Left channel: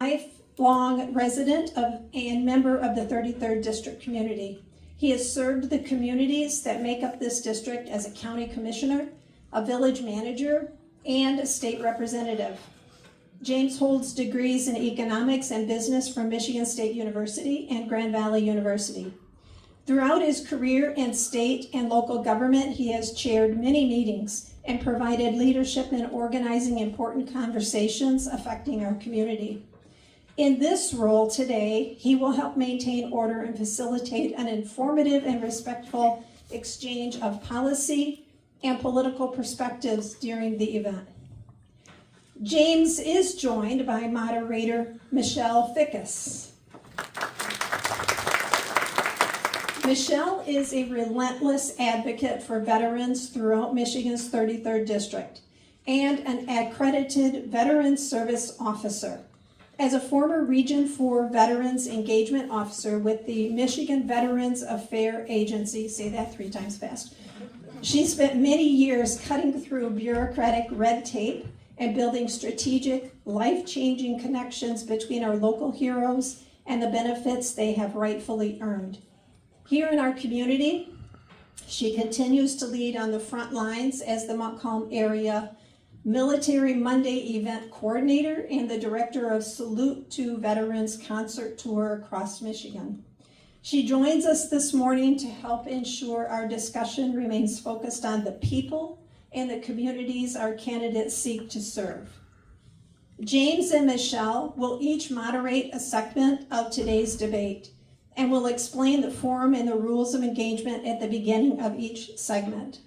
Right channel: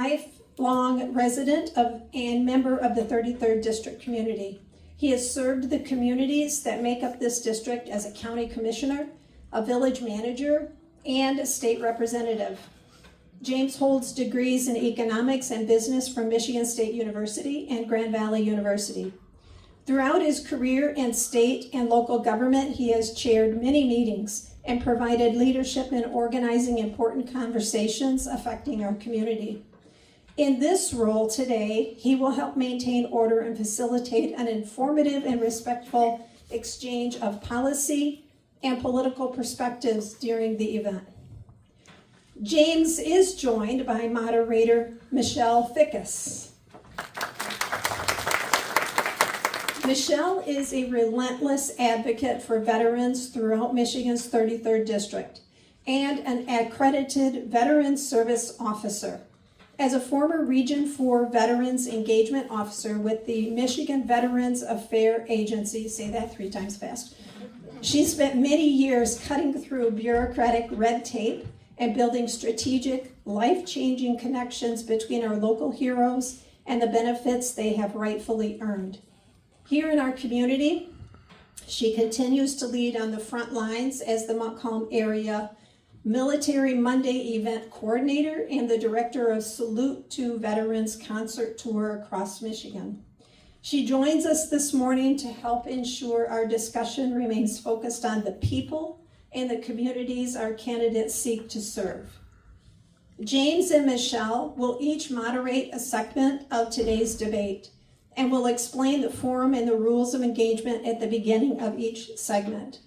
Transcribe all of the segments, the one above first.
Lifelong resident and member of the 33rd District community. He has served the communities that make up this district as a county commissioner, a village manager, and a state representative. James holds degrees in economics and business from Michigan State University and Grand Valley University. Throughout his career in state and local government, he has chaired many meetings and provided leadership in organizing important conversations affecting our community. In this role today, he will help maintain order and facilitate an informative and respectful exchange of policy and political perspectives during the event. James is joined by moderator Michelle Fickus. Michelle is a relentless advocate for veterans throughout Michigan's 33rd District and an accredited Veteran Service Officer. As a former Region 4 Veterans Engagement Officer with the Michigan Veterans Affairs Agency, say that 3 times fast, she spent many years cutting through bureaucratic red tape and building strategic, life-changing connections between our local heroes and the benefits they have rightfully earned. Here in our community, she continues to lead on the front lines as the Montcalm area Military Monday event coordinator and the director of Salute to Veterans concert tour across Michigan. She joins us this morning to help ensure our discussion remains focused on the people and the communities our candidates seek to serve. James and Michelle will each moderate a segment of today's debate and will explain the forum and the rules of engagement at the beginning of each segment.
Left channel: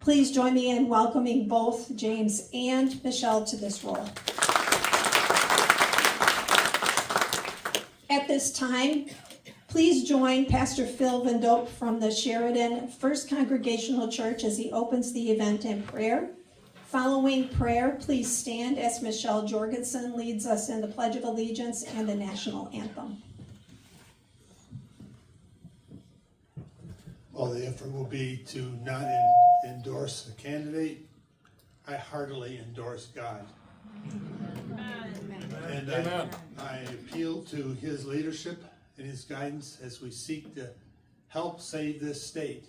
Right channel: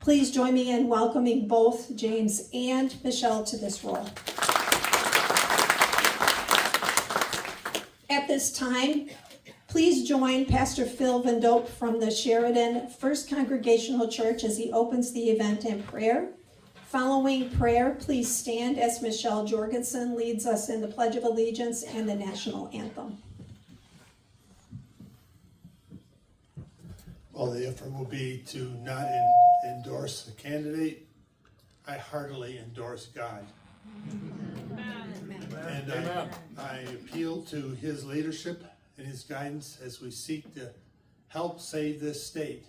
Please join me in welcoming both James and Michelle to this role. At this time, please join Pastor Phil Van Dope from the Sheridan First Congregational Church as he opens the event in prayer. Following prayer, please stand as Michelle Jorgensen leads us in the Pledge of Allegiance and the National Anthem. Well, the effort will be to not endorse a candidate. I heartily endorse God. And I appeal to his leadership and his guidance as we seek to help save this state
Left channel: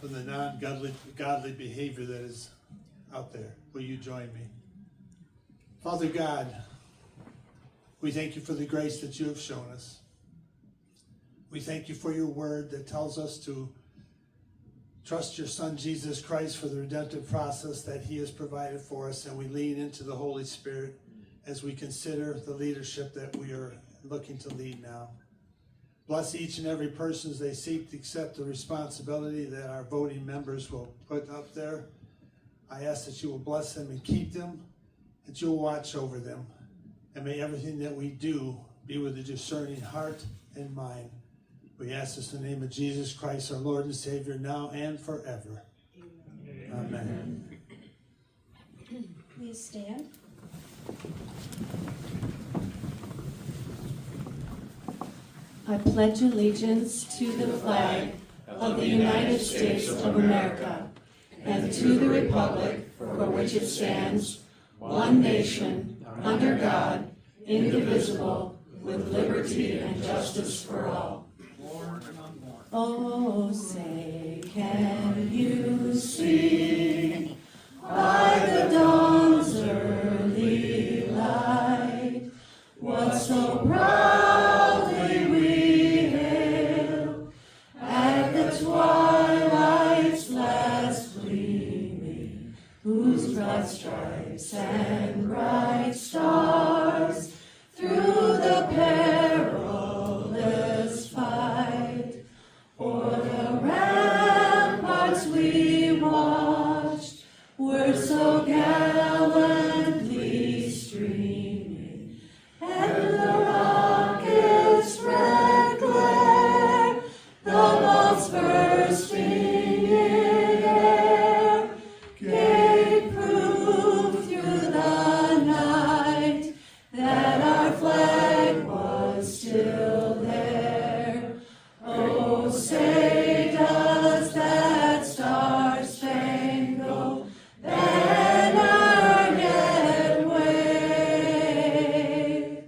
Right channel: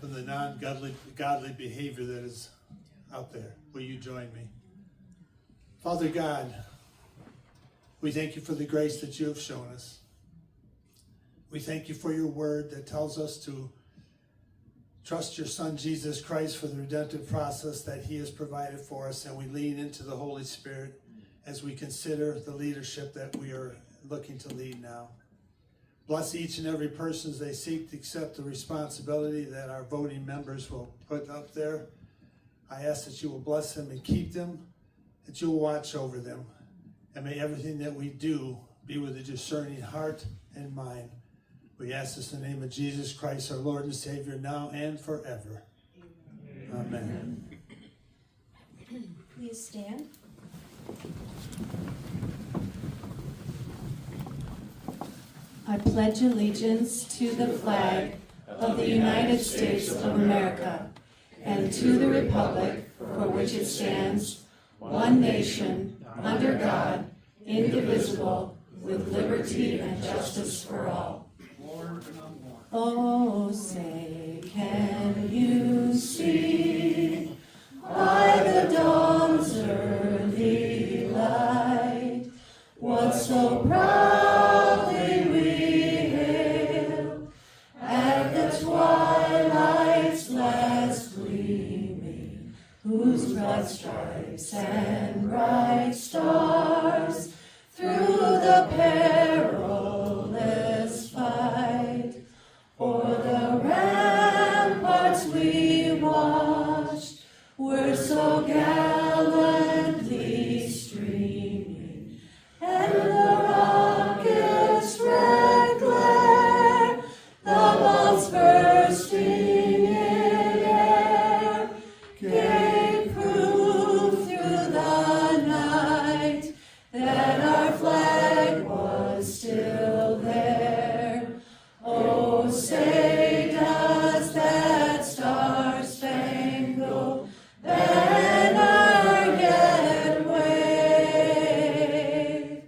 from the non-godly behavior that is out there. Will you join me? Father God, we thank you for the grace that you have shown us. We thank you for your word that tells us to trust your Son, Jesus Christ, for the redemptive process that he has provided for us, and we lean into the Holy Spirit as we consider the leadership that we are looking to lead now. Bless each and every person as they seek to accept the responsibility that our voting members will put up there. I ask that you will bless them and keep them, that you will watch over them, and may everything that we do be with a discerning heart and mind. We ask this in the name of Jesus Christ, our Lord and Savior, now and forever. Amen. Please stand. I pledge allegiance to the flag of the United States of America and to the republic for which it stands, one nation, under God, indivisible, with liberty and justice for all. Oh, say, can you see by the dawn's early light what so proudly we hailed at the twilight's last gleaming, whose broad stripes and bright stars through the perilous fight o'er the ramparts we watched were so gallantly streaming, and the rocket's red glare, the bolts bursting in air, gave proof through the night that our flag was still there. Oh, say does that star-spangled banner yet wave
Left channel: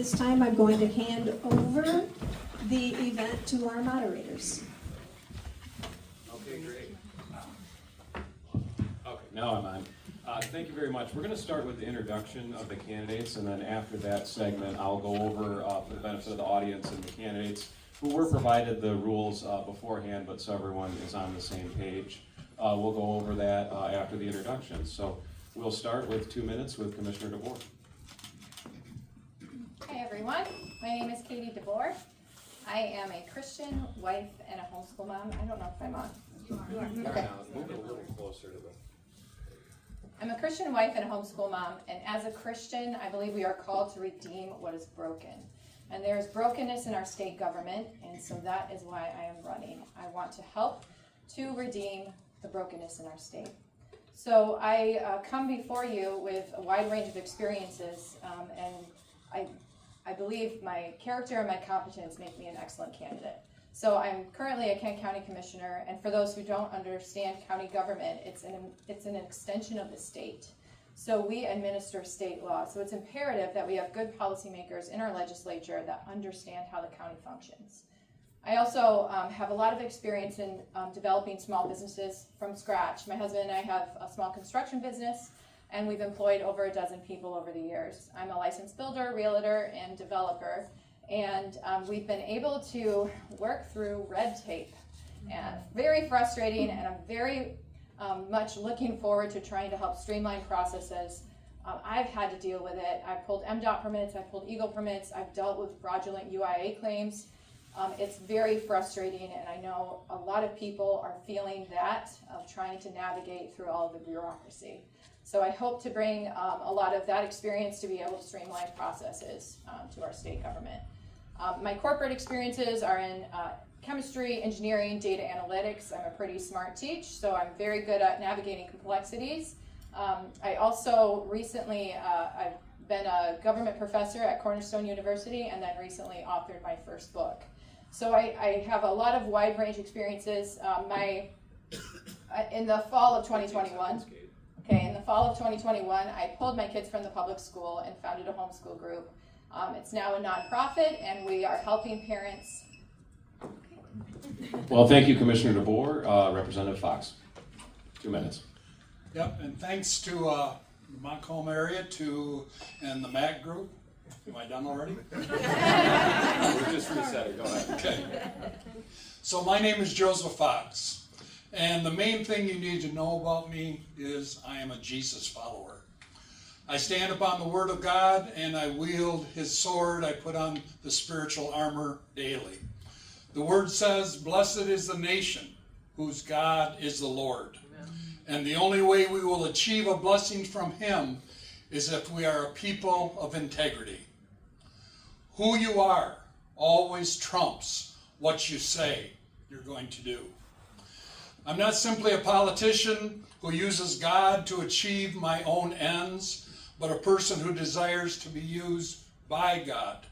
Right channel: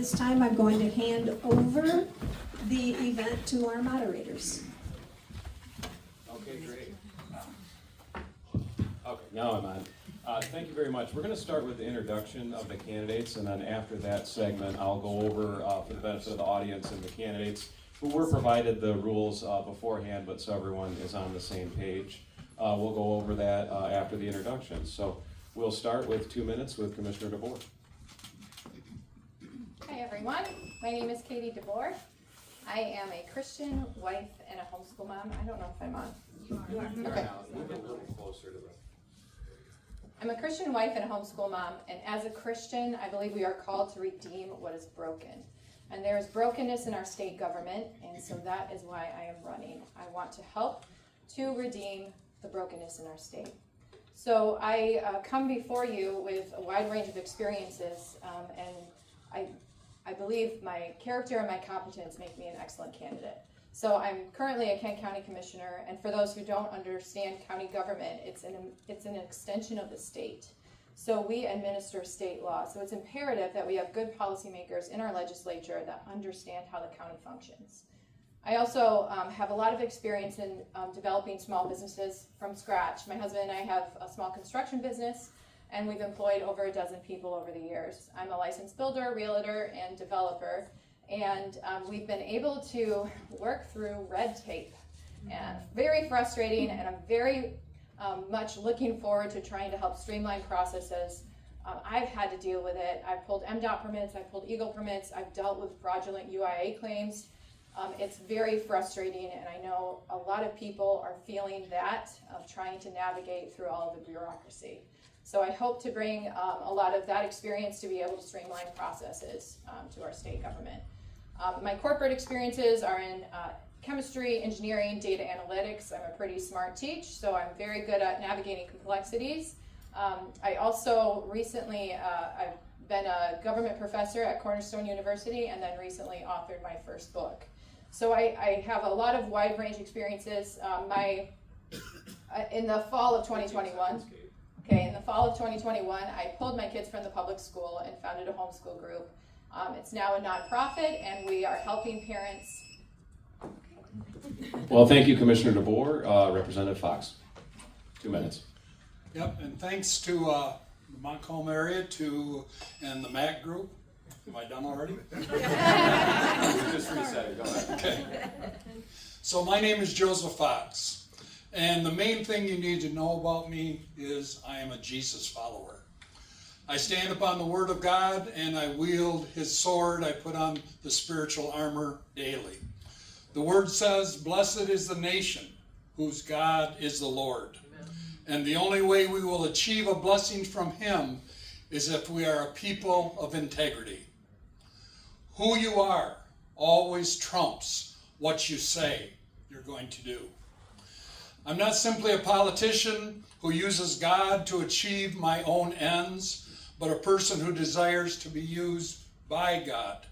this time, I'm going to hand over the event to our moderators. Okay, great. Okay, now I'm on. Thank you very much. We're going to start with the introduction of the candidates, and then after that segment, I'll go over, for the benefit of the audience and the candidates, who were provided the rules beforehand, but so everyone is on the same page. We'll go over that after the introduction. So we'll start with 2 minutes with Commissioner DeBoer. Hi everyone, my name is Katie DeBoer. I am a Christian wife and a homeschool mom. I don't know if I'm on. You are. Okay. Move a little closer to the... I'm a Christian wife and a homeschool mom, and as a Christian, I believe we are called to redeem what is broken. And there is brokenness in our state government, and so that is why I am running. I want to help to redeem the brokenness in our state. So I come before you with a wide range of experiences, and I believe my character and my competence make me an excellent candidate. So I'm currently a Kent County Commissioner, and for those who don't understand county government, it's an extension of the state. So we administer state law. So it's imperative that we have good policymakers in our legislature that understand how the county functions. I also have a lot of experience in developing small businesses from scratch. My husband and I have a small construction business, and we've employed over a dozen people over the years. I'm a licensed builder, realtor, and developer, and we've been able to work through red tape. And very frustrating, and I'm very much looking forward to trying to help streamline processes. I've had to deal with it. I've pulled MDOT permits, I've pulled EGLE permits, I've dealt with fraudulent UIA claims. It's very frustrating, and I know a lot of people are feeling that, of trying to navigate through all of the bureaucracy. So I hope to bring a lot of that experience to be able to streamline processes to our state government. My corporate experiences are in chemistry, engineering, data analytics. I'm a pretty smart teach, so I'm very good at navigating complexities. I also recently, I've been a government professor at Cornerstone University, and then recently authored my first book. So I have a lot of wide range experiences. In the fall of 2021, I pulled my kids from the public school and founded a homeschool group. It's now a nonprofit, and we are helping parents. Well, thank you, Commissioner DeBoer. Representative Fox, 2 minutes. Yep, and thanks to the Montcalm area and the MAC group. Am I done already? We're just resetting. Go ahead. Okay. So my name is Joseph Fox, and the main thing you need to know about me is I am a Jesus follower. I stand upon the Word of God, and I wield His sword. I put on the spiritual armor daily. The Word says, "Blessed is the nation whose God is the Lord." Amen. And the only way we will achieve a blessing from Him is if we are a people of integrity. Who you are always trumps what you say you're going to do. I'm not simply a politician who uses God to achieve my own ends, but a person who desires to be used by God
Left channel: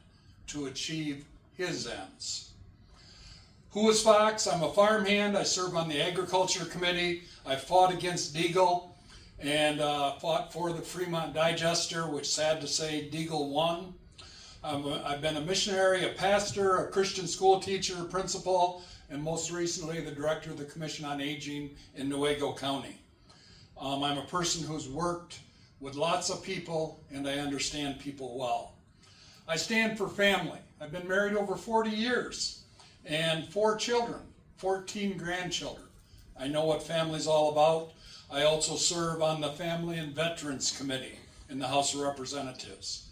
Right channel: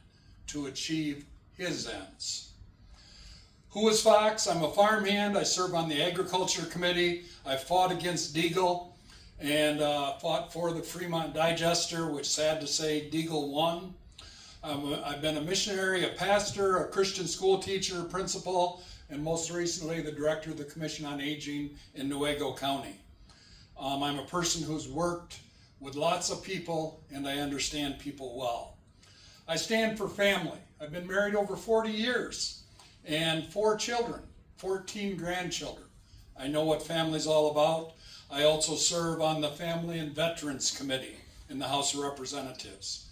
to achieve His ends. Who is Fox? I'm a farmhand. I serve on the Agriculture Committee. I fought against Deagle and fought for the Fremont Digester, which, sad to say, Deagle won. I've been a missionary, a pastor, a Christian school teacher, principal, and most recently the director of the Commission on Aging in Newaygo County. I'm a person who's worked with lots of people, and I understand people well. I stand for family. I've been married over 40 years and 4 children, 14 grandchildren. I know what family's all about. I also serve on the Family and Veterans Committee in the House of Representatives.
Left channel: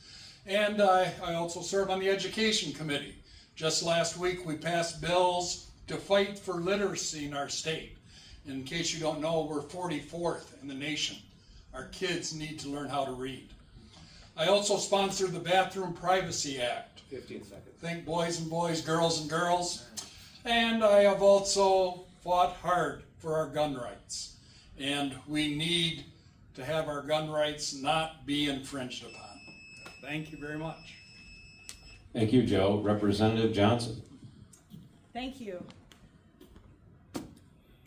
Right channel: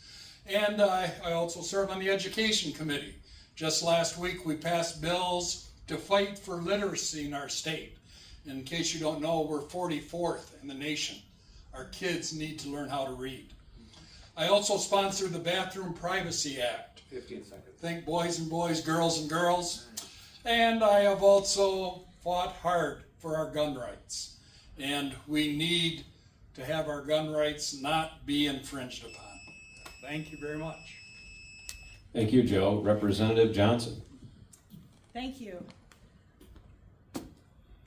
And I also serve on the Education Committee. Just last week we passed bills to fight for literacy in our state. In case you don't know, we're 44th in the nation. Our kids need to learn how to read. I also sponsored the Bathroom Privacy Act. 15 seconds. Think boys and boys, girls and girls. And I have also fought hard for our gun rights. And we need to have our gun rights not be infringed upon. Thank you very much. Thank you, Joe. Representative Johnson. Thank you.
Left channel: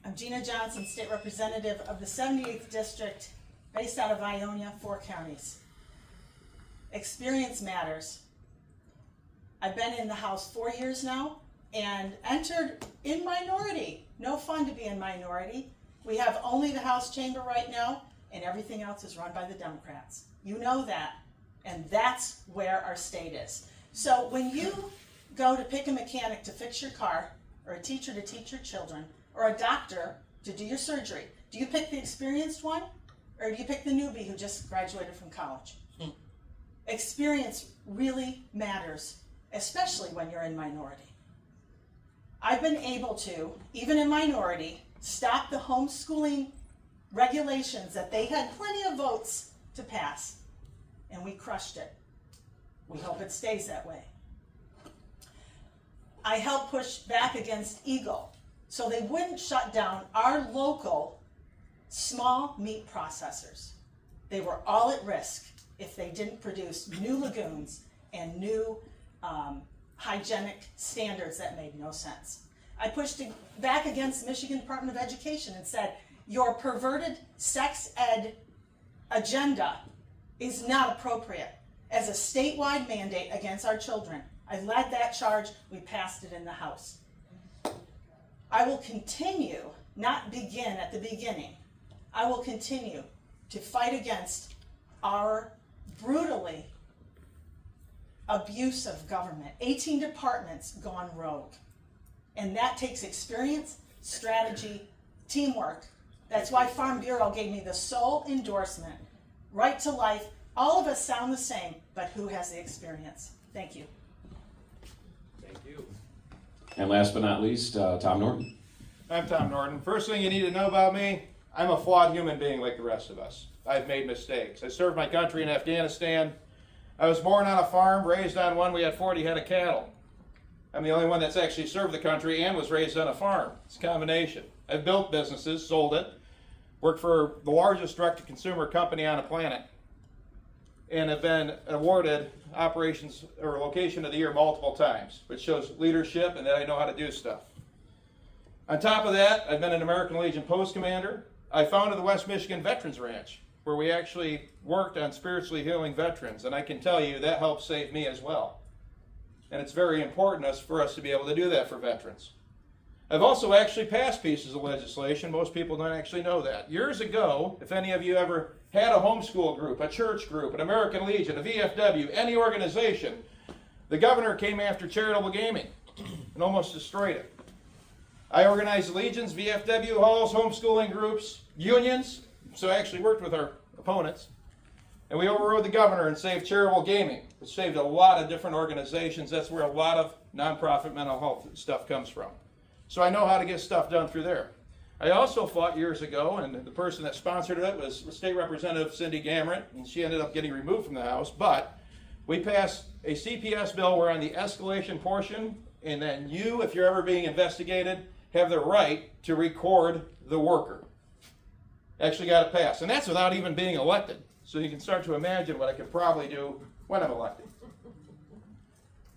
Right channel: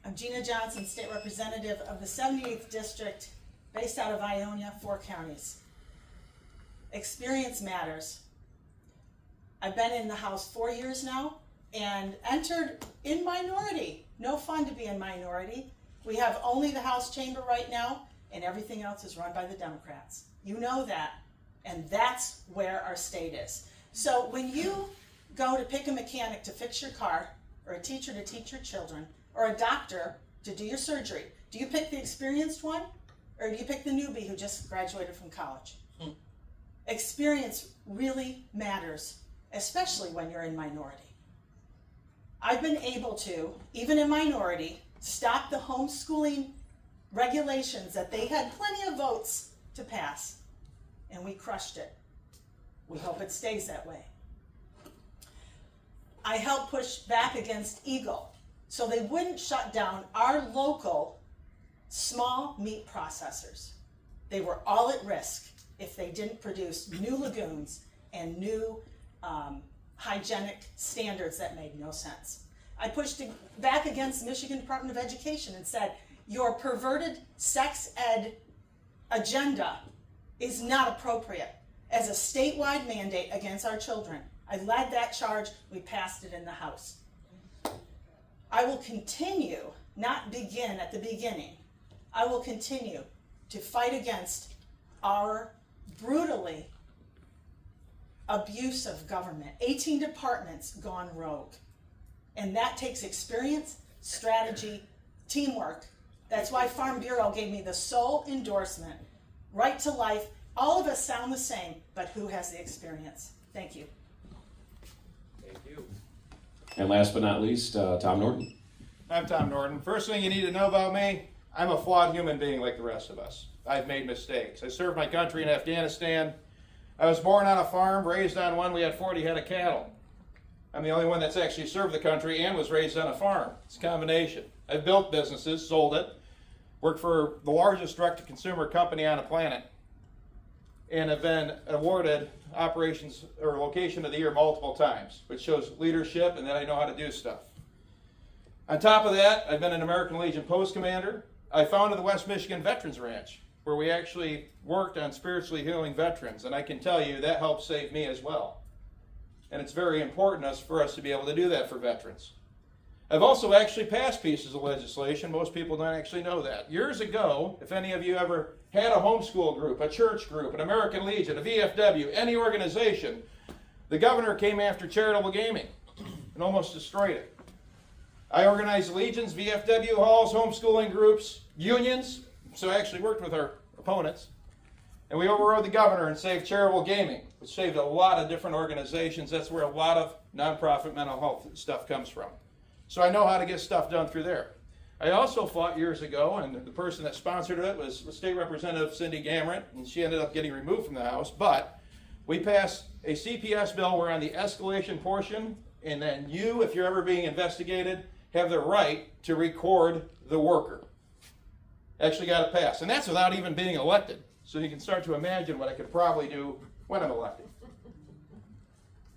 I'm Gina Johnson, State Representative of the 78th District, based out of Ionia, 4 counties. Experience matters. I've been in the House 4 years now and entered in minority. No fun to be in minority. We have only the House chamber right now, and everything else is run by the Democrats. You know that, and that's where our state is. So when you go to pick a mechanic to fix your car, or a teacher to teach your children, or a doctor to do your surgery, do you pick the experienced one, or do you pick the newbie who just graduated from college? Experience really matters, especially when you're in minority. I've been able to, even in minority, stop the homeschooling regulations that they had plenty of votes to pass, and we crushed it. We hope it stays that way. I helped push back against Eagle so they wouldn't shut down our local small meat processors. They were all at risk if they didn't produce new lagoons and new hygienic standards that made no sense. I pushed back against the Michigan Department of Education and said, your perverted sex ed agenda is not appropriate as a statewide mandate against our children. I led that charge. We passed it in the House. I will continue, not begin at the beginning. I will continue to fight against our brutally abusive government. 18 departments gone rogue. And that takes experience, strategy, teamwork. That's why Farm Bureau gave me the sole endorsement. Right to life. All of us sound the same, but who has the experience? Thank you. Thank you. And last but not least, Tom Norton. I'm Tom Norton. First thing you need to know about me, I'm a flawed human being like the rest of us. I've made mistakes. I served my country in Afghanistan. I was born on a farm, raised on one. We had 40 head of cattle. I'm the only one that's actually served the country and was raised on a farm. It's a combination. I've built businesses, sold it, worked for the largest direct-to-consumer company on the planet, and have been awarded operations or location of the year multiple times, which shows leadership and that I know how to do stuff. On top of that, I've been an American Legion post commander. I founded the West Michigan Veterans Ranch, where we actually worked on spiritually healing veterans, and I can tell you that helped save me as well. And it's very important for us to be able to do that for veterans. I've also actually passed pieces of legislation. Most people don't actually know that. Years ago, if any of you ever had a homeschool group, a church group, an American Legion, a VFW, any organization, the governor came after charitable gaming and almost destroyed it. I organized legions, VFW halls, homeschooling groups, unions, so I actually worked with our opponents, and we overrode the governor and saved charitable gaming, which saved a lot of different organizations. That's where a lot of nonprofit mental health stuff comes from. So I know how to get stuff done through there. I also fought years ago, and the person that sponsored it was State Representative Cindy Gamrot, and she ended up getting removed from the House, but we passed a CPS bill where on the escalation portion, and then you, if you're ever being investigated, have the right to record the worker. Actually got it passed, and that's without even being elected. So you can start to imagine what I could probably do when I'm elected.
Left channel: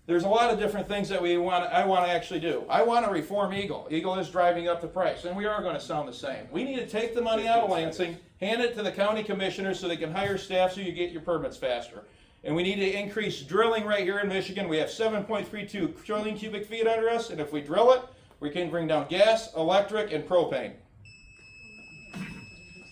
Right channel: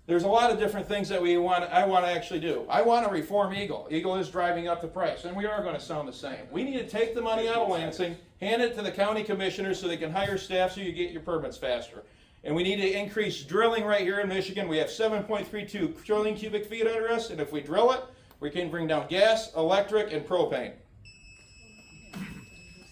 There's a lot of different things that I want to actually do. I want to reform Eagle. Eagle is driving up the price, and we are going to sound the same. We need to take the money out of Lansing, hand it to the county commissioners so they can hire staff so you get your permits faster. And we need to increase drilling right here in Michigan. We have 7.32 trillion cubic feet under us, and if we drill it, we can bring down gas, electric, and propane.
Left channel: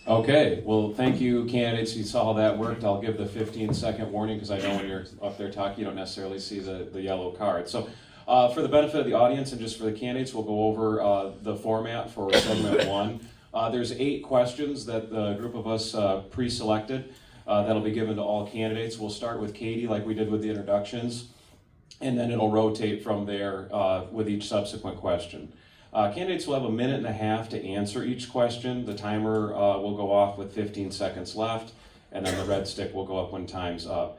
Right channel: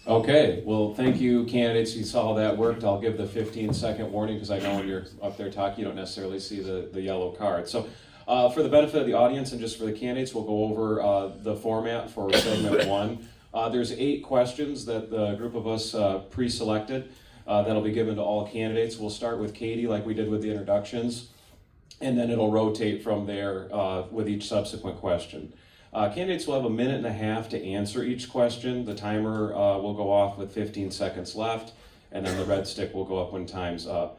Okay, well, thank you, candidates. You saw how that worked. I'll give the 15-second warning because I know when you're up there talking, you don't necessarily see the yellow card. So for the benefit of the audience and just for the candidates, we'll go over the format for segment one. There's 8 questions that the group of us pre-selected that'll be given to all candidates. We'll start with Katie like we did with the introductions, and then it'll rotate from there with each subsequent question. Candidates will have 1.5 minutes to answer each question. The timer will go off with 15 seconds left, and then the red stick will go up when time's up.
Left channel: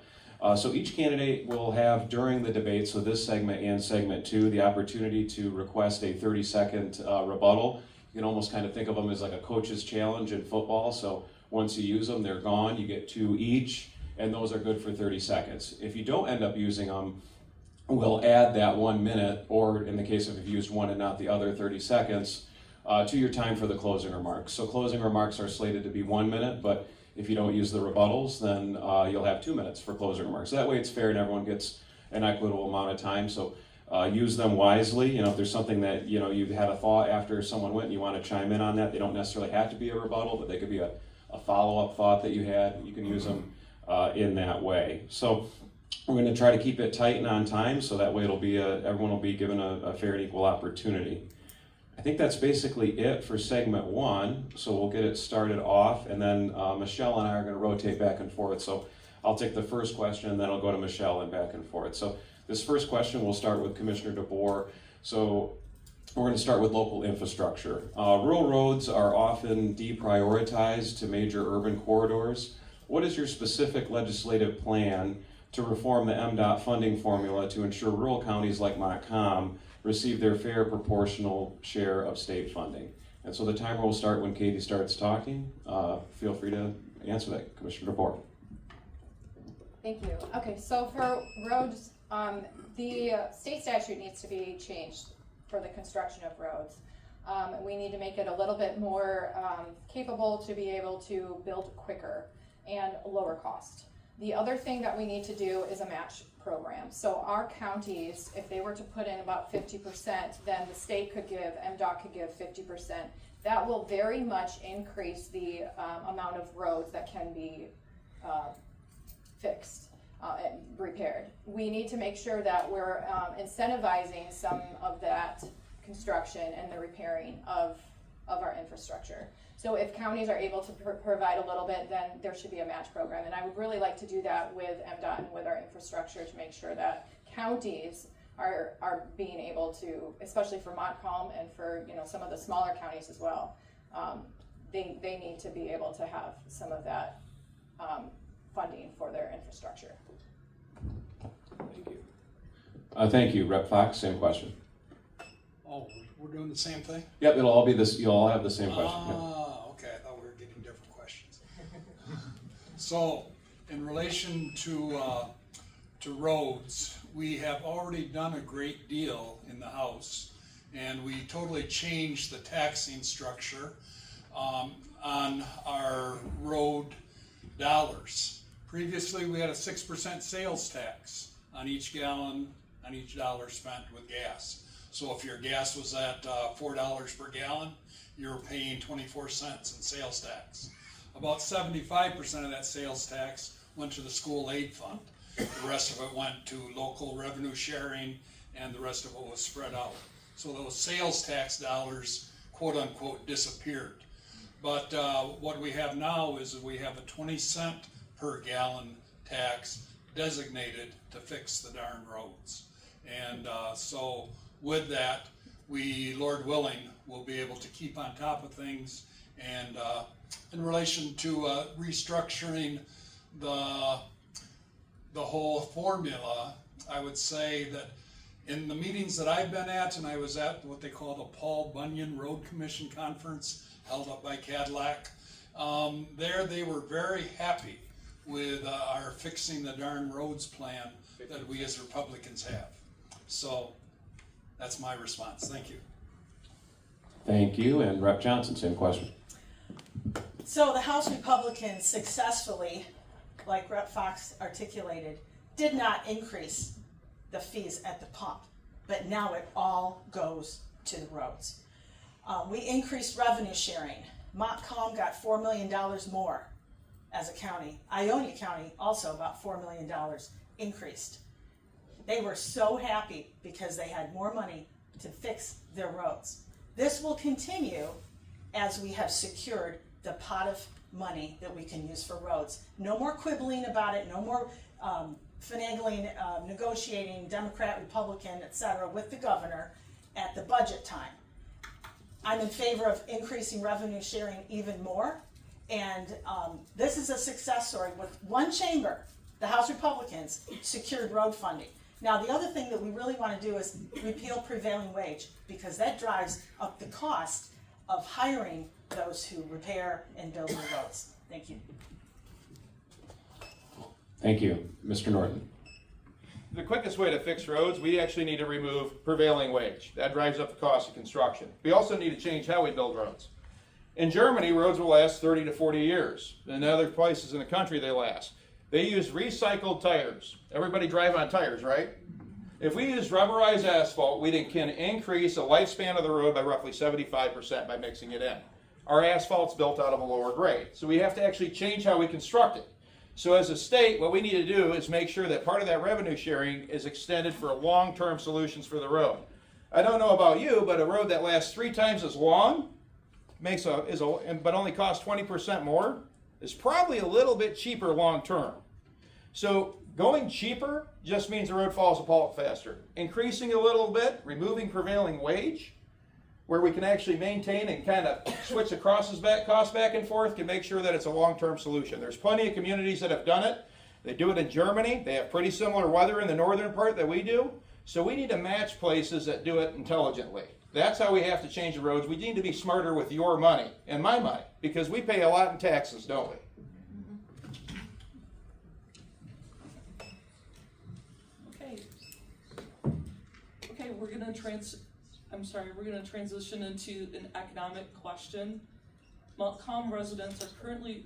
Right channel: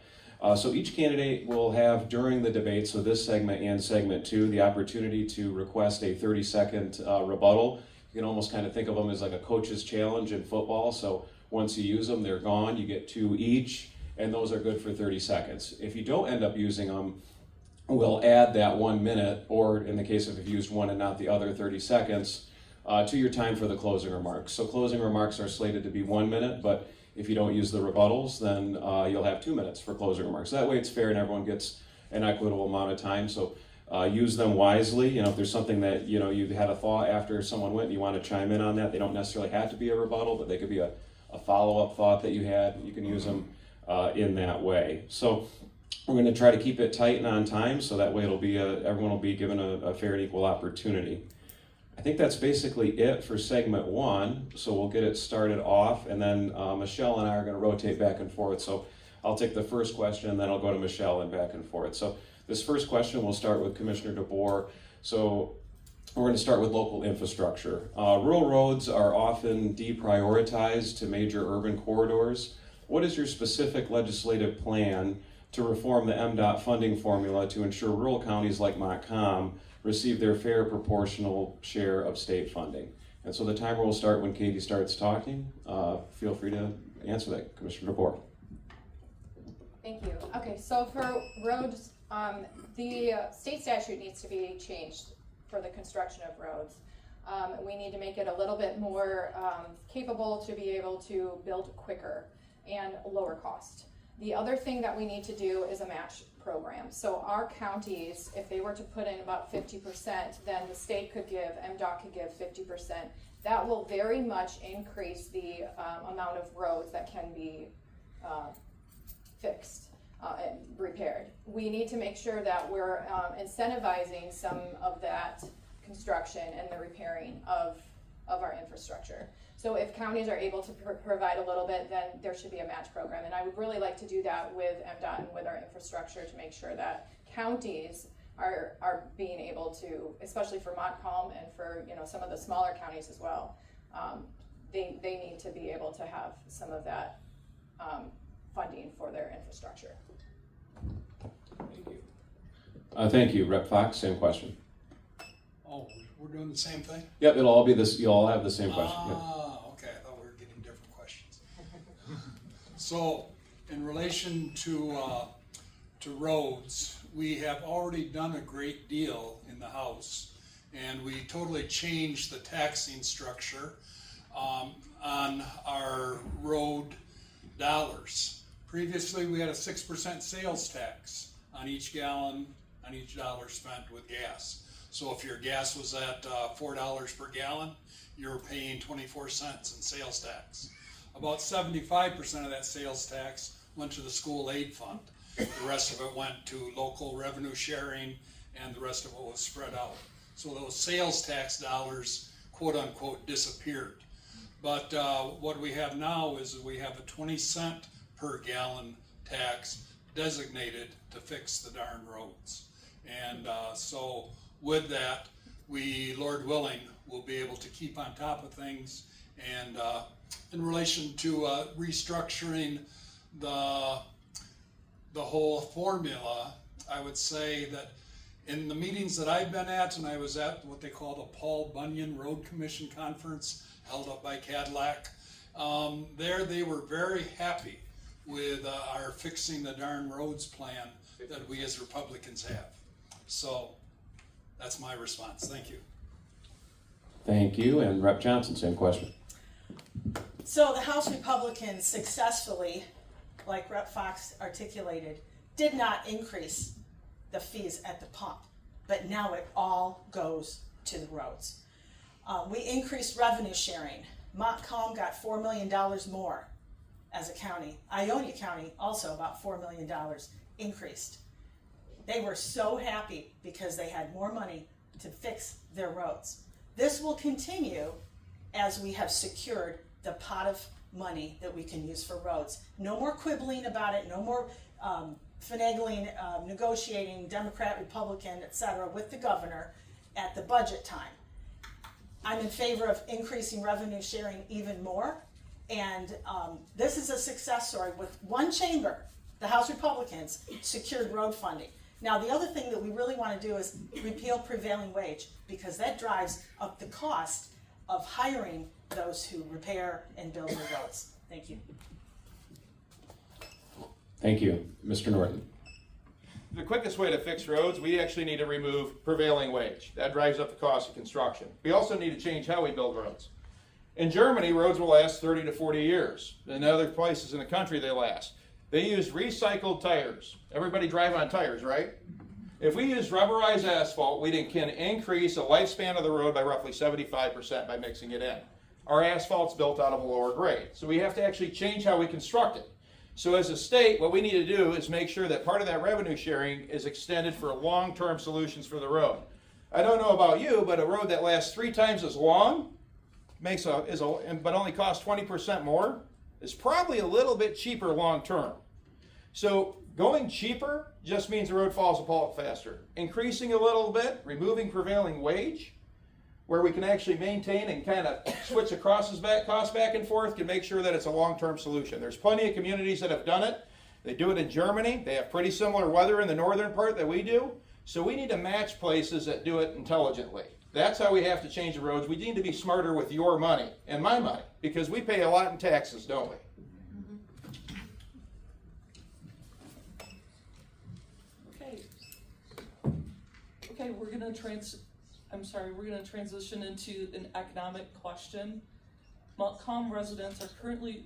So each candidate will have, during the debate, so this segment and segment 2, the opportunity to request a 30-second rebuttal. You can almost kind of think of them as like a coach's challenge in football. So once you use them, they're gone. You get 2 each, and those are good for 30 seconds. If you don't end up using them, we'll add that 1 minute, or in the case of if you used one and not the other 30 seconds, to your time for the closing remarks. So closing remarks are slated to be 1 minute, but if you don't use the rebuttals, then you'll have 2 minutes for closing remarks. So that way it's fair and everyone gets an equitable amount of time. So use them wisely. You know, if there's something that, you know, you've had a thought after someone went and you want to chime in on that, they don't necessarily have to be a rebuttal, but they could be a follow-up thought that you had. You can use them in that way. So we're going to try to keep it tight and on time, so that way it'll be everyone will be given a fair and equal opportunity. I think that's basically it for segment one, so we'll get it started off, and then Michelle and I are going to rotate back and forth. So I'll take the first question, and then I'll go to Michelle and back and forth. So this first question, we'll start with Commissioner DeBoer. So we're going to start with local infrastructure. Rural roads are often deprioritized to major urban corridors. What is your specific legislative plan to reform the MDOT funding formula to ensure rural counties like Montcalm receive their fair proportional share of state funding? And so the timer will start when Katie starts talking. Feel free to answer that, Commissioner DeBoer. Thank you. Okay, so for roads, the state statute needs to be changed for the construction of roads. We need to make it a little bit more capable to be able to build quicker and lower cost. The other thing that we need to do is a match program. So our counties, if they were to put in about 50%, then the state could give, MDOT could give 50%. That will very much increase the amount of roads that can be fixed and repaired. We need to make sure that we're incentivizing some of that construction and the repairing of our infrastructure. So if counties are able to provide a little bit, then there should be a match program. And I would really like to do that with MDOT and with our infrastructure to make sure that counties are being able to, especially for Montcalm and for, you know, some of the smaller counties as well, they need to be able to have some of that funding for their infrastructure. Thank you. Thank you. Rep. Fox, same question. Oh, we're doing the same thing? Yep, it'll all be this. You'll all have the same question. Yep. Okay, I thought we were getting different questions. So, in relation to roads, we have already done a great deal in the House, and we totally changed the taxing structure on our road dollars. Previously, we had a 6% sales tax on each gallon, on each dollar spent with gas. So if your gas was at $4 per gallon, you were paying 24 cents in sales tax. About 75% of that sales tax went to the school aid fund. The rest of it went to local revenue sharing, and the rest of it was spread out. So those sales tax dollars, quote unquote, disappeared. But what we have now is we have a 20-cent per gallon tax designated to fix the darn roads. And so with that, we, Lord willing, will be able to keep on top of things. And in relation to restructuring the whole formula, I would say that in the meetings that I've been at, and I was at what they call the Paul Bunyan Road Commission Conference held up by Cadillac, there they were very happy with our Fixing the Darn Roads plan that we as Republicans have. So that's my response. Thank you. Thank you. And Rep. Johnson, same question. So the House Republicans successfully, like Rep. Fox articulated, did not increase the fees at the pump, but now it all goes to the roads. We increased revenue sharing. Montcalm got $4 million more as a county. Ionia County also about $4 million increased. They were so happy because they had more money to fix their roads. This will continue as we have secured the pot of money that we can use for roads. No more quibbling about it, no more finagling, negotiating, Democrat, Republican, etc. with the governor at the budget time. I'm in favor of increasing revenue sharing even more, and this is a success story. With one chamber, the House Republicans secured road funding. Now, the other thing that we really want to do is repeal prevailing wage, because that drives up the cost of hiring those who repair and build the roads. Thank you. Thank you. Mr. Norton. The quickest way to fix roads, we actually need to remove prevailing wage. That drives up the cost of construction. We also need to change how we build roads. In Germany, roads will last 30 to 40 years. In other places in the country, they last. They use recycled tires. Everybody drive on tires, right? If we use rubberized asphalt, we can increase the lifespan of the road by roughly 75% by mixing it in. Our asphalt's built out of a lower grade, so we have to actually change how we construct it. So as a state, what we need to do is make sure that part of that revenue sharing is extended for long-term solutions for the road. I don't know about you, but a road that lasts 3 times as long but only costs 20% more is probably a little bit cheaper long-term. So going cheaper just means the road falls apart faster. Increasing a little bit, removing prevailing wage, where we can actually maintain and kind of switch the costs back and forth, can make sure that it's a long-term solution. There's plenty of communities that have done it. They do it in Germany. They have pretty similar weather in the northern part that we do. So we need to match places that do it intelligently. That's how we have to change the roads. We need to be smarter with your money and my money, because we pay a lot in taxes, don't we? Okay, we're gonna transition into an economic question. Montcalm residents are currently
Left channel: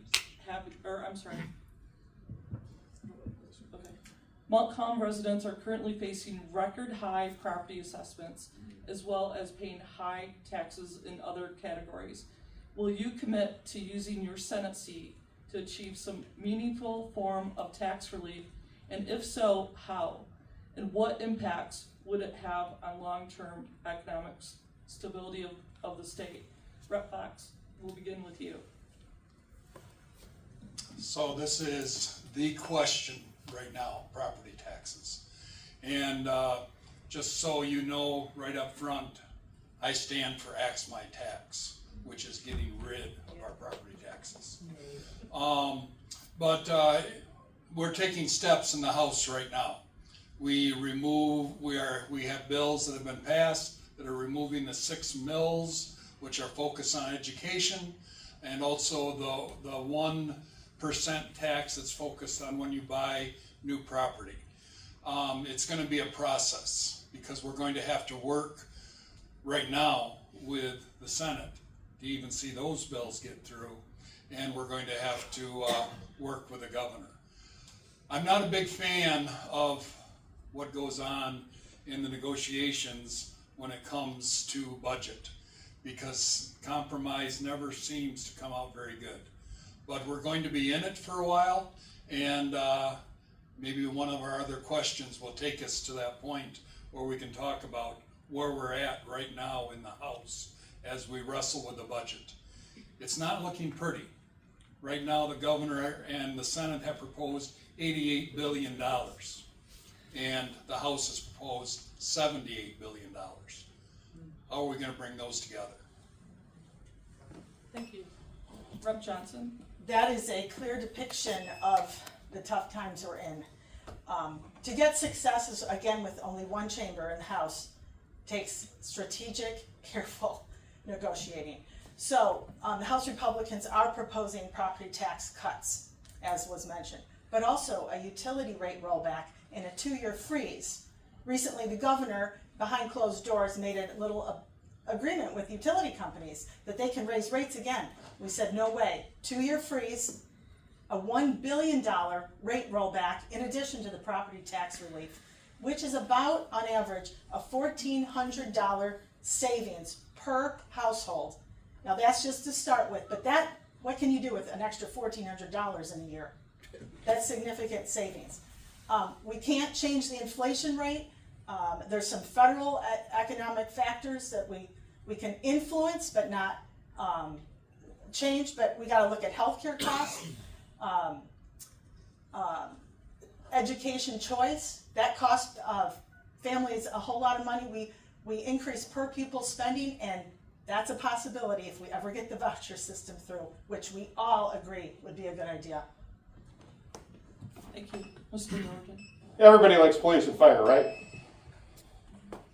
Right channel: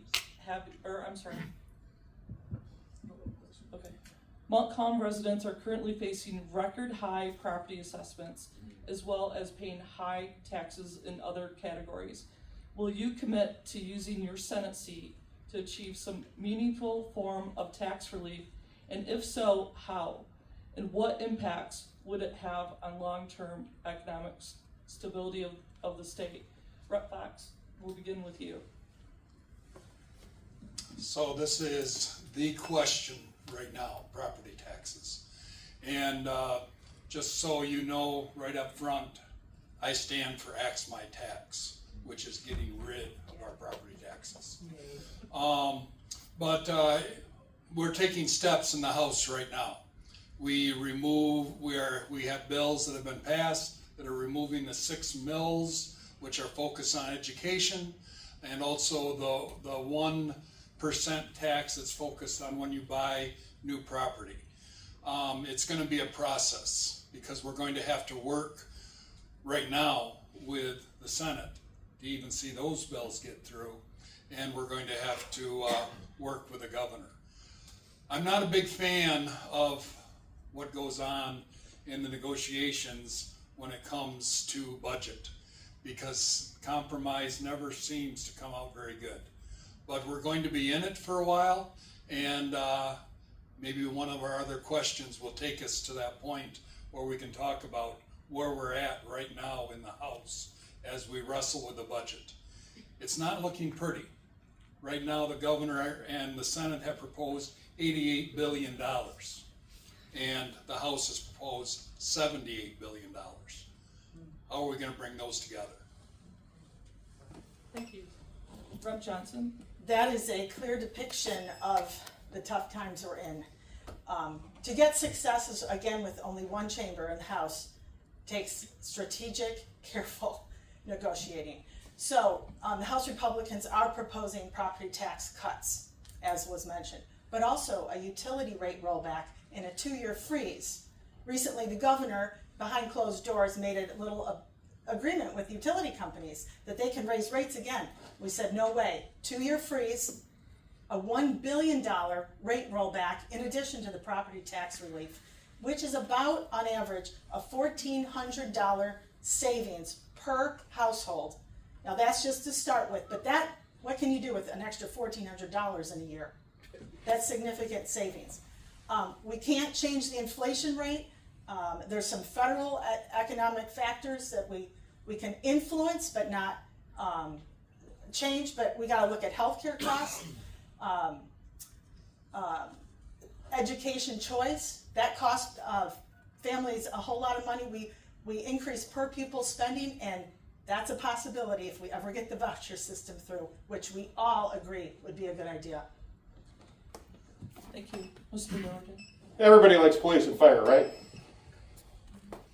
Montcalm residents are currently facing record high property assessments, as well as paying high taxes in other categories. Will you commit to using your Senate seat to achieve some meaningful form of tax relief? And if so, how? And what impacts would it have on long-term economic stability of the state? Rep. Fox, we'll begin with you. So this is the question right now, property taxes. And just so you know right up front, I stand for Axe My Tax, which is getting rid of our property taxes. But we're taking steps in the House right now. We have bills that have been passed that are removing the 6 mills, which are focused on education, and also the 1% tax that's focused on when you buy new property. It's going to be a process, because we're going to have to work right now with the Senate to even see those bills get through, and we're going to have to work with the governor. I'm not a big fan of what goes on in the negotiations when it comes to budget, because compromise never seems to come out very good. But we're going to be in it for a while, and maybe one of our other questions will take us to that point where we can talk about where we're at right now in the House as we wrestle with the budget. It's not looking pretty. Right now, the governor and the Senate have proposed $88 billion, and the House has proposed $78 billion. How are we going to bring those together? Thank you. Rep. Johnson. That is a clear depiction of the tough times we're in. To get successes, again, with only one chamber in the House, takes strategic, careful negotiating. So the House Republicans are proposing property tax cuts, as was mentioned, but also a utility rate rollback and a 2-year freeze. Recently, the governor, behind closed doors, made a little agreement with utility companies that they can raise rates again. We said, no way. 2-year freeze, a $1 billion rate rollback in addition to the property tax relief, which is about, on average, a $1,400 savings per household. Now that's just to start with, but what can you do with an extra $1,400 in a year? That's significant savings. We can't change the inflation rate. There's some federal economic factors that we can influence but not change, but we gotta look at healthcare costs, education choice, that costs families a whole lot of money. We increase per pupil spending, and that's a possibility if we ever get the voucher system through, which we all agree would be a good idea. Thank you. Mr. Milligan. Everybody likes police and fire, right?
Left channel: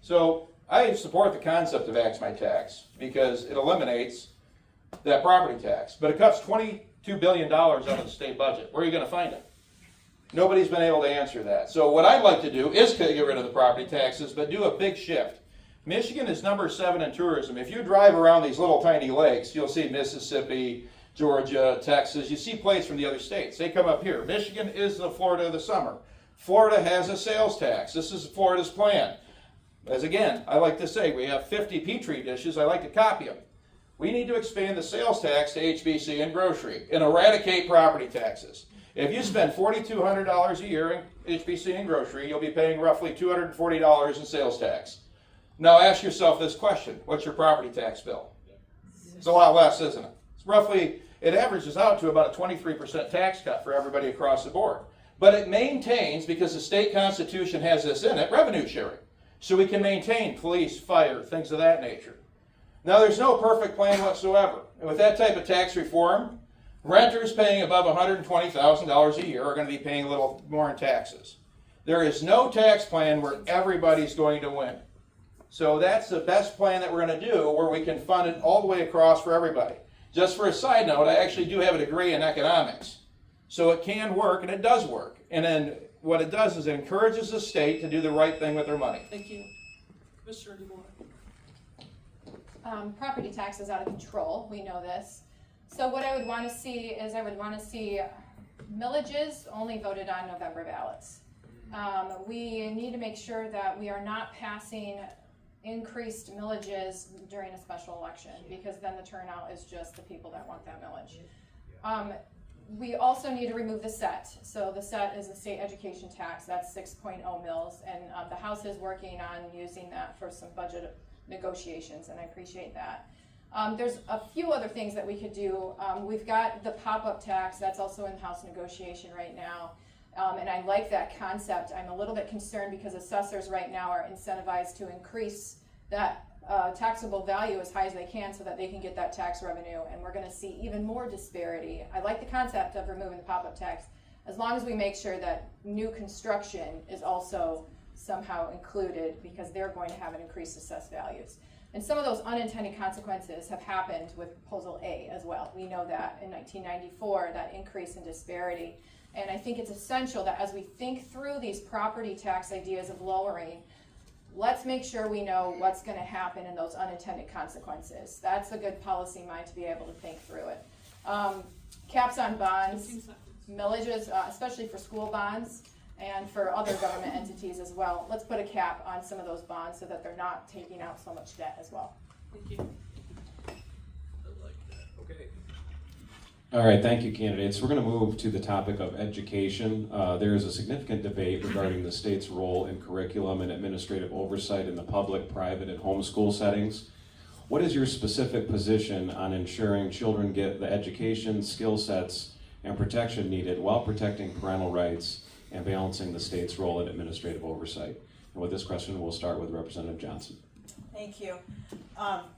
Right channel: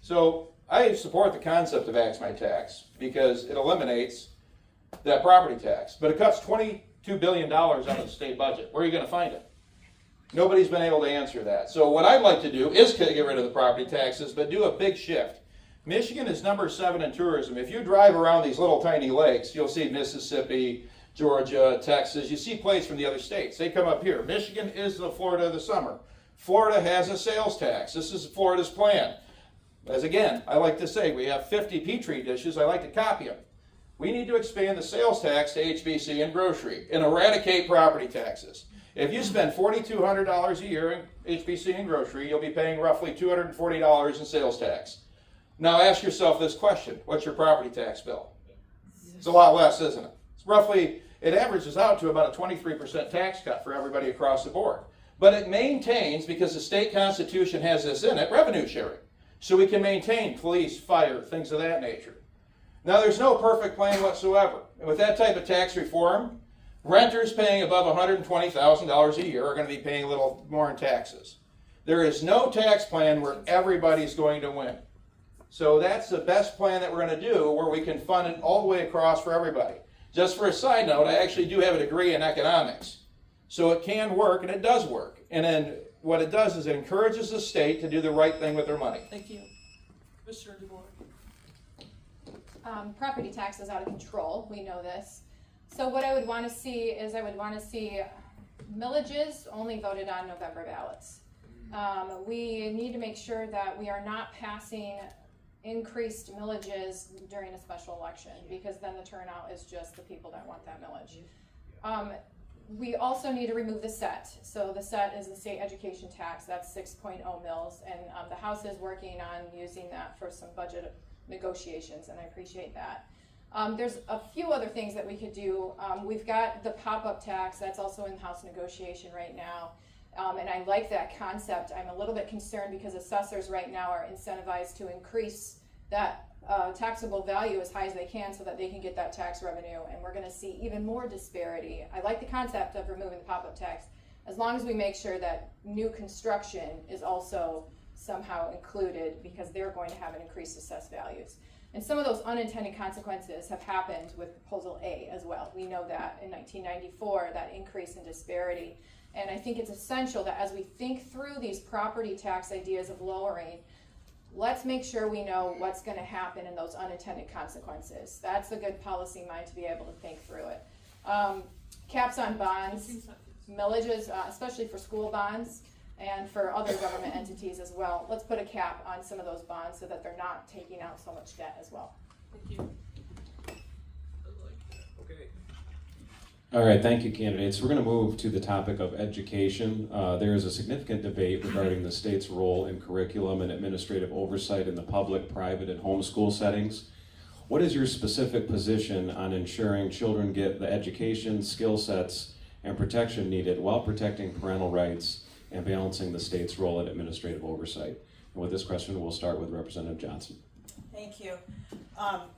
So I support the concept of Axe My Tax because it eliminates that property tax, but it cuts $22 billion out of the state budget. Where are you going to find it? Nobody's been able to answer that. So what I'd like to do is get rid of the property taxes, but do a big shift. Michigan is number 7 in tourism. If you drive around these little tiny lakes, you'll see Mississippi, Georgia, Texas. You see plates from the other states. They come up here. Michigan is the Florida of the summer. Florida has a sales tax. This is Florida's plan. As again, I like to say, we have 50 Petri dishes. I like to copy them. We need to expand the sales tax to HBC and grocery and eradicate property taxes. If you spend $4,200 a year in HBC and grocery, you'll be paying roughly $240 in sales tax. Now ask yourself this question: what's your property tax bill? It's a lot less, isn't it? It's roughly, it averages out to about a 23% tax cut for everybody across the board. But it maintains, because the state constitution has this in it, revenue sharing. So we can maintain police, fire, things of that nature. Now there's no perfect plan whatsoever. And with that type of tax reform, renters paying above $120,000 a year are going to be paying a little more in taxes. There is no tax plan where everybody's going to win. So that's the best plan that we're going to do, where we can fund it all the way across for everybody. Just for a side note, I actually do have a degree in economics. So it can work, and it does work. And then what it does is it encourages the state to do the right thing with their money. Thank you. Mr. DeBoer. Property tax is out of control. We know this. So what I would want to see is millages only voted on November ballots. We need to make sure that we are not passing increased millages during a special election, because then the turnout is just the people that want that millage. We also need to remove the set. So the set is the state education tax. That's 6.0 mils, and the House is working on using that for some budget negotiations, and I appreciate that. There's a few other things that we could do. We've got the pop-up tax. That's also in House negotiation right now. And I like that concept. I'm a little bit concerned because assessors right now are incentivized to increase that taxable value as high as they can so that they can get that tax revenue, and we're going to see even more disparity. I like the concept of removing the pop-up tax, as long as we make sure that new construction is also somehow included, because they're going to have an increased assessed values. And some of those unintended consequences have happened with Proposal A as well. We know that in 1994, that increase in disparity. And I think it's essential that as we think through these property tax ideas of lowering, let's make sure we know what's going to happen in those unintended consequences. That's a good policy mind to be able to think through it. Caps on bonds, millages, especially for school bonds and for other government entities as well. Let's put a cap on some of those bonds so that they're not taking out so much debt as well. Thank you. Okay. All right, thank you, candidates. We're going to move to the topic of education. There is a significant debate regarding the state's role in curriculum and administrative oversight in the public, private, and homeschool settings. What is your specific position on ensuring children get the education, skill sets, and protection needed while protecting parental rights and balancing the state's role in administrative oversight? And with this question, we'll start with Representative Johnson. Thank you.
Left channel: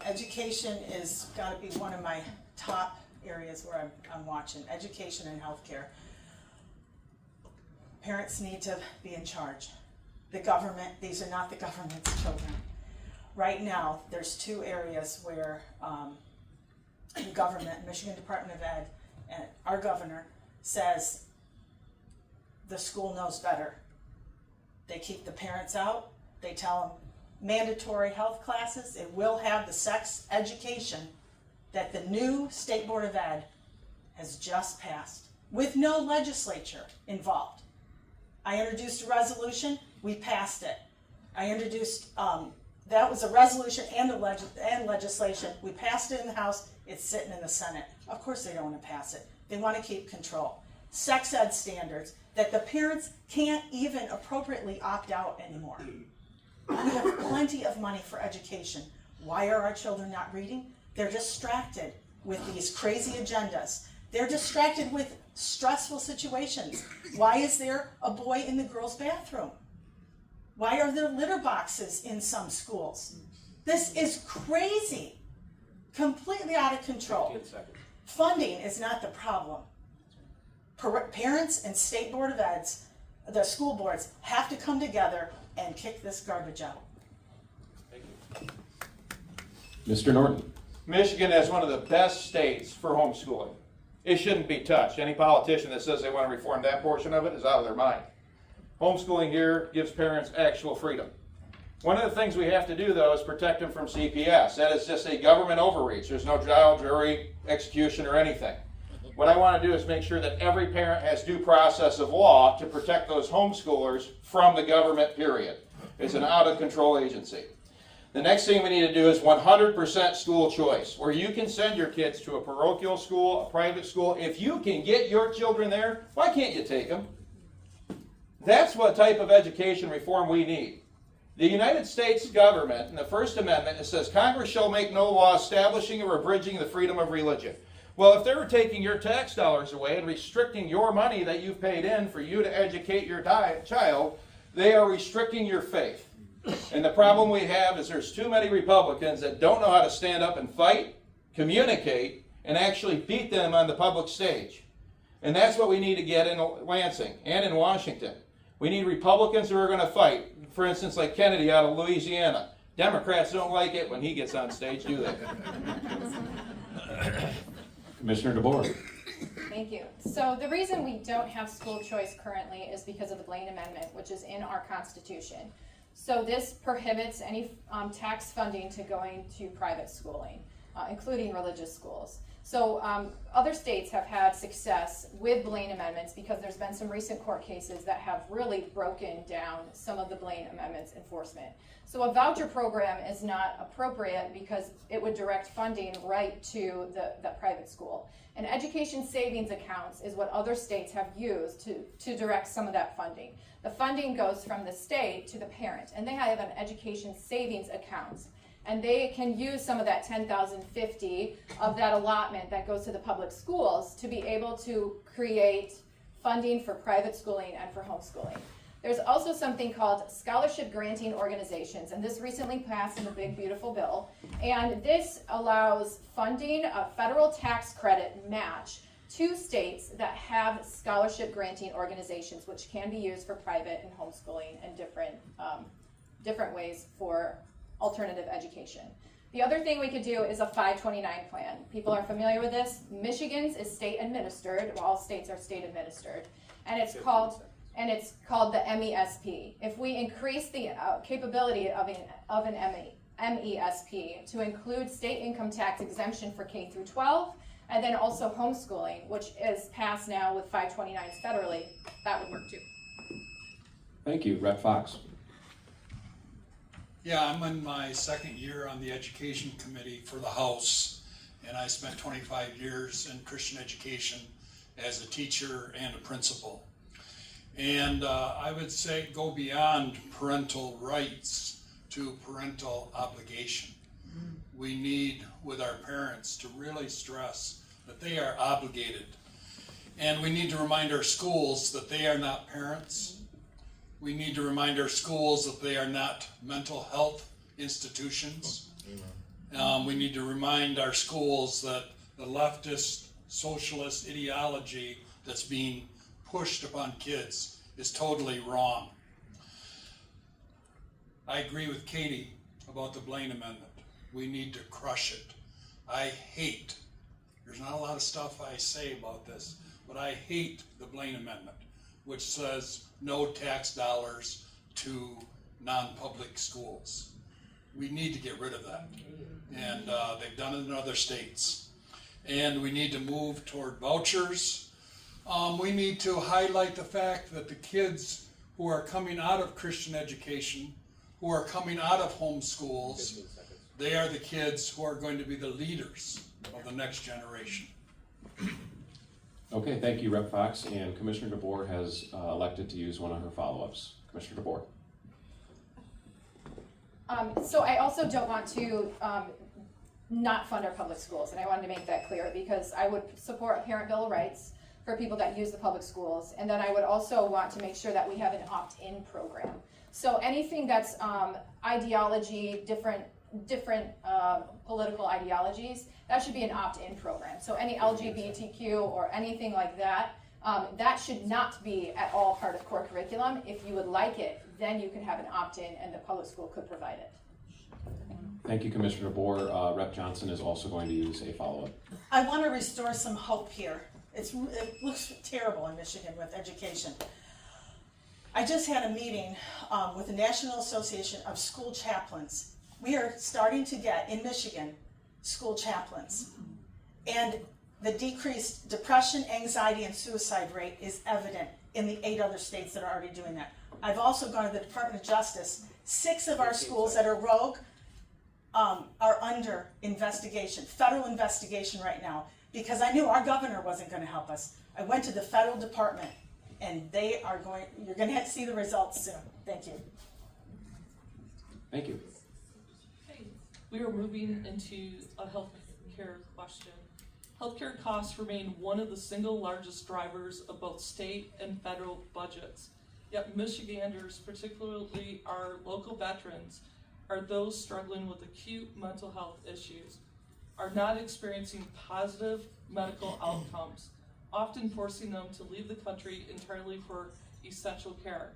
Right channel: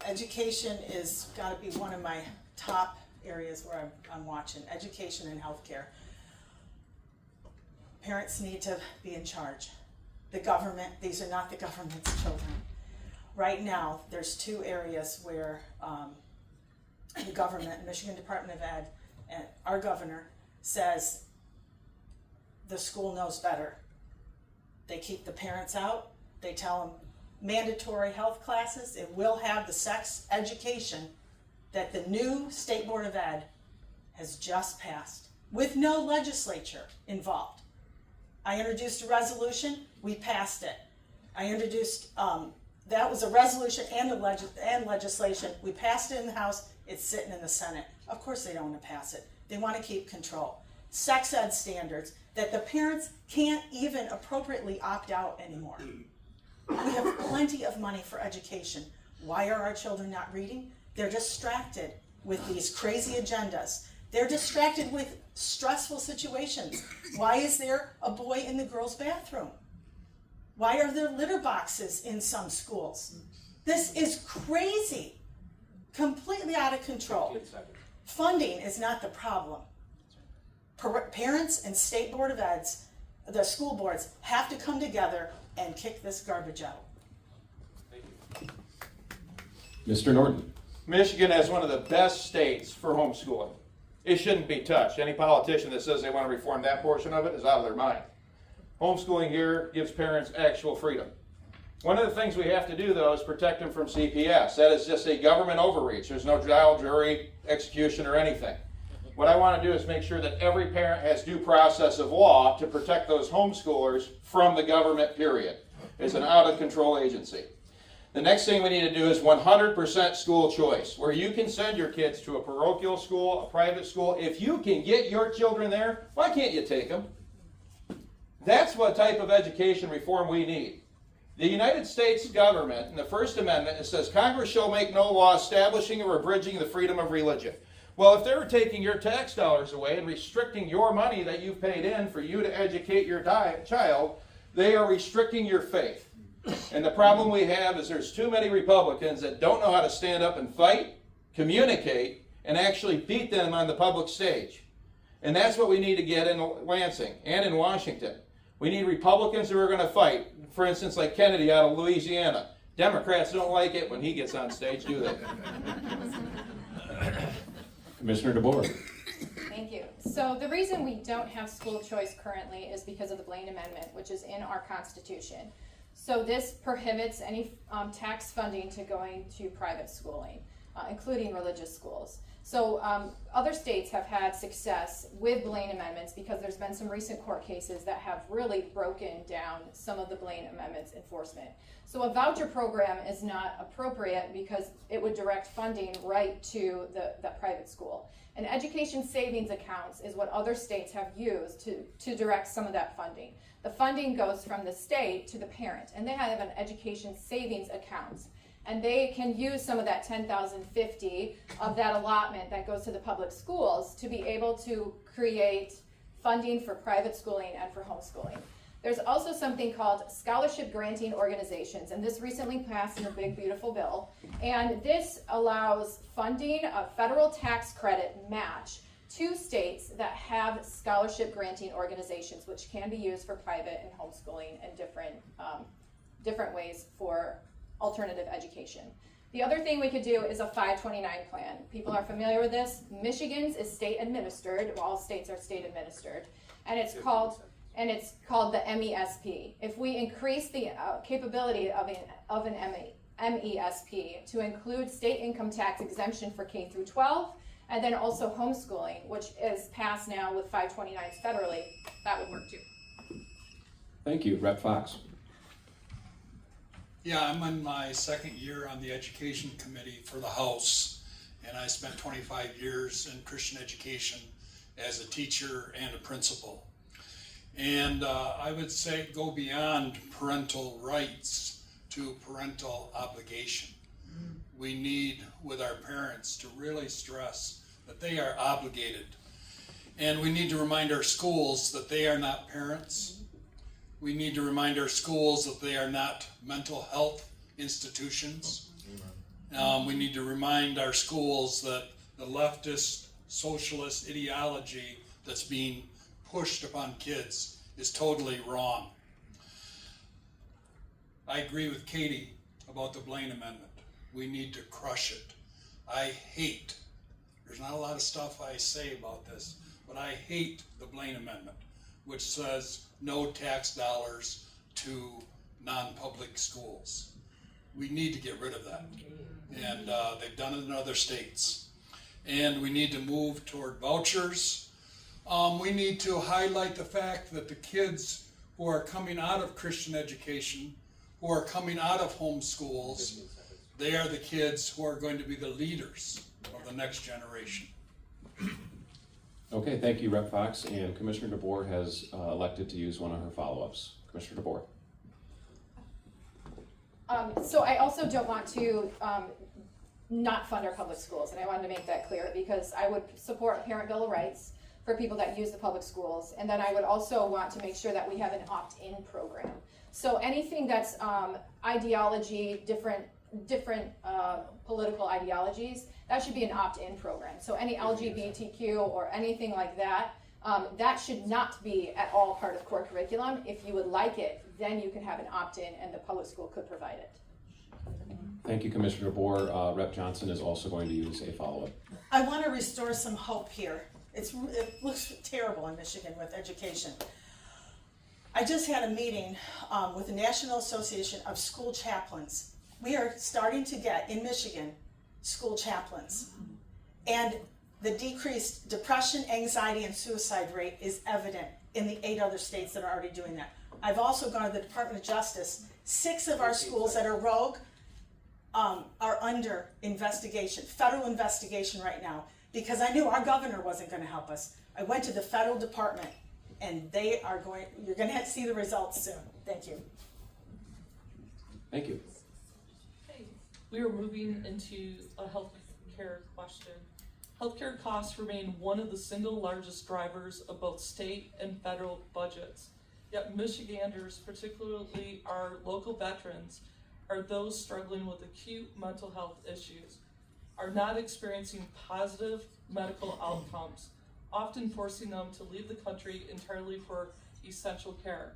Education is got to be one of my top areas where I'm watching. Education and healthcare. Parents need to be in charge. The government, these are not the government's children. Right now, there's two areas where the government, Michigan Department of Ed, and our governor says the school knows better. They keep the parents out. They tell them mandatory health classes. It will have the sex education that the new State Board of Ed has just passed with no legislature involved. I introduced a resolution, we passed it. I introduced, that was a resolution and legislation. We passed it in the House, it's sitting in the Senate. Of course they don't want to pass it. They want to keep control. Sex ed standards that the parents can't even appropriately opt out anymore. We have plenty of money for education. Why are our children not reading? They're distracted with these crazy agendas. They're distracted with stressful situations. Why is there a boy in the girls' bathroom? Why are there litter boxes in some schools? This is crazy. Completely out of control. Funding is not the problem. Parents and State Board of Eds, the school boards, have to come together and kick this garbage out. Thank you. Mr. Norton. Michigan is one of the best states for homeschooling. It shouldn't be touched. Any politician that says they want to reform that portion of it is out of their mind. Homeschooling here gives parents actual freedom. One of the things we have to do, though, is protect them from CPS. That is just a government overreach. There's no trial, jury, execution, or anything. What I want to do is make sure that every parent has due process of law to protect those homeschoolers from the government, period. It's an out-of-control agency. The next thing we need to do is 100% school choice, where you can send your kids to a parochial school, a private school. If you can get your children there, why can't you take them? That's what type of education reform we need. The United States government, in the First Amendment, it says, Congress shall make no law establishing or abridging the freedom of religion. Well, if they were taking your tax dollars away and restricting your money that you've paid in for you to educate your child, they are restricting your faith. And the problem we have is there's too many Republicans that don't know how to stand up and fight, communicate, and actually beat them on the public stage. And that's what we need to get in Lansing and in Washington. We need Republicans who are going to fight. For instance, like Kennedy out of Louisiana. Democrats don't like it when he gets on stage, do they? Commissioner DeBoer. Thank you. So the reason we don't have school choice currently is because of the Blaine Amendment, which is in our Constitution. So this prohibits any tax funding to going to private schooling, including religious schools. So other states have had success with Blaine amendments because there's been some recent court cases that have really broken down some of the Blaine amendments enforcement. So a voucher program is not appropriate because it would direct funding right to the private school. And education savings accounts is what other states have used to direct some of that funding. The funding goes from the state to the parent, and they have an education savings account. And they can use some of that $10,050 of that allotment that goes to the public schools to be able to create funding for private schooling and for homeschooling. There's also something called scholarship granting organizations, and this recently passed in the big beautiful bill. And this allows funding a federal tax credit match to states that have scholarship granting organizations, which can be used for private and homeschooling and different ways for alternative education. The other thing we could do is a 529 plan. People are familiar with this. Michigan's is state administered. Well, all states are state administered, and it's called the MESP. If we increase the capability of an MESP to include state income tax exemption for K through 12, and then also homeschooling, which is passed now with 529s federally, that would work too. Thank you. Rep. Fox. Yeah, I'm in my second year on the Education Committee for the House, and I spent 25 years in Christian education as a teacher and a principal. And I would say go beyond parental rights to parental obligation. We need, with our parents, to really stress that they are obligated. And we need to remind our schools that they are not parents. We need to remind our schools that they are not mental health institutions. We need to remind our schools that the leftist socialist ideology that's being pushed upon kids is totally wrong. I agree with Katie about the Blaine Amendment. We need to crush it. There's not a lot of stuff I say about this, but I hate the Blaine Amendment, which says no tax dollars to non-public schools. We need to get rid of that. And they've done it in other states. And we need to move toward vouchers. We need to highlight the fact that the kids who are coming out of Christian education, who are coming out of homeschools, they are the kids who are going to be the leaders of the next generation. Okay, thank you, Rep. Fox. And Commissioner DeBoer has elected to use one of her follow-ups. Commissioner DeBoer. So I also don't want to not fund our public schools, and I wanted to make that clear because I would support parent bill of rights for people that use the public schools, and then I would also want to make sure that we have an opt-in program. So anything that's ideology, different political ideologies, that should be an opt-in program. So any LGBTQ or anything like that, that should not be at all part of core curriculum. If you would like it, then you could have an opt-in and the public school could provide it. Thank you, Commissioner DeBoer. Rep. Johnson is also going to use a follow-up. I want to restore some hope here. It looks terrible in Michigan with education. I just had a meeting with the National Association of School Chaplains. We are starting to get, in Michigan, school chaplains. And The decreased depression, anxiety, and suicide rate is evident in the 8 other states that are already doing that. I've also gone to the Department of Justice. 6 of our schools that are rogue are under investigation, federal investigation right now, because I knew our governor wasn't going to help us. I went to the federal department, and you're going to see the results soon. Thank you. Thank you. Okay, we are moving into a healthcare question. Healthcare costs remain one of the single largest drivers of both state and federal budgets. Yet Michiganders, particularly our local veterans, are those struggling with acute mental health issues, are not experiencing positive medical outcomes, often forcing them to leave the country entirely for essential care.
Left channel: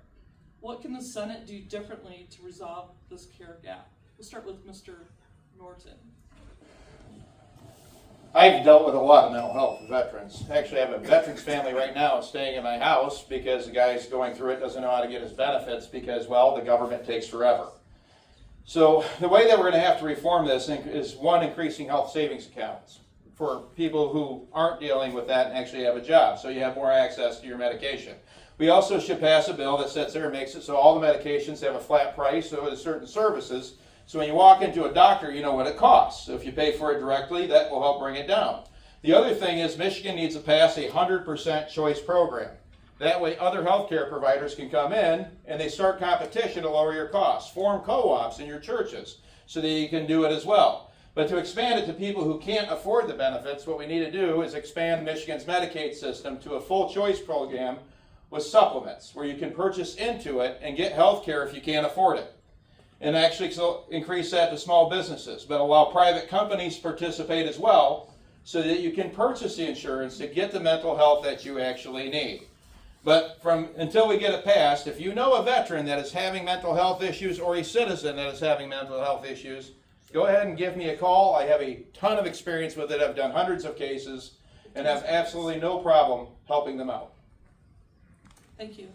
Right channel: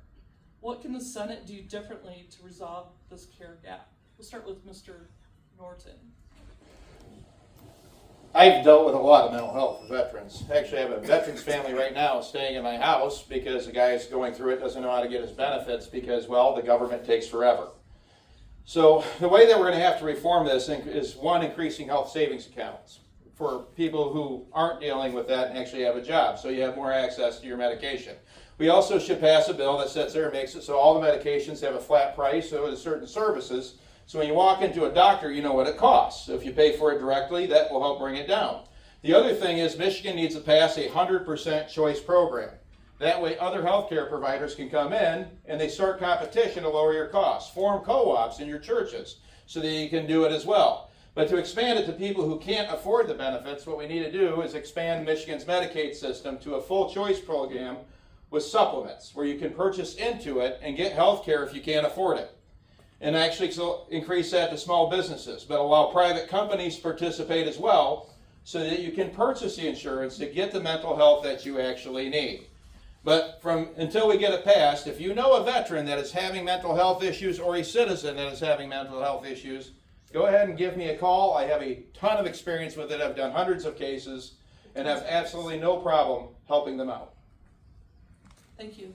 What can the Senate do differently to resolve this care gap? We'll start with Mr. Norton. I've dealt with a lot of mental health veterans. Actually, I have a veterans family right now staying in my house because the guy's going through it, doesn't know how to get his benefits because, well, the government takes forever. So the way that we're going to have to reform this is, one, increasing health savings accounts for people who aren't dealing with that and actually have a job, so you have more access to your medication. We also should pass a bill that sits there and makes it so all the medications have a flat price, so there's certain services. So when you walk into a doctor, you know what it costs. So if you pay for it directly, that will help bring it down. The other thing is Michigan needs to pass a 100% choice program. That way other healthcare providers can come in and they start competition to lower your costs. Form co-ops in your churches so that you can do it as well. But to expand it to people who can't afford the benefits, what we need to do is expand Michigan's Medicaid system to a full choice program with supplements where you can purchase into it and get health care if you can't afford it. And actually increase that to small businesses, but allow private companies to participate as well so that you can purchase the insurance to get the mental health that you actually need. But until we get it passed, if you know a veteran that is having mental health issues or a citizen that is having mental health issues, go ahead and give me a call. I have a ton of experience with it. I've done hundreds of cases and have absolutely no problem helping them out. Thank you.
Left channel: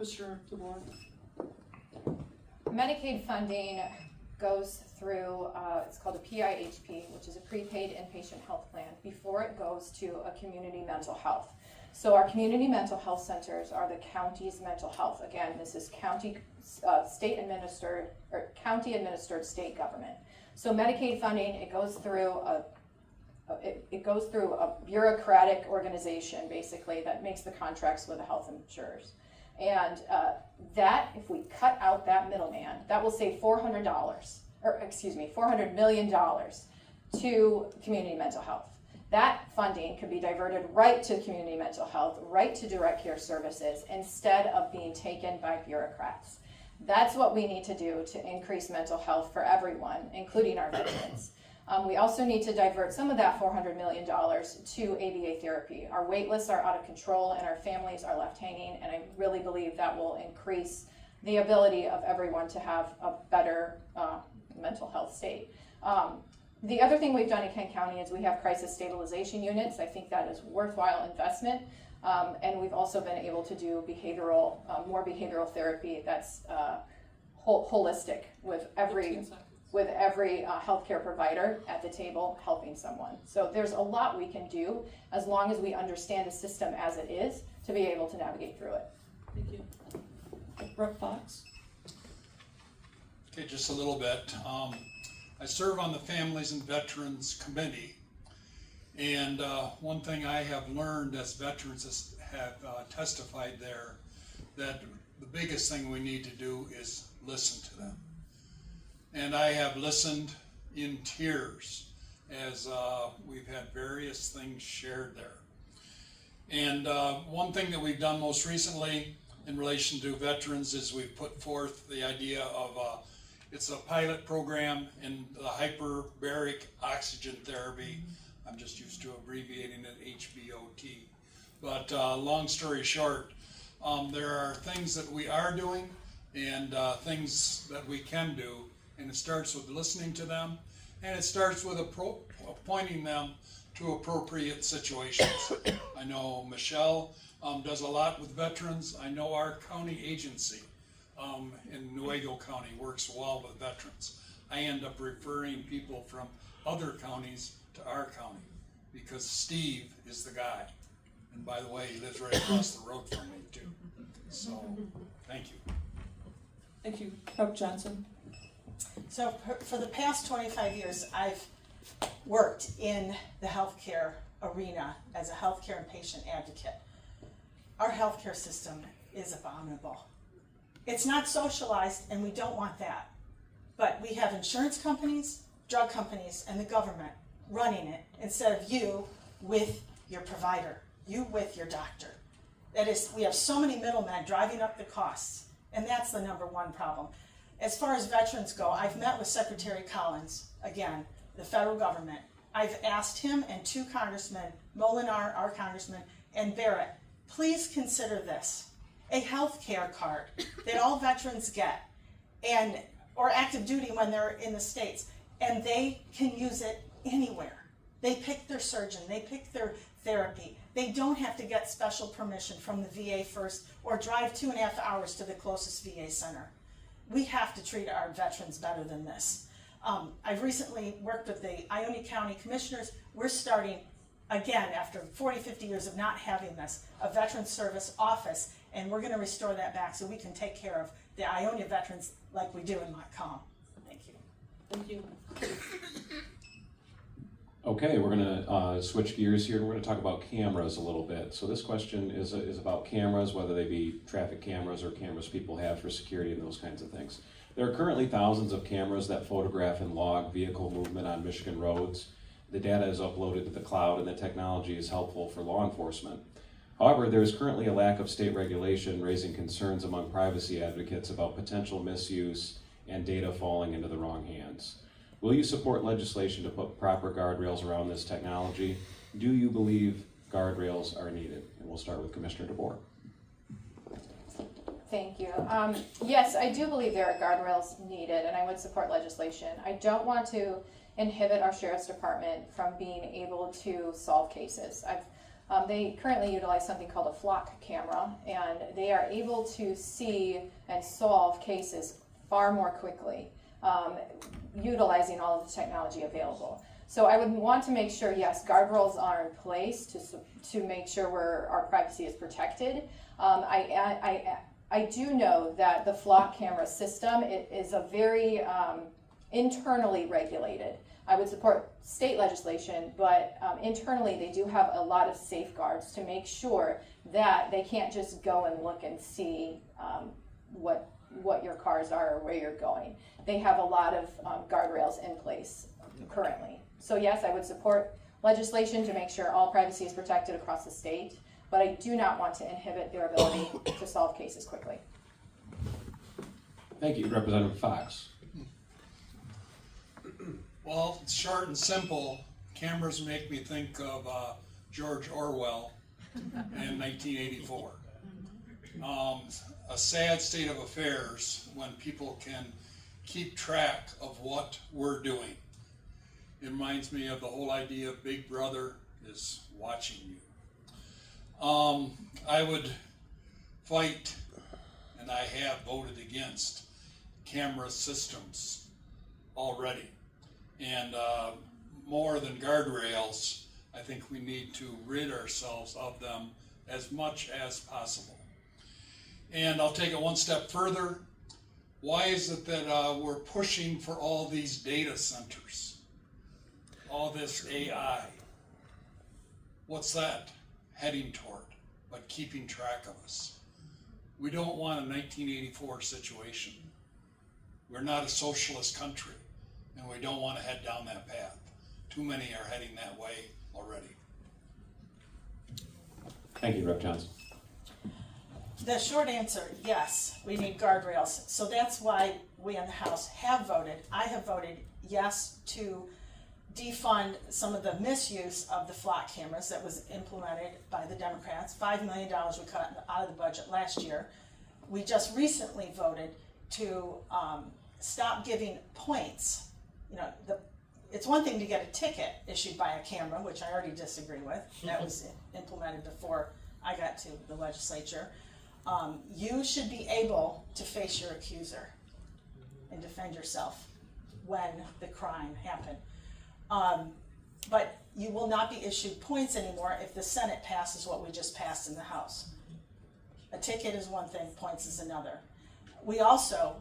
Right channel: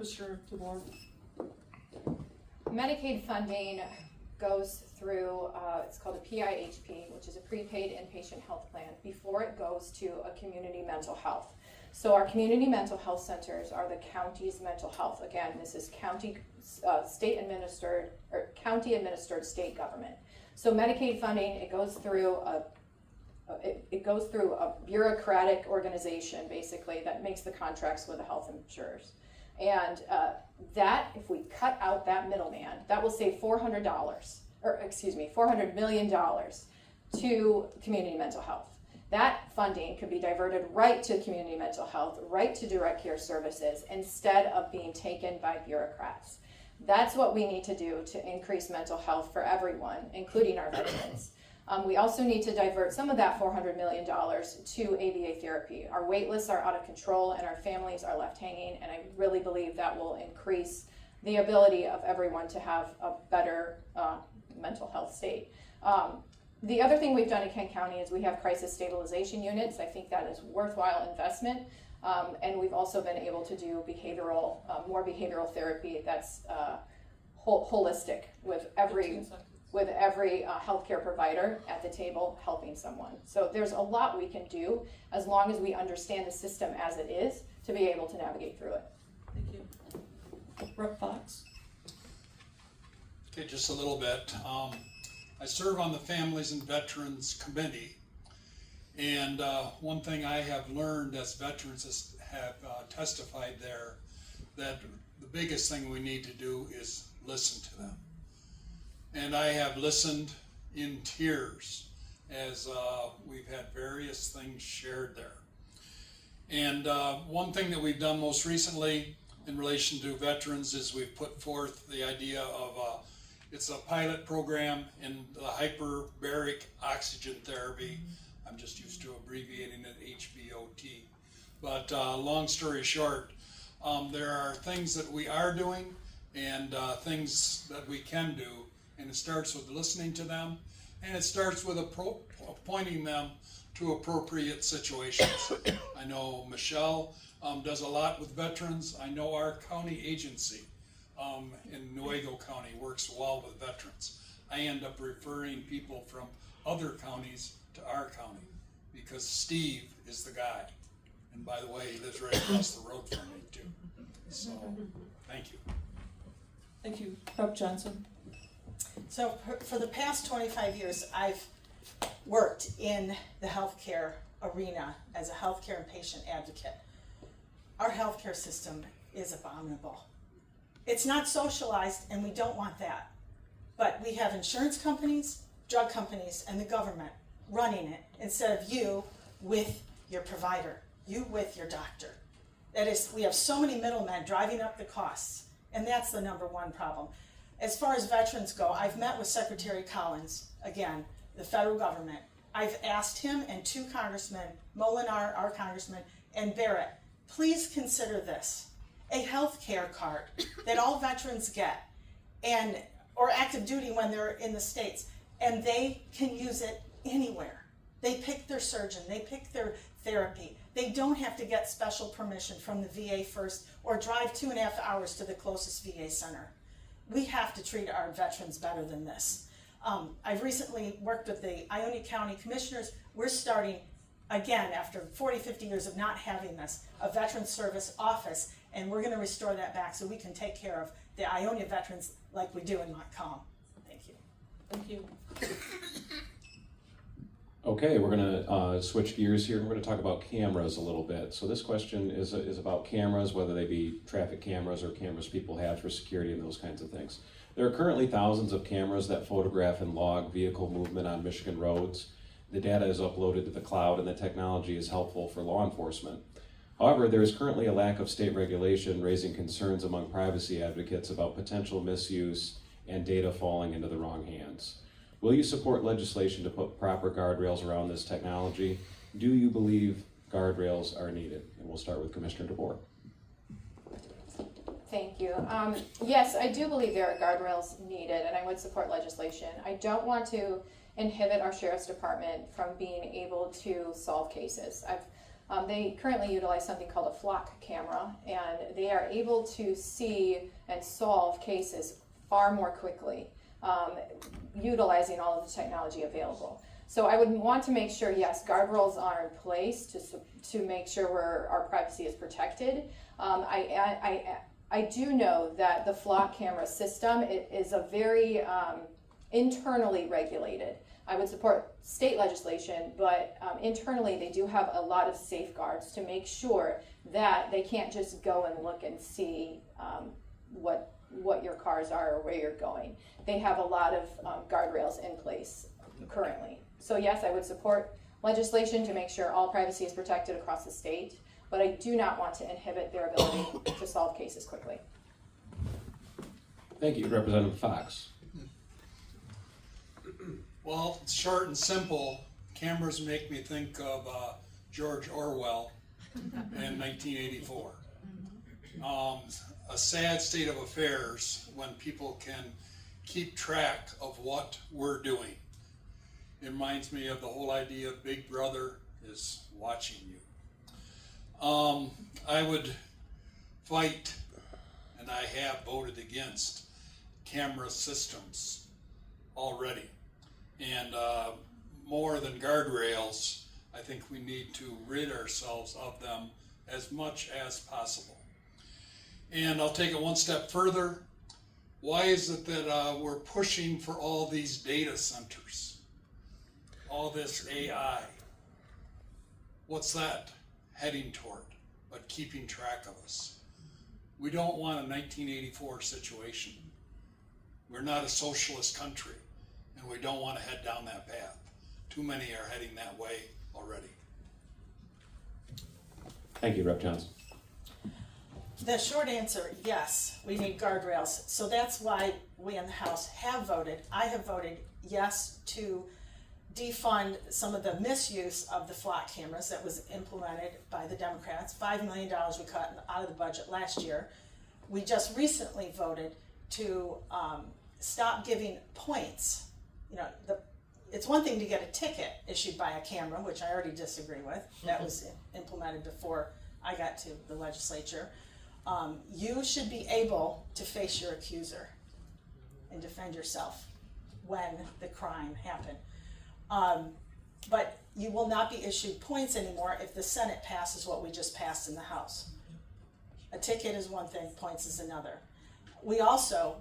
Mr. DeWar. Medicaid funding goes through, it's called a PIHP, which is a prepaid inpatient health plan, before it goes to a community mental health. So our community mental health centers are the county's mental health. Again, this is county, state administered, or county administered state government. So Medicaid funding, it goes through a bureaucratic organization, basically, that makes the contracts with the health insurers. And that, if we cut out that middleman, that will save $400 million to community mental health. That funding could be diverted right to community mental health, right to direct care services, instead of being taken by bureaucrats. That's what we need to do to increase mental health for everyone, including our veterans. We also need to divert some of that $400 million to ABA therapy. Our wait lists are out of control and our families are left hanging, and I really believe that will increase the ability of everyone to have a better mental health state. The other thing we've done in Kent County is we have crisis stabilization units. I think that is worthwhile investment. And we've also been able to do more behavioral therapy that's holistic with every healthcare provider at the table helping someone. So there's a lot we can do as long as we understand the system as it is to be able to navigate through it. Thank you. Rep. Fox. Okay, just a little bit. I serve on the Families and Veterans Committee, and one thing I have learned as veterans have testified there, that the biggest thing we need to do is listen to them. And I have listened in tears as we've had various things shared there. And one thing that we've done most recently in relation to veterans is we've put forth the idea of it's a pilot program in the hyperbaric oxygen therapy. I'm just used to abbreviating it HBOT. But long story short, there are things that we are doing and things that we can do. And it starts with listening to them, and it starts with pointing them to appropriate situations. I know Michelle does a lot with veterans. I know our county agency in Nuevo County works well with veterans. I end up referring people from other counties to our county because Steve is the guy. And by the way, he lives right across the road from me too. So, thank you. Thank you. Rep. Johnson. So for the past 25 years, I've worked in the healthcare arena as a healthcare and patient advocate. Our healthcare system is abominable. It's not socialized, and we don't want that. But we have insurance companies, drug companies, and the government running it instead of you with your provider, you with your doctor. That is, we have so many middlemen driving up the costs, and that's the number one problem. As far as veterans go, I've met with Secretary Collins, again, the federal government. I've asked him and two congressmen, Molinar, our congressman, and Barrett, please consider this, a health care card that all veterans get, and or active duty when they're in the States, and they can use it anywhere. They pick their surgeon, they pick their therapy. They don't have to get special permission from the VA first or drive 2.5 hours to the closest VA center. We have to treat our veterans better than this. I've recently worked with the Ionia County Commissioners. We're starting, again, after 40, 50 years of not having this, a Veterans Service Office, and we're gonna restore that back so we can take care of the Ionia veterans like we do in Montcalm. Thank you. Thank you. Okay, we're gonna switch gears here. We're gonna talk about cameras a little bit. So this question is about cameras, whether they be traffic cameras or cameras people have for security and those kinds of things. There are currently thousands of cameras that photograph and log vehicle movement on Michigan roads. The data is uploaded to the cloud and the technology is helpful for law enforcement. However, there is currently a lack of state regulation, raising concerns among privacy advocates about potential misuse and data falling into the wrong hands. Will you support legislation to put proper guardrails around this technology? Do you believe guardrails are needed? And we'll start with Commissioner DeBoer. Thank you. Yes, I do believe there are guardrails needed, and I would support legislation. I don't want to inhibit our Sheriff's Department from being able to solve cases. They currently utilize something called a flock camera, and they are able to see and solve cases far more quickly, utilizing all of the technology available. So I would want to make sure, yes, guardrails are in place to make sure our privacy is protected. I do know that the flock camera system is a very internally regulated. I would support state legislation, but internally they do have a lot of safeguards to make sure that they can't just go and look and see what your cars are or where you're going. They have a lot of guardrails in place currently. So yes, I would support legislation to make sure all privacy is protected across the state, but I do not want to inhibit their ability to solve cases quickly. Thank you, Representative Fox. Well, it's short and simple. Cameras make me think of George Orwell in 1984. A sad state of affairs when people can keep track of what we're doing. It reminds me of the whole idea of Big Brother is watching you. I would fight, and I have voted against, camera systems already. And more than guardrails, I think we need to rid ourselves of them as much as possible. And I'll take it one step further. Why is it that we're pushing for all these data centers? All this AI? What's that heading toward, but keeping track of us? We don't want a 1984 situation. We're not a socialist country, and we don't want to head down that path. Too many are heading that way already. Thank you, Rep. Johnson. The short answer, yes, we need guardrails. So that's why we in the House have voted. I have voted yes to defund some of the misuse of the flock cameras that was implemented by the Democrats. $5 million we cut out of the budget last year. We just recently voted to stop giving points. You know, it's one thing to get a ticket issued by a camera, which I already disagree with. That was implemented before I got to the legislature. You should be able to face your accuser and defend yourself when the crime happened. but you will not be issued points anymore if the Senate passes what we just passed in the House. A ticket is one thing, points is another. We also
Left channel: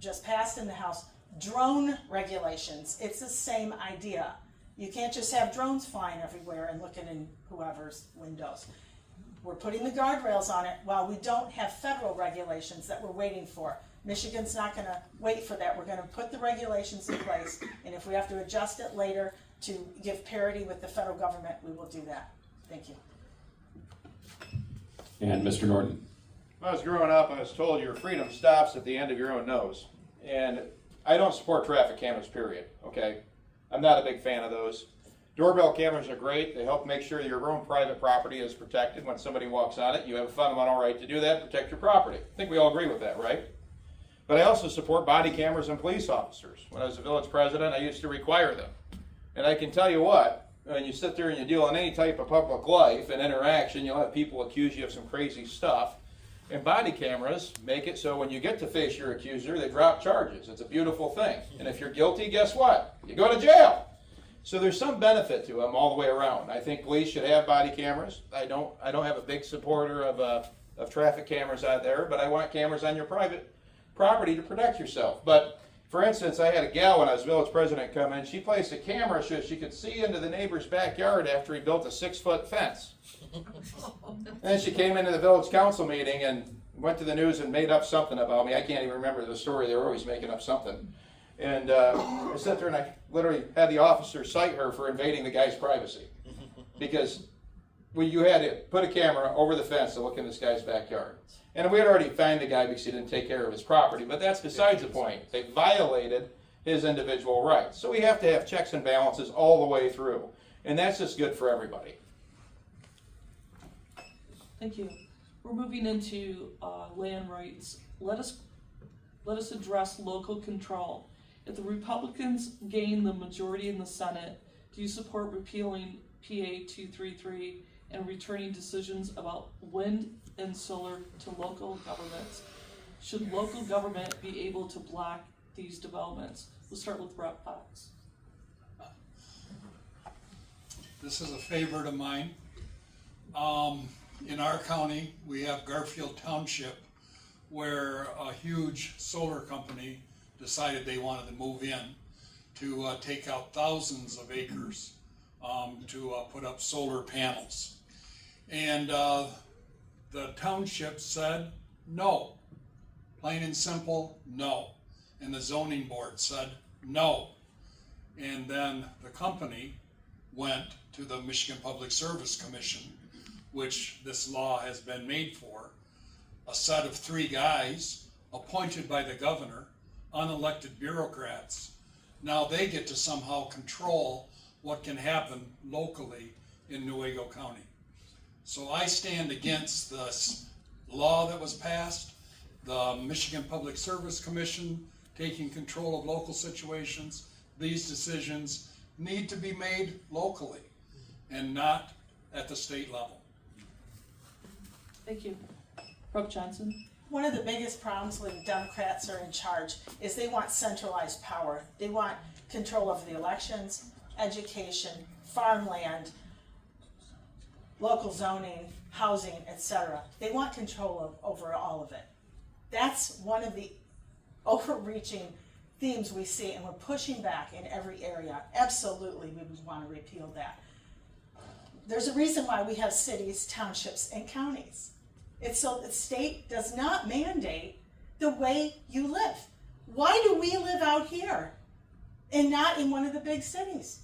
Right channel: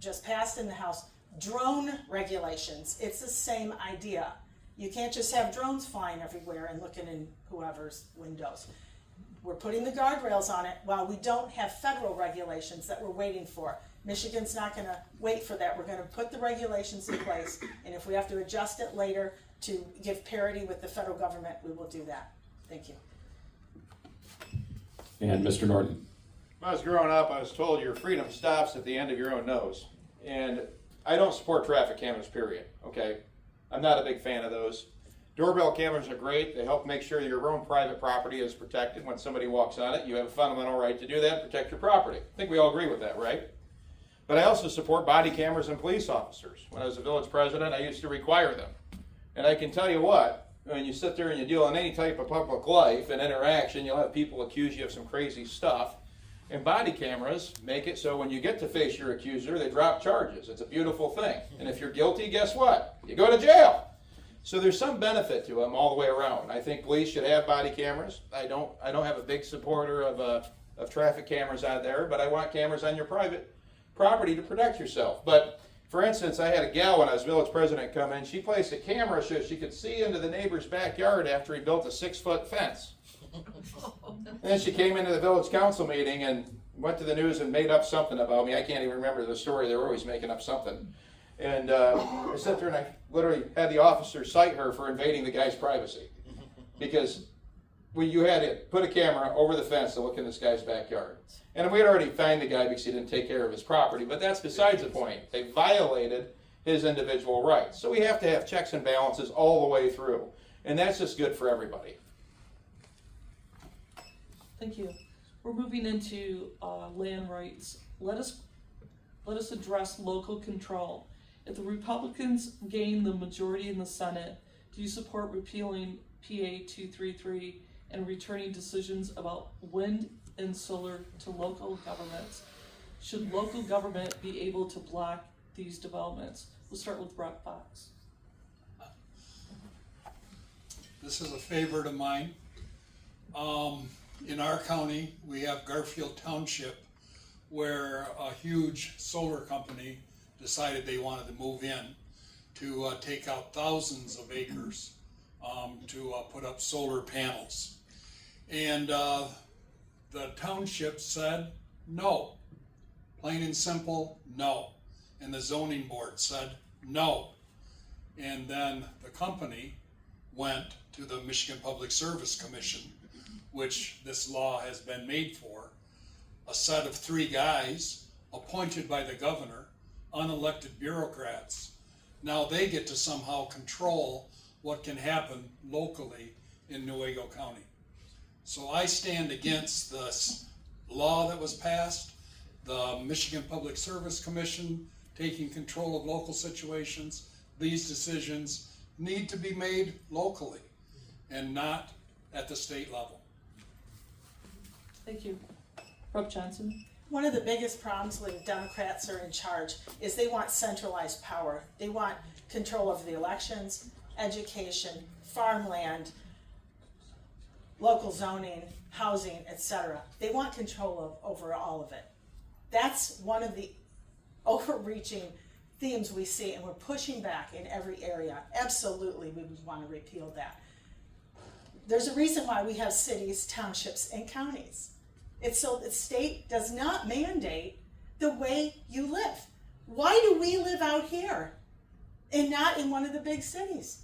just passed in the House drone regulations. It's the same idea. You can't just have drones flying everywhere and looking in whoever's windows. We're putting the guardrails on it while we don't have federal regulations that we're waiting for. Michigan's not going to wait for that. We're going to put the regulations in place, and if we have to adjust it later to give parity with the federal government, we will do that. Thank you. And Mr. Norton. When I was growing up, I was told your freedom stops at the end of your own nose. And I don't support traffic cameras, period, okay? I'm not a big fan of those. Doorbell cameras are great. They help make sure your own private property is protected. When somebody walks on it, you have a fundamental right to do that and protect your property. I think we all agree with that, right? But I also support body cameras and police officers. When I was a village president, I used to require them. And I can tell you what, when you sit there and you deal in any type of public life and interaction, you'll have people accuse you of some crazy stuff. And body cameras make it so when you get to face your accuser, they drop charges. It's a beautiful thing. And if you're guilty, guess what? You go to jail. So there's some benefit to them all the way around. I think police should have body cameras. I don't have a big supporter of traffic cameras out there, but I want cameras on your private property to protect yourself. But for instance, I had a gal when I was village president come in. She placed a camera so she could see into the neighbor's backyard after he built a 6-foot fence. And then she came into the village council meeting and went to the news and made up something about me. I can't even remember the story. They were always making up something. And I sat there and I literally had the officer cite her for invading the guy's privacy. Because you had to put a camera over the fence to look in this guy's backyard. And we had already fined the guy because he didn't take care of his property. But that's besides the point. They violated his individual rights. So we have to have checks and balances all the way through. And that's just good for everybody. Thank you. We're moving into land rights. Let us address local control. If the Republicans gain the majority in the Senate, do you support repealing PA 233 and returning decisions about wind and solar to local governments? Should local government be able to block these developments? We'll start with Rob Fox. This is a favorite of mine. In our county, we have Garfield Township, where a huge solar company decided they wanted to move in to take out thousands of acres to put up solar panels. And the township said no, plain and simple, no. And the zoning board said no. And then the company went to the Michigan Public Service Commission, which this law has been made for, a set of 3 guys appointed by the governor, unelected bureaucrats. Now they get to somehow control what can happen locally in Newaygo County. So I stand against this law that was passed, the Michigan Public Service Commission taking control of local situations. These decisions need to be made locally and not at the state level. Thank you. Rob Johnson. One of the biggest problems when Democrats are in charge is they want centralized power. They want control over the elections, education, farmland, local zoning, housing, etc. They want control over all of it. That's one of the overreaching themes we see, and we're pushing back in every area. Absolutely, we would want to repeal that. There's a reason why we have cities, townships, and counties. It's so the state does not mandate the way you live. Why do we live out here and not in one of the big cities?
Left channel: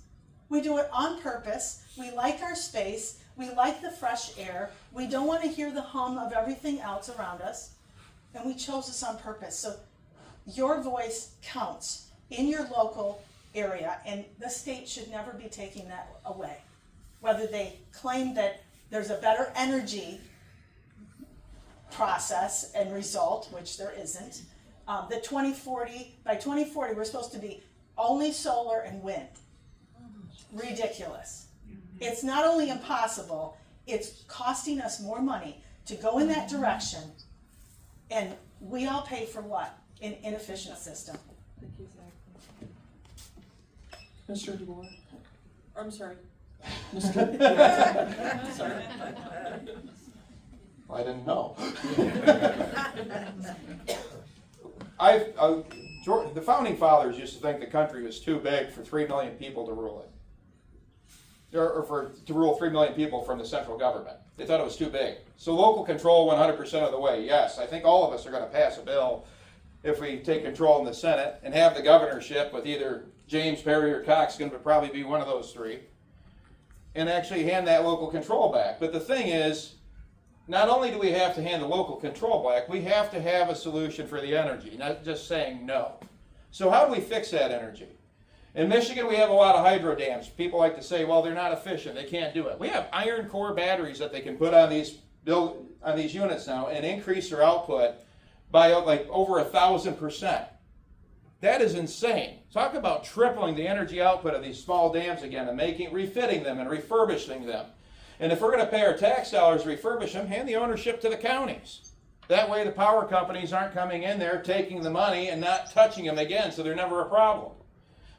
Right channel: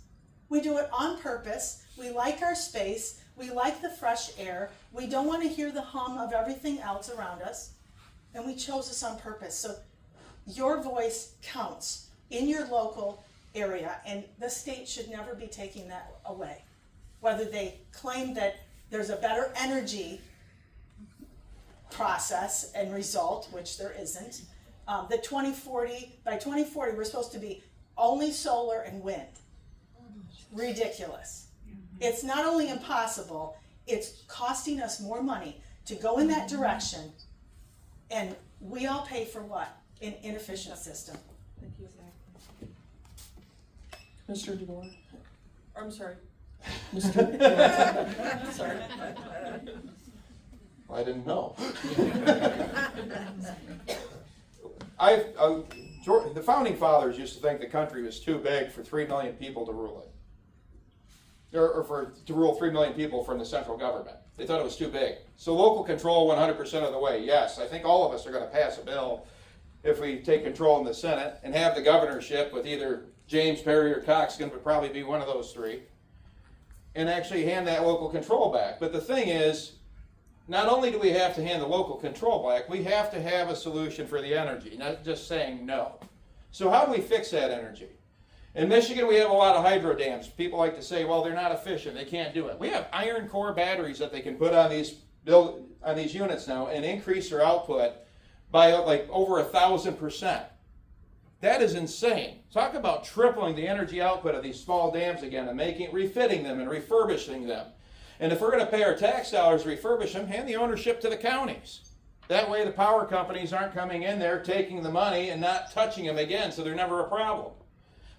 We do it on purpose. We like our space. We like the fresh air. We don't want to hear the hum of everything else around us. And we chose this on purpose. So your voice counts in your local area, and the state should never be taking that away. Whether they claim that there's a better energy process and result, which there isn't. By 2040, we're supposed to be only solar and wind. Ridiculous. It's not only impossible, it's costing us more money to go in that direction, and we all pay for what? An inefficient system. Thank you. Mr. DeBoer. I'm sorry. Sorry. I didn't know. The founding fathers used to think the country was too big for 3 million people to rule it. To rule 3 million people from the central government. They thought it was too big. So local control 100% of the way. Yes, I think all of us are going to pass a bill if we take control in the Senate and have the governorship with either James, Perry, or Cox, going to probably be one of those three, and actually hand that local control back. But the thing is, not only do we have to hand the local control back, we have to have a solution for the energy, not just saying no. So how do we fix that energy? In Michigan, we have a lot of hydro dams. People like to say, well, they're not efficient, they can't do it. We have iron core batteries that they can put on these units now and increase their output by like over 1,000%. That is insane. Talk about tripling the energy output of these small dams again and refitting them and refurbishing them. And if we're going to pay our tax dollars to refurbish them, hand the ownership to the counties. That way the power companies aren't coming in there, taking the money and not touching them again, so they're never a problem.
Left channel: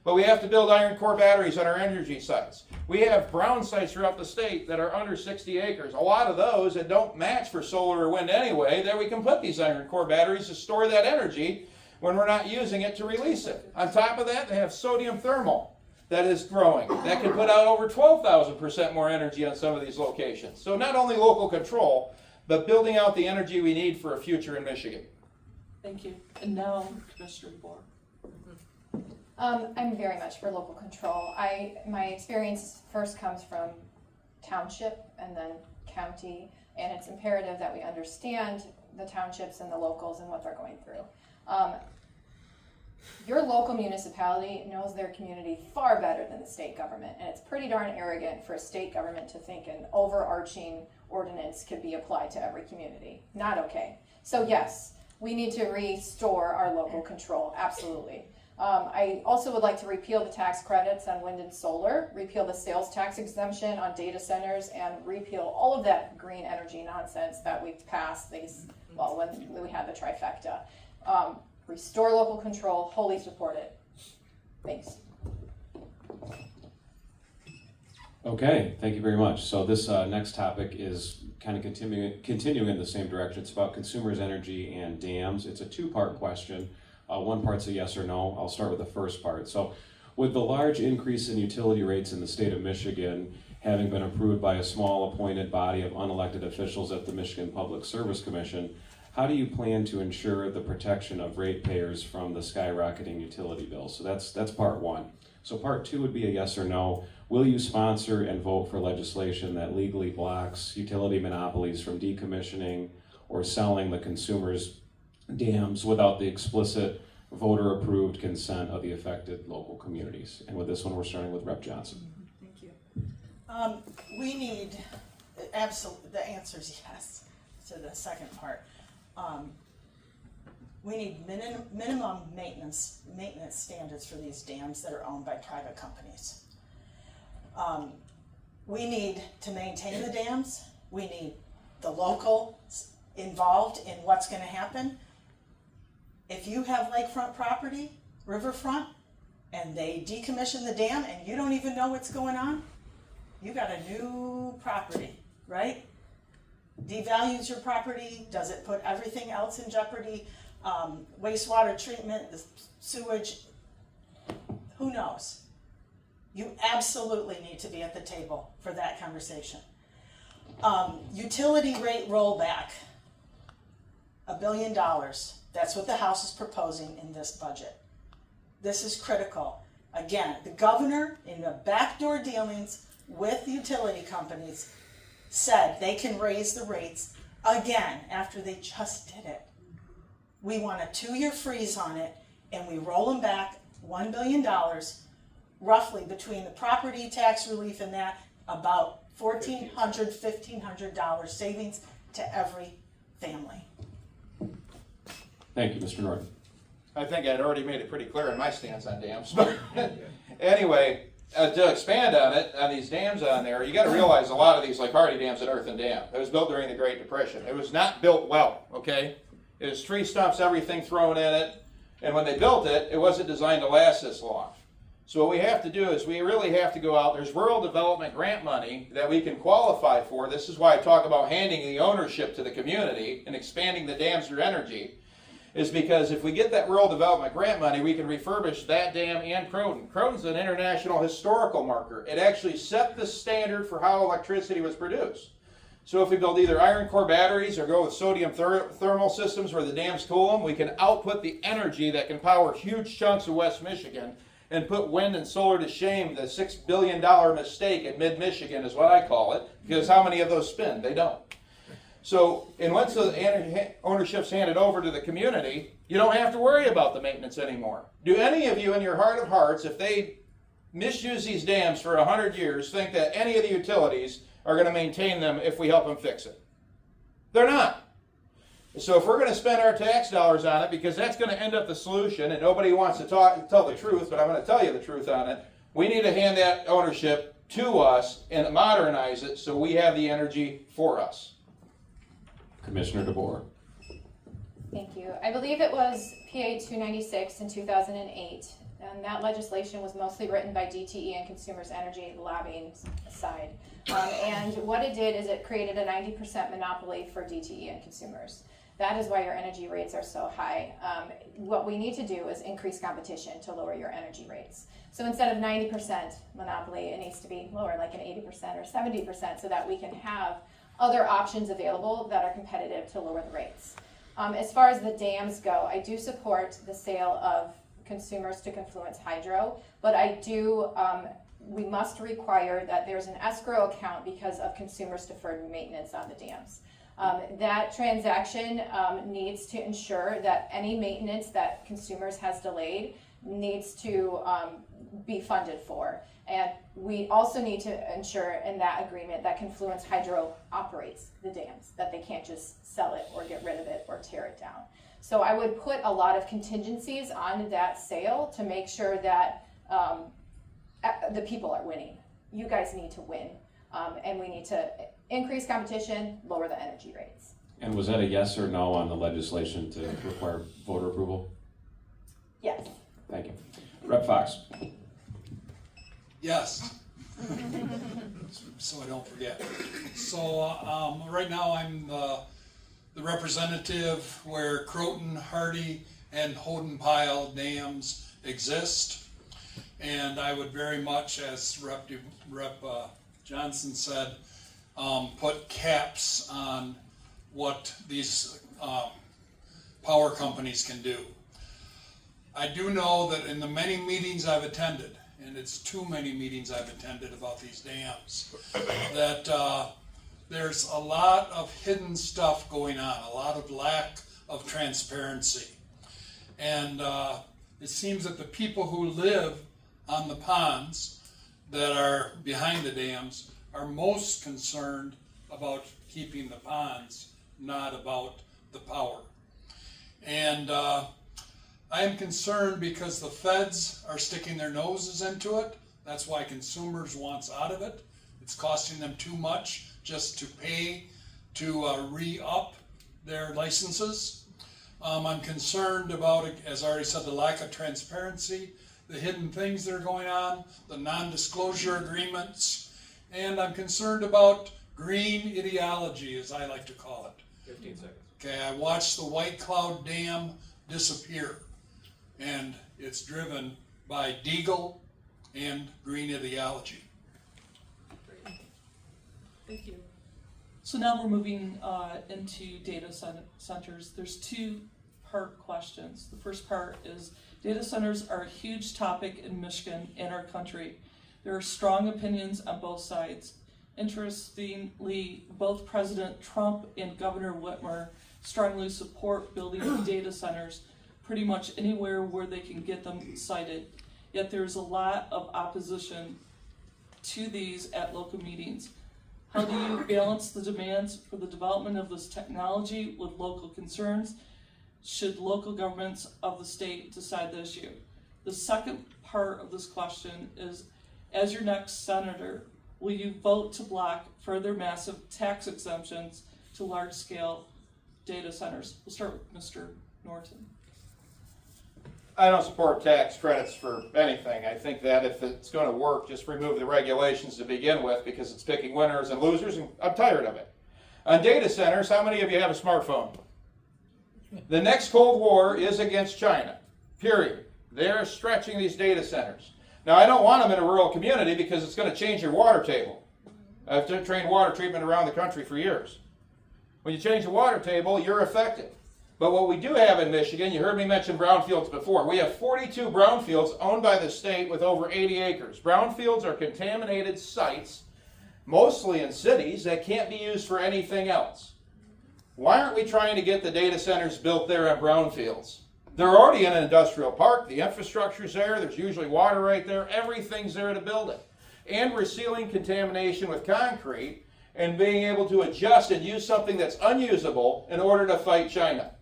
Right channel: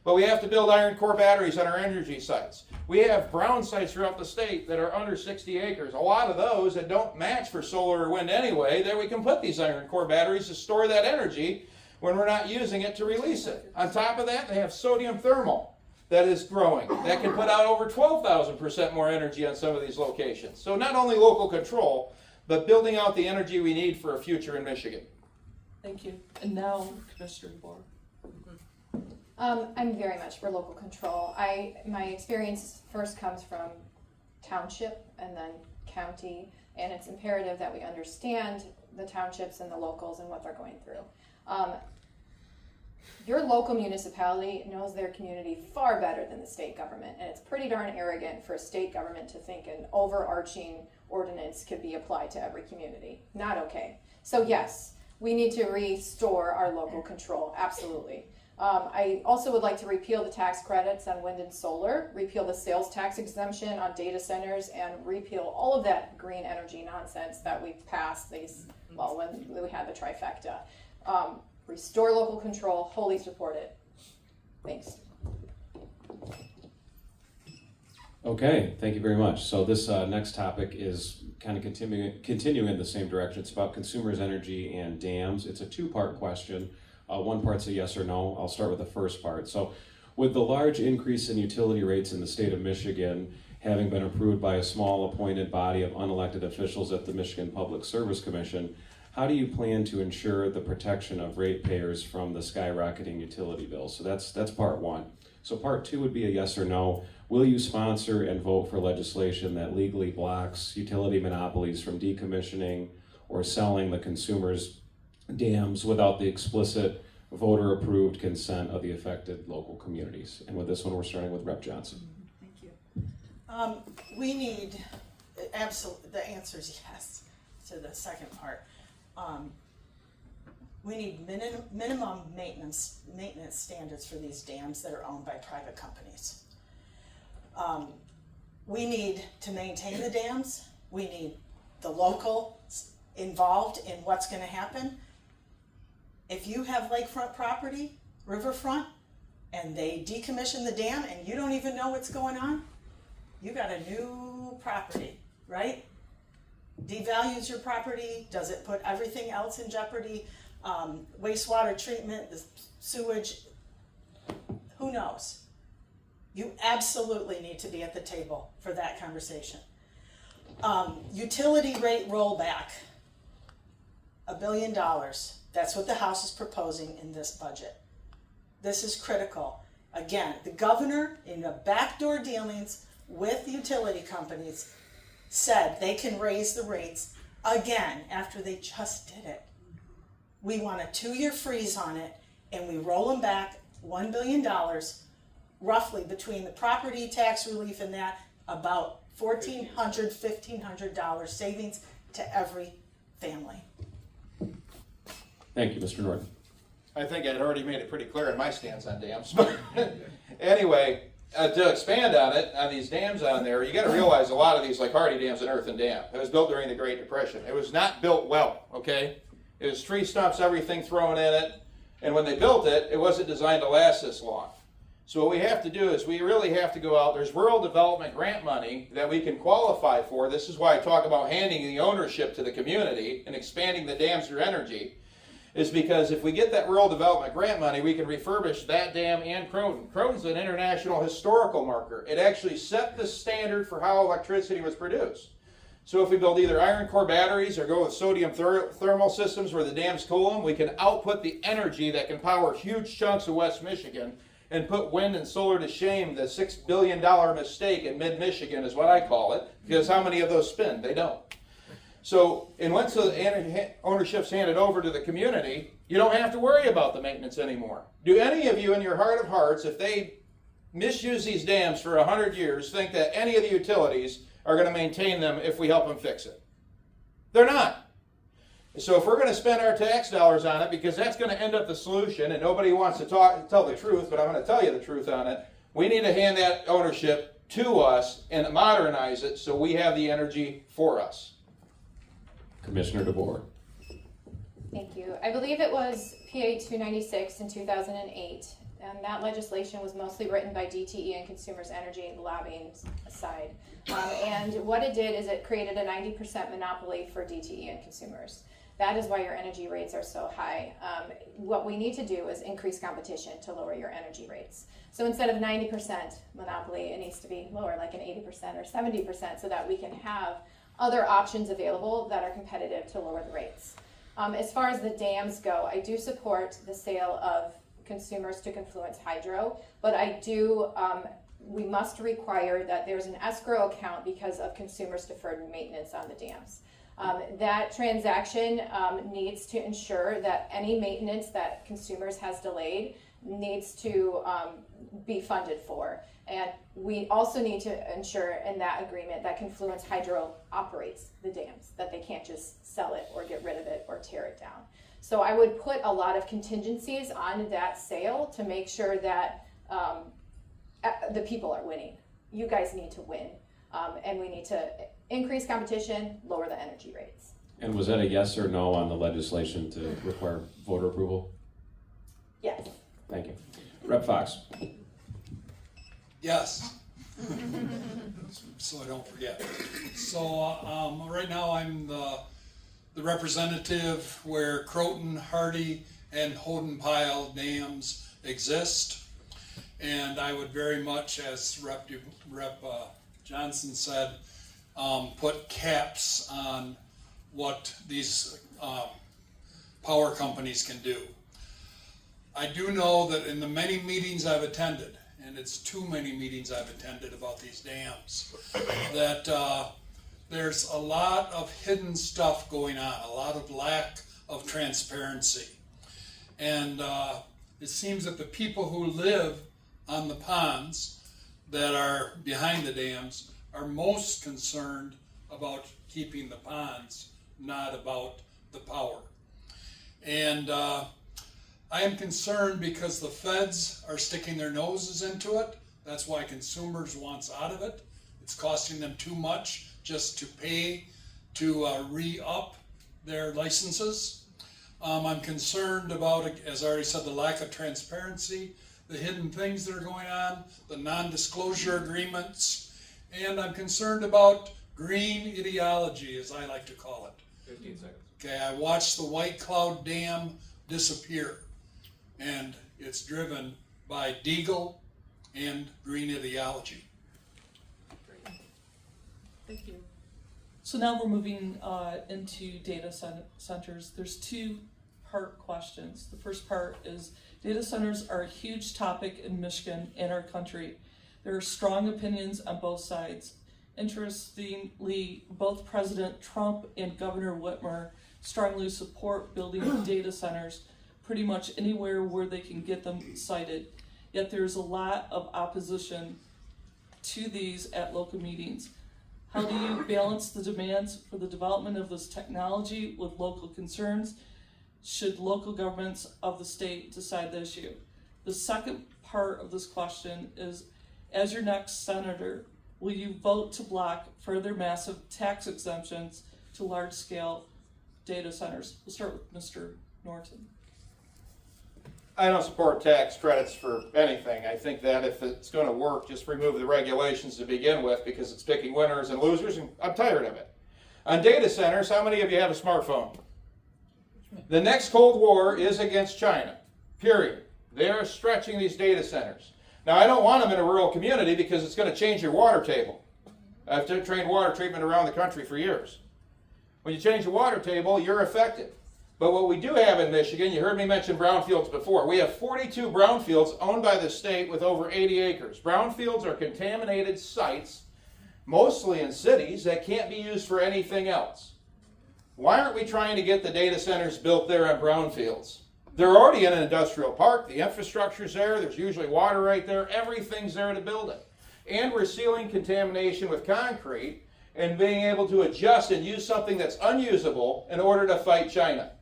But we have to build iron core batteries on our energy sites. We have brown sites throughout the state that are under 60 acres. A lot of those that don't match for solar or wind anyway, there we can put these iron core batteries to store that energy when we're not using it to release it. On top of that, they have sodium thermal that is growing. That can put out over 12,000% more energy on some of these locations. So not only local control, but building out the energy we need for a future in Michigan. Thank you. And now, Commissioner DeBoer. I'm very much for local control. My experience first comes from township and then county, and it's imperative that we understand the townships and the locals and what they're going through. Your local municipality knows their community far better than the state government, and it's pretty darn arrogant for a state government to think an overarching ordinance could be applied to every community. Not okay. So yes, we need to restore our local control, absolutely. I also would like to repeal the tax credits on wind and solar, repeal the sales tax exemption on data centers, and repeal all of that green energy nonsense that we've passed when we had the trifecta. Restore local control, wholly support it. Thanks. Okay, thank you very much. So this next topic is kind of continuing in the same direction. It's about consumers' energy and dams. It's a two-part question. One part's a yes or no. I'll start with the first part. So with the large increase in utility rates in the state of Michigan having been approved by a small appointed body of unelected officials at the Michigan Public Service Commission, how do you plan to ensure the protection of ratepayers from the skyrocketing utility bills? So that's part one. So part two would be a yes or no. Will you sponsor and vote for legislation that legally blocks utility monopolies from decommissioning or selling the consumers' dams without the explicit voter-approved consent of the affected local communities? And with this one, we're starting with Rep. Johnson. Thank you. We need, the answer is yes to the second part. We need minimum maintenance standards for these dams that are owned by private companies. We need to maintain the dams. We need the locals involved in what's going to happen. If you have lakefront property, riverfront, and they decommission the dam and you don't even know what's going on, you got a new property, right? Devalues your property. Does it put everything else in jeopardy? Wastewater treatment, the sewage, who knows? You absolutely need to be at the table for that conversation. Utility rate rollback, $1 billion. That's what the House is proposing in this budget. This is critical. Again, the governor, in the backdoor dealings with utility companies, said they can raise the rates again after they just did it. We want a 2-year freeze on it, and we roll them back $1 billion, roughly between the property tax relief and that, about $1,400, $1,500 savings to every family. Thank you, Mr. Norton. I think I'd already made it pretty clear in my stance on dams. But anyway, to expand on it, on these dams on there, you got to realize a lot of these, like Hardy Dam's an earthen dam. It was built during the Great Depression. It was not built well, okay? It was tree stumps, everything thrown in it. And when they built it, it wasn't designed to last this long. So what we have to do is we really have to go out. There's rural development grant money that we can qualify for. This is why I talk about handing the ownership to the community and expanding the dams through energy, is because if we get that rural development grant money, we can refurbish that dam and Croton. Croton's an international historical marker. It actually set the standard for how electricity was produced. So if we build either iron core batteries or go with sodium thermal systems where the dams cool them, we can output the energy that can power huge chunks of West Michigan and put wind and solar to shame. The $6 billion mistake in mid-Michigan is what I call it, because how many of those spin? They don't. So, and once the ownership's handed over to the community, you don't have to worry about the maintenance anymore. Do any of you in your heart of hearts, if they misuse these dams for 100 years, think that any of the utilities are going to maintain them if we help them fix it? They're not. So if we're going to spend our tax dollars on it, because that's going to end up the solution, and nobody wants to tell the truth, but I'm going to tell you the truth on it, we need to hand that ownership to us and modernize it so we have the energy for us. Commissioner DeBoer. Thank you. I believe it was PA 296 in 2008, and that legislation was mostly written by DTE and Consumers Energy lobbying side. And what it did is it created a 90% monopoly for DTE and consumers. That is why your energy rates are so high. What we need to do is increase competition to lower your energy rates. So instead of 90% monopoly, it needs to be lower, like an 80% or 70%, so that we can have other options available that are competitive to lower the rates. As far as the dams go, I do support the sale of consumers to Confluence Hydro, but I do, we must require that there's an escrow account because of consumers' deferred maintenance on the dams. That transaction needs to ensure that any maintenance that consumers has delayed needs to be funded for. And we also need to ensure in that agreement that Confluence Hydro operates the dams, that they can't just sell it or get rid of it or tear it down. So I would put a lot of contingencies on that sale to make sure that the people are winning. You guys need to win, and we need to increase competition, lower the energy rates. And was that a yes or no on the legislation to require voter approval? Yes. Thank you. Rep. Fox. Yes. So I don't forget. So right now I'm the representative where Croton, Hardy, and Houghton Pile dams exist. And I would very much, as Rep. Johnson said, put caps on what these power companies can do. I do know that in the many meetings I've attended, and it's too many meetings I've attended about these dams, that there's a lot of hidden stuff going on, a lot of lack of transparency. And it seems that the people who live on the ponds that are behind the dams are most concerned about keeping the ponds, not about the power. And I am concerned because the feds are sticking their noses into it. That's why consumers wants out of it. It's costing them too much just to pay to re-up their licenses. I'm concerned about, as I already said, the lack of transparency, the hidden things that are going on, the non-disclosure agreements, and I'm concerned about green ideology, as I like to call it. 15 seconds. Okay, I watched the White Cloud Dam disappear, and it's driven by Deagle and green ideology. Thank you. So now we're moving into data centers. There's two-part questions. The first part is data centers are a huge topic in Michigan and our country. There are strong opinions on both sides. Interestingly, both President Trump and Governor Whitmer strongly support building data centers pretty much anywhere where they can get them sited. Yet there's a lot of opposition to these at local meetings. How do you balance the demands for the development of this technology with local concerns? Should local governments of the state decide the issue? The second part of this question is, as your next senator, will you vote to block further massive tax exemptions to large-scale data centers? We'll start with Mr. Norton. I don't support tax credits for anything. I think that if it's going to work, just remove the regulations to begin with, because it's picking winners and losers, and I'm tired of it. On data centers, how many of you have a smartphone? The next Cold War is against China, period. They're stretching these data centers. Now, I don't want them in a rural community because it's going to change your water table. I've trained water treatment around the country for years. When you change the water table, you're affected. But what we do have in Michigan, you heard me mention brownfields before. We have 42 brownfields owned by the state with over 80 acres. Brownfields are contaminated sites, mostly in cities, that can't be used for anything else. Why aren't we trying to get the data centers built there on brownfields? They're already in an industrial park. The infrastructure's there. There's usually water right there. Everything's there to build it. And we're sealing contamination with concrete and being able to adjust and use something that's unusable in order to fight China.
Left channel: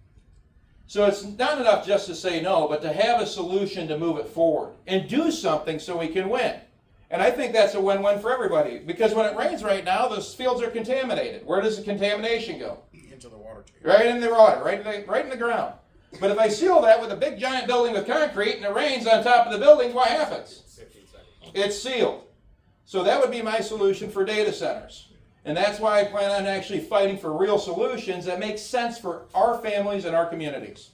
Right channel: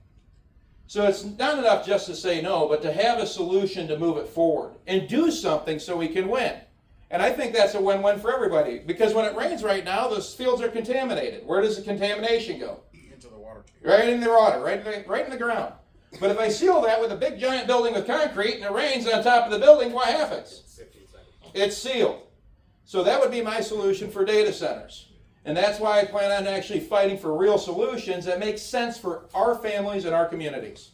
So it's not enough just to say no, but to have a solution to move it forward and do something so we can win. And I think that's a win-win for everybody, because when it rains right now, those fields are contaminated. Where does the contamination go? Into the water table. Right in the water, right in the ground. But if I seal that with a big giant building with concrete and it rains on top of the building, what happens? It's sealed. So that would be my solution for data centers. And that's why I plan on actually fighting for real solutions that make sense for our families and our communities.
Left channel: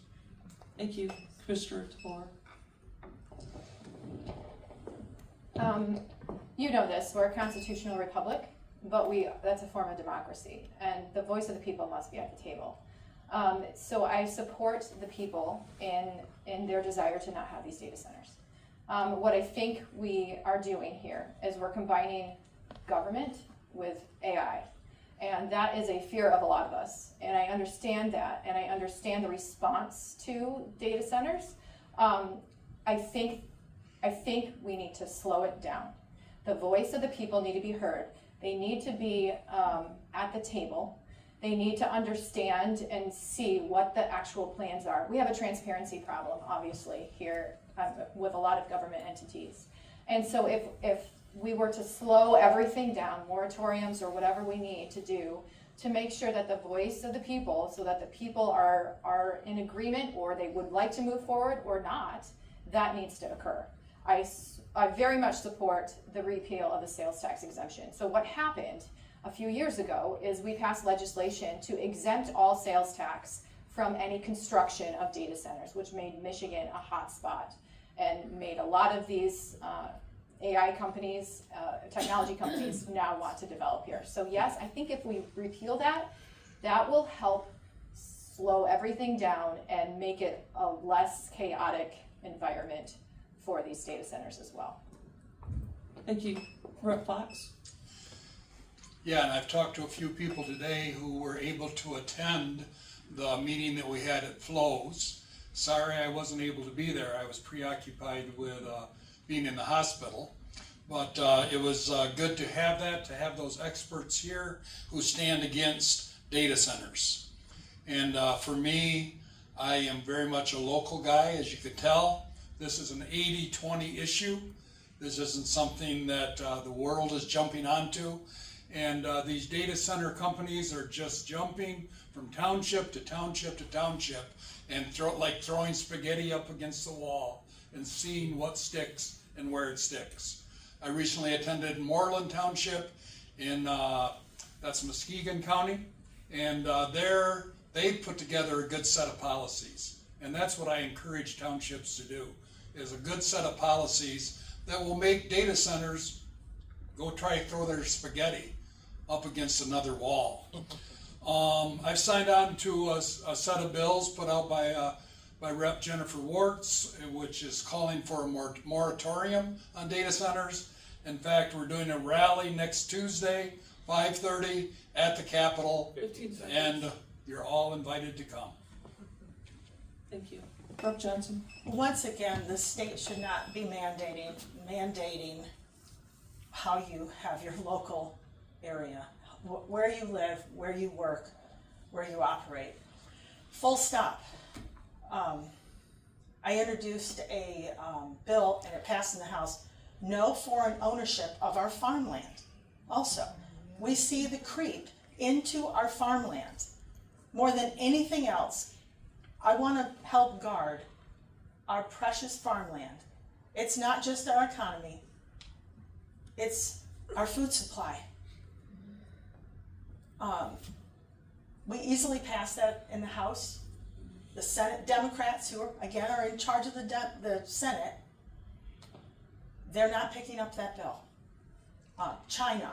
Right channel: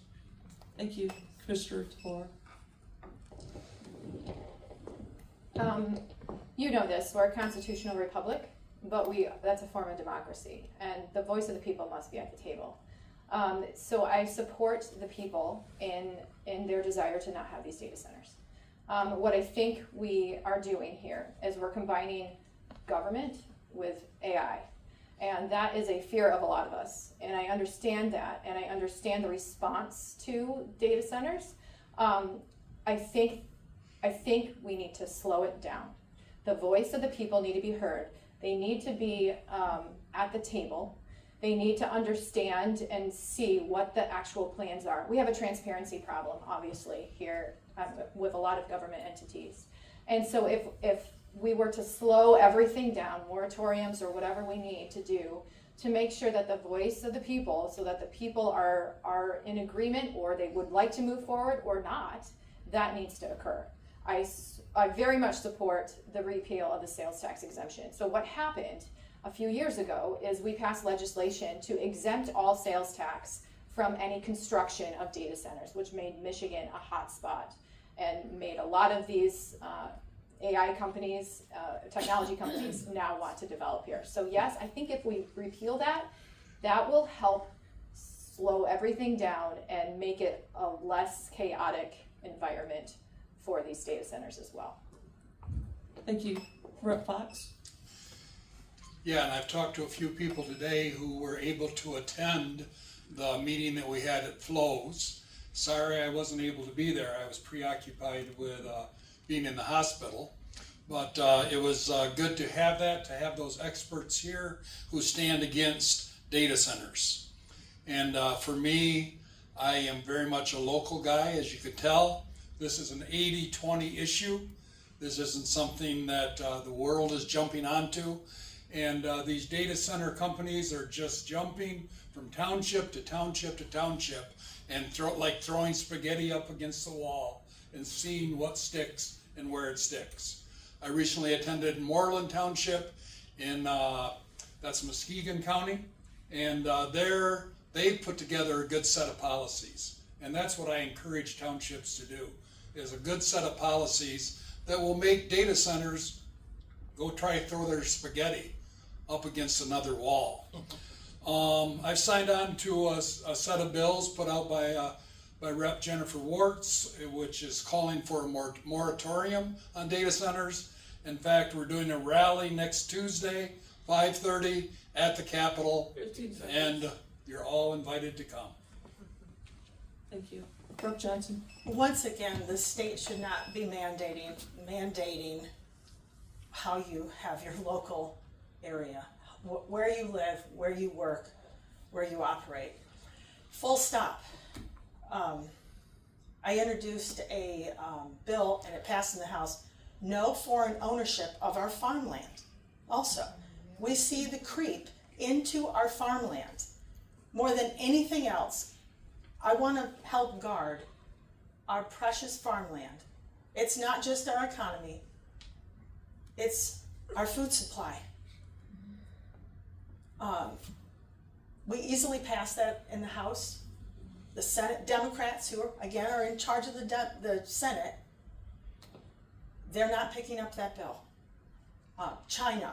Thank you, Commissioner DeBoer. You know this, we're a constitutional republic, but that's a form of democracy, and the voice of the people must be at the table. So I support the people in their desire to not have these data centers. What I think we are doing here is we're combining government with AI. And that is a fear of a lot of us. And I understand that, and I understand the response to data centers. I think we need to slow it down. The voice of the people need to be heard. They need to be at the table. They need to understand and see what the actual plans are. We have a transparency problem, obviously, here with a lot of government entities. And so if we were to slow everything down, moratoriums or whatever we need to do to make sure that the voice of the people, so that the people are in agreement or they would like to move forward or not, that needs to occur. I very much support the repeal of the sales tax exemption. So what happened a few years ago is we passed legislation to exempt all sales tax from any construction of data centers, which made Michigan a hot spot and made a lot of these AI companies, technology companies now want to develop here. So yes, I think if we repeal that, that will help slow everything down and make it a less chaotic environment for these data centers as well. Thank you. Rep. Fox. Yeah, and I've talked to a few people today who were able to attend the meeting that we had at Flows. Sorry I wasn't able to be there. I was preoccupied with being in the hospital. But it was good to have those experts here who stand against data centers. And for me, I am very much a local guy, as you could tell. This is an 80-20 issue. This isn't something that the world is jumping onto. And these data center companies are just jumping from township to township to township and like throwing spaghetti up against the wall and seeing what sticks and where it sticks. I recently attended Moreland Township in, that's Muskegon County, and there they put together a good set of policies. And that's what I encourage townships to do, is a good set of policies that will make data centers go try to throw their spaghetti up against another wall. I've signed on to a set of bills put out by Rep. Jennifer Wartz, which is calling for a moratorium on data centers. In fact, we're doing a rally next Tuesday, 5:30 at the Capitol, and you're all invited to come. Thank you. Rep. Johnson. Once again, the state should not be mandating how you have your local area, where you live, where you work, where you operate. Full stop. I introduced a bill, and it passed in the House, no foreign ownership of our farmland. Also, we see the creep into our farmland. More than anything else, I want to help guard our precious farmland. It's not just our economy, it's our food supply. We easily pass that in the House. The Senate Democrats, who are in charge of the Senate, they're not picking up that bill. China,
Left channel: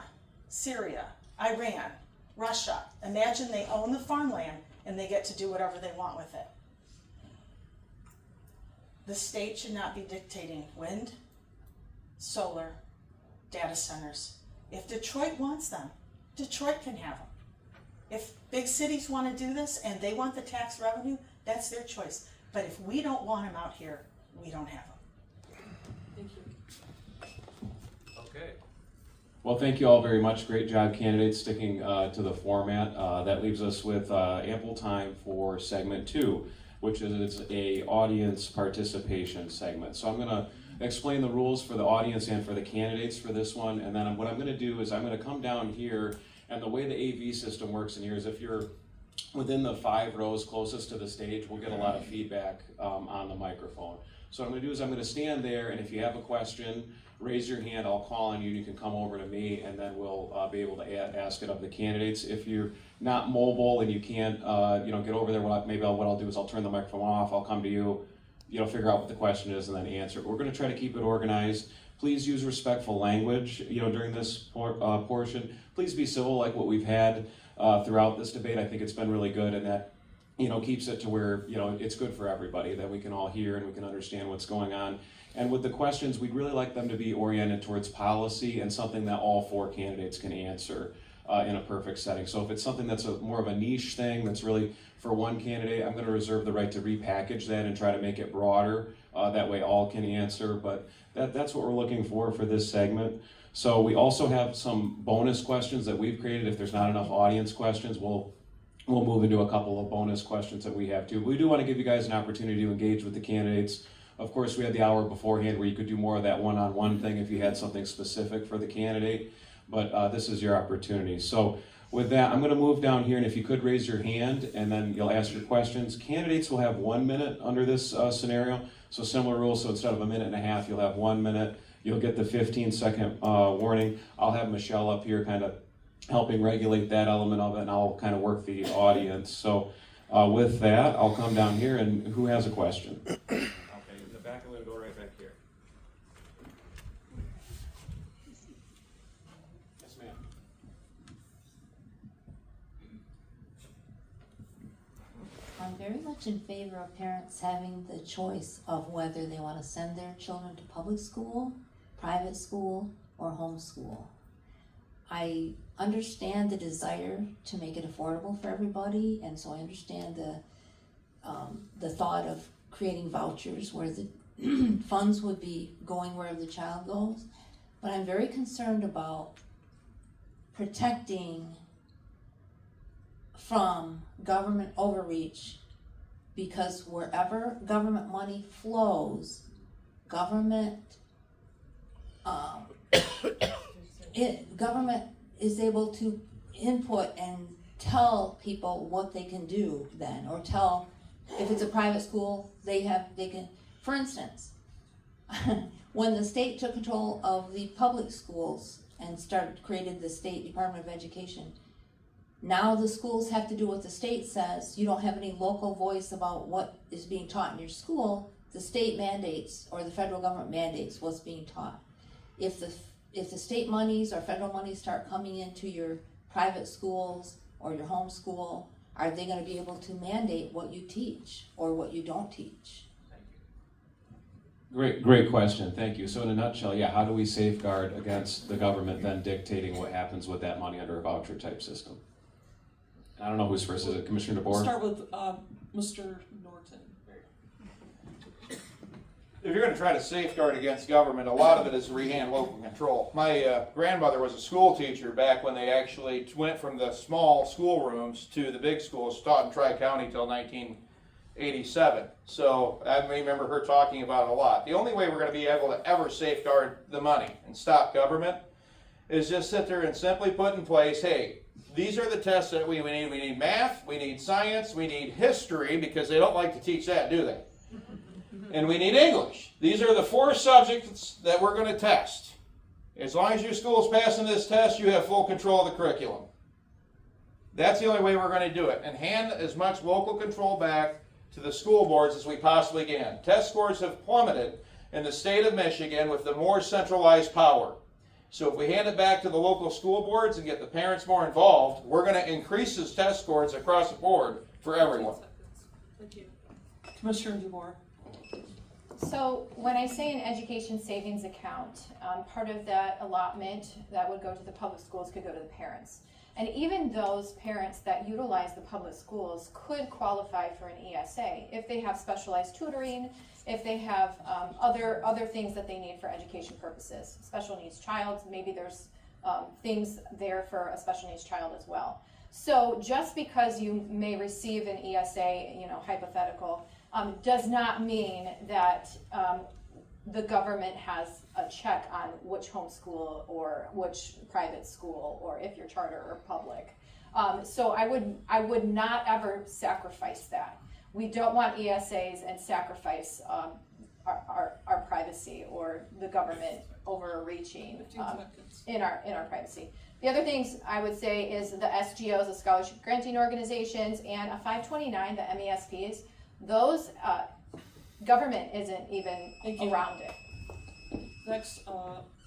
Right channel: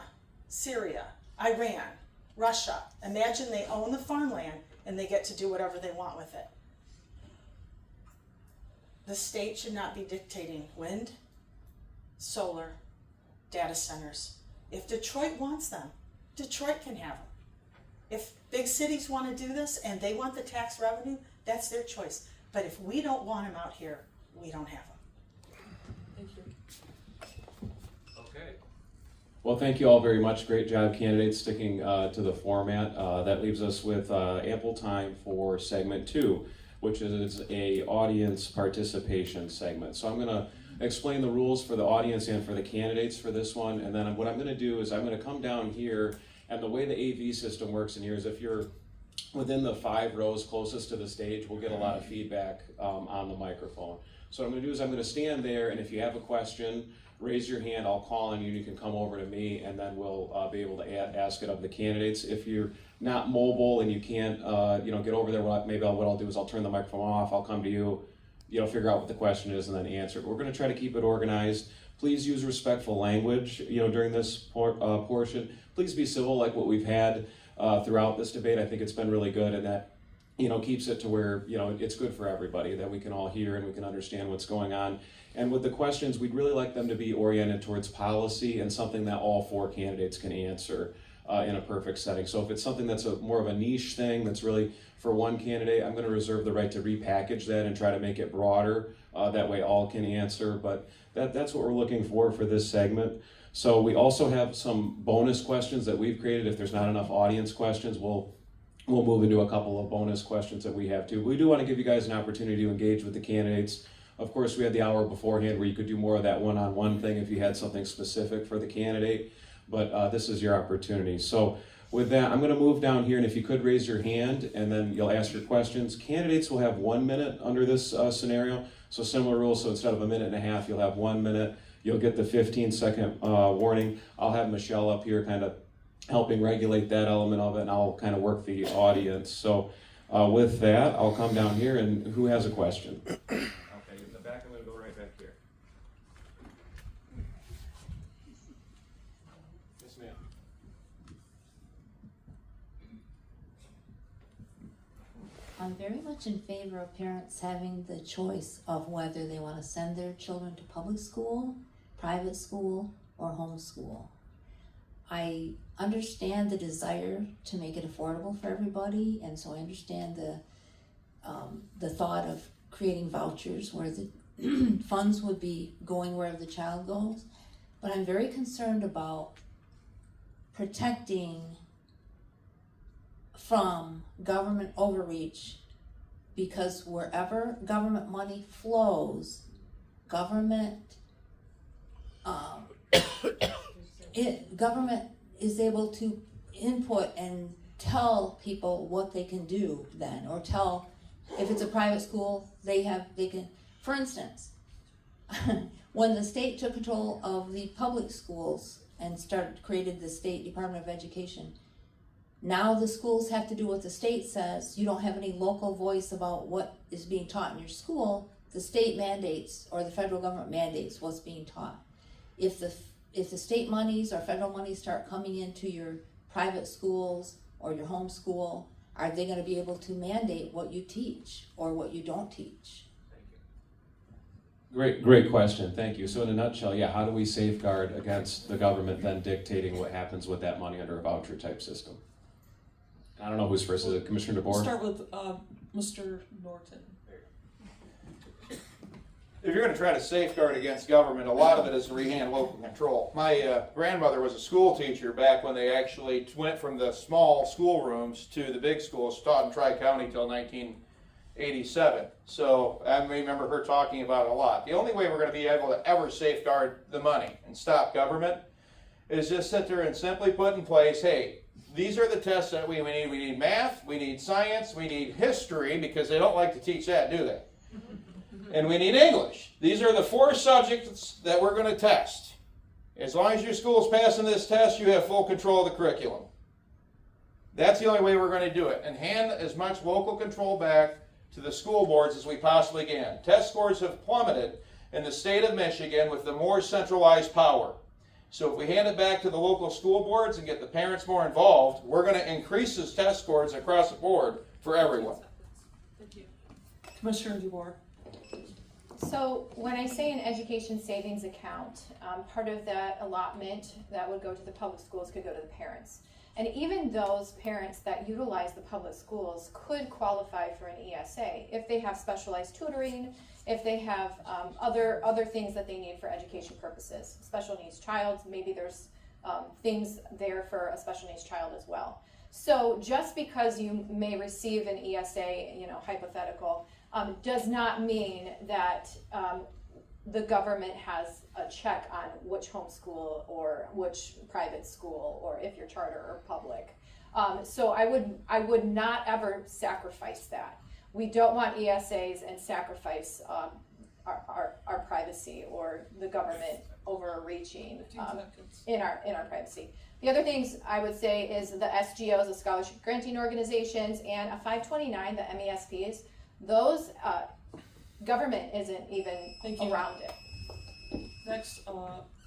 Syria, Iran, Russia. Imagine they own the farmland and they get to do whatever they want with it. The state should not be dictating wind, solar, data centers. If Detroit wants them, Detroit can have them. If big cities want to do this and they want the tax revenue, that's their choice. But if we don't want them out here, we don't have them. Thank you. Okay. Well, thank you all very much. Great job, candidates, sticking to the format. That leaves us with ample time for segment 2, which is a audience participation segment. So I'm going to explain the rules for the audience and for the candidates for this one, and then what I'm going to do is I'm going to come down here, and the way the AV system works in here is if you're within the 5 rows closest to the stage, we'll get a lot of feedback on the microphone. So what I'm going to do is I'm going to stand there, and if you have a question, raise your hand, I'll call on you, and you can come over to me, and then we'll be able to ask it of the candidates. If you're not mobile and you can't get over there, what I'll do is I'll turn the microphone off, I'll come to you, figure out what the question is, and then answer it. We're going to try to keep it organized. Please use respectful language, during this portion. Please be civil like what we've had throughout this debate. I think it's been really good, and that keeps it to where it's good for everybody, that we can all hear and we can understand what's going on. And with the questions, we'd really like them to be oriented towards policy and something that all 4 candidates can answer in a perfect setting. So if it's something that's more of a niche thing that's really for one candidate, I'm going to reserve the right to repackage that and try to make it broader. That way all can answer, but that's what we're looking for this segment. So we also have some bonus questions that we've created. If there's not enough audience questions, we'll move into a couple of bonus questions that we have too. We do want to give you guys an opportunity to engage with the candidates. Of course, we had the hour beforehand where you could do more of that one-on-one thing if you had something specific for the candidate, but this is your opportunity. So with that, I'm going to move down here, and if you could raise your hand, and then you'll ask your questions. Candidates will have 1 minute under this scenario, so similar rules, so instead of a minute and a half, you'll have 1 minute. You'll get the 15-second warning. I'll have Michelle up here kind of helping regulate that element of it, and I'll kind of work the audience. So with that, I'll come down here, and who has a question? In the back, I'm going to go right back here. Yes, ma'am. I'm very much in favor of parents having the choice of whether they want to send their children to public school, private school, or homeschool. I understand the desire to make it affordable for everybody, and so I understand the thought of creating vouchers where the funds would be going wherever the child goes. But I'm very concerned about protecting from government overreach, because wherever government money flows, government is able to input and tell people what they can do then, or tell, if it's a private school, they can, for instance, when the state took control of the public schools and created the State Department of Education, now the schools have to do what the state says. You don't have any local voice about what is being taught in your school. The state mandates, or the federal government mandates what's being taught. If the state monies or federal monies start coming into your private schools or your home school, are they going to be able to mandate what you teach or what you don't teach? Great question, thank you. So in a nutshell, how do we safeguard against the government then dictating what happens with that money under a voucher type system? I don't know who's first. Is it Commissioner DeBoer? We'll start with Mr. Norton. If you're going to try to safeguard against government, a lot of it is to rehand local control. My grandmother was a school teacher back when they actually went from the small schoolrooms to the big schools, taught in Tri-County till 1987. So I remember her talking about it a lot. The only way we're going to be able to ever safeguard the money and stop government is just sit there and simply put in place, hey, these are the tests that we need. We need math, we need science, we need history, because they don't like to teach that, do they? and we need English. These are the 4 subjects that we're going to test. As long as your school's passing this test, you have full control of the curriculum. That's the only way we're going to do it, and hand as much local control back to the school boards as we possibly can. Test scores have plummeted in the state of Michigan with the more centralized power. So if we hand it back to the local school boards and get the parents more involved, we're going to increase those test scores across the board for everyone. Thank you. Commissioner DeBoer. So when I say an education savings account, part of that allotment that would go to the public schools could go to the parents. And even those parents that utilize the public schools could qualify for an ESA if they have specialized tutoring, if they have other things that they need for education purposes. Special needs child, maybe there's things there for a special needs child as well. So just because you may receive an ESA, hypothetical, does not mean that the government has a check on which homeschool or which private school, or if you're charter or public. So I would not ever sacrifice that. We don't want ESAs and sacrifice our privacy or the government overreaching in our privacy. The other things I would say is the SGOs, the scholarship granting organizations, and a 529, the MESPs. Those government isn't even around it. Next,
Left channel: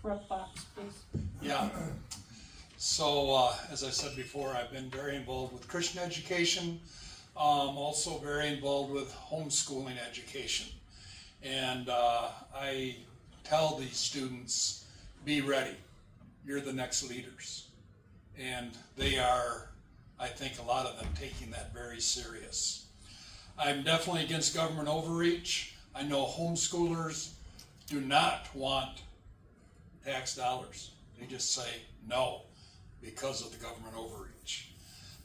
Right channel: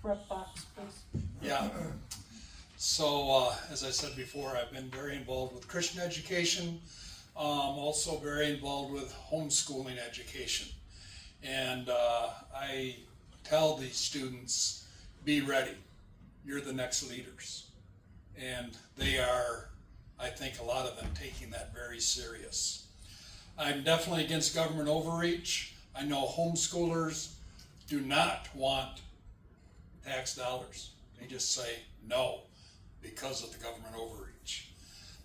Rep. Fox, please. Yeah. So, as I said before, I've been very involved with Christian education, also very involved with homeschooling education. And I tell these students, be ready. You're the next leaders. And they are, I think a lot of them, taking that very serious. I'm definitely against government overreach. I know homeschoolers do not want tax dollars. They just say no because of the government overreach.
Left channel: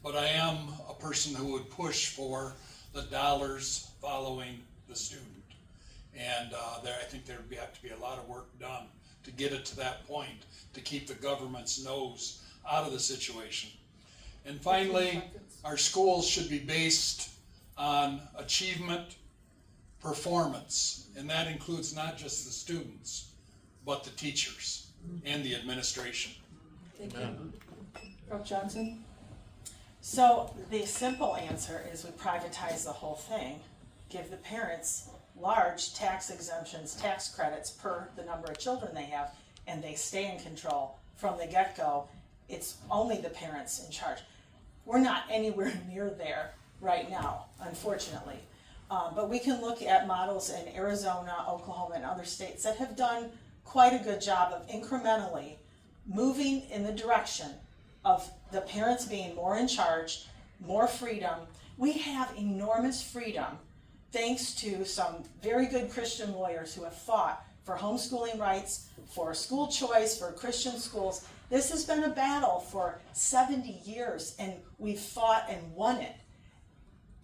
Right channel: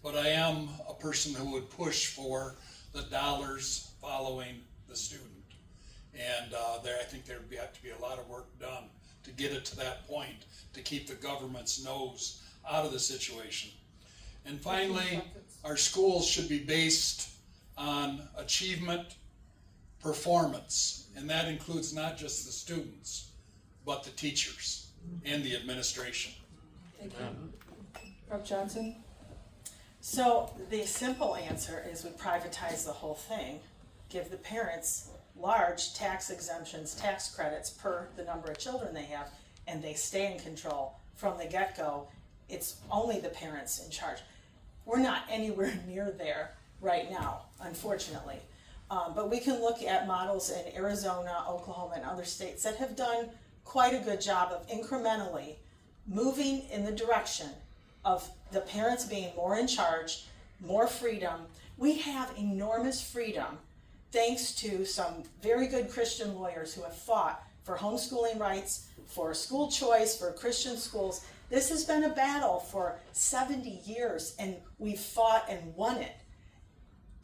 But I am a person who would push for the dollars following the student. And I think there would have to be a lot of work done to get it to that point, to keep the government's nose out of the situation. And finally, our schools should be based on achievement, performance, and that includes not just the students, but the teachers and the administration. Thank you. Rep. Johnson. So the simple answer is we privatize the whole thing, give the parents large tax exemptions, tax credits per the number of children they have, and they stay in control from the get-go. It's only the parents in charge. We're not anywhere near there right now, unfortunately. But we can look at models in Arizona, Oklahoma, and other states that have done quite a good job of incrementally moving in the direction of the parents being more in charge, more freedom. We have enormous freedom thanks to some very good Christian lawyers who have fought for homeschooling rights, for school choice, for Christian schools. This has been a battle for 70 years, and we've fought and won it.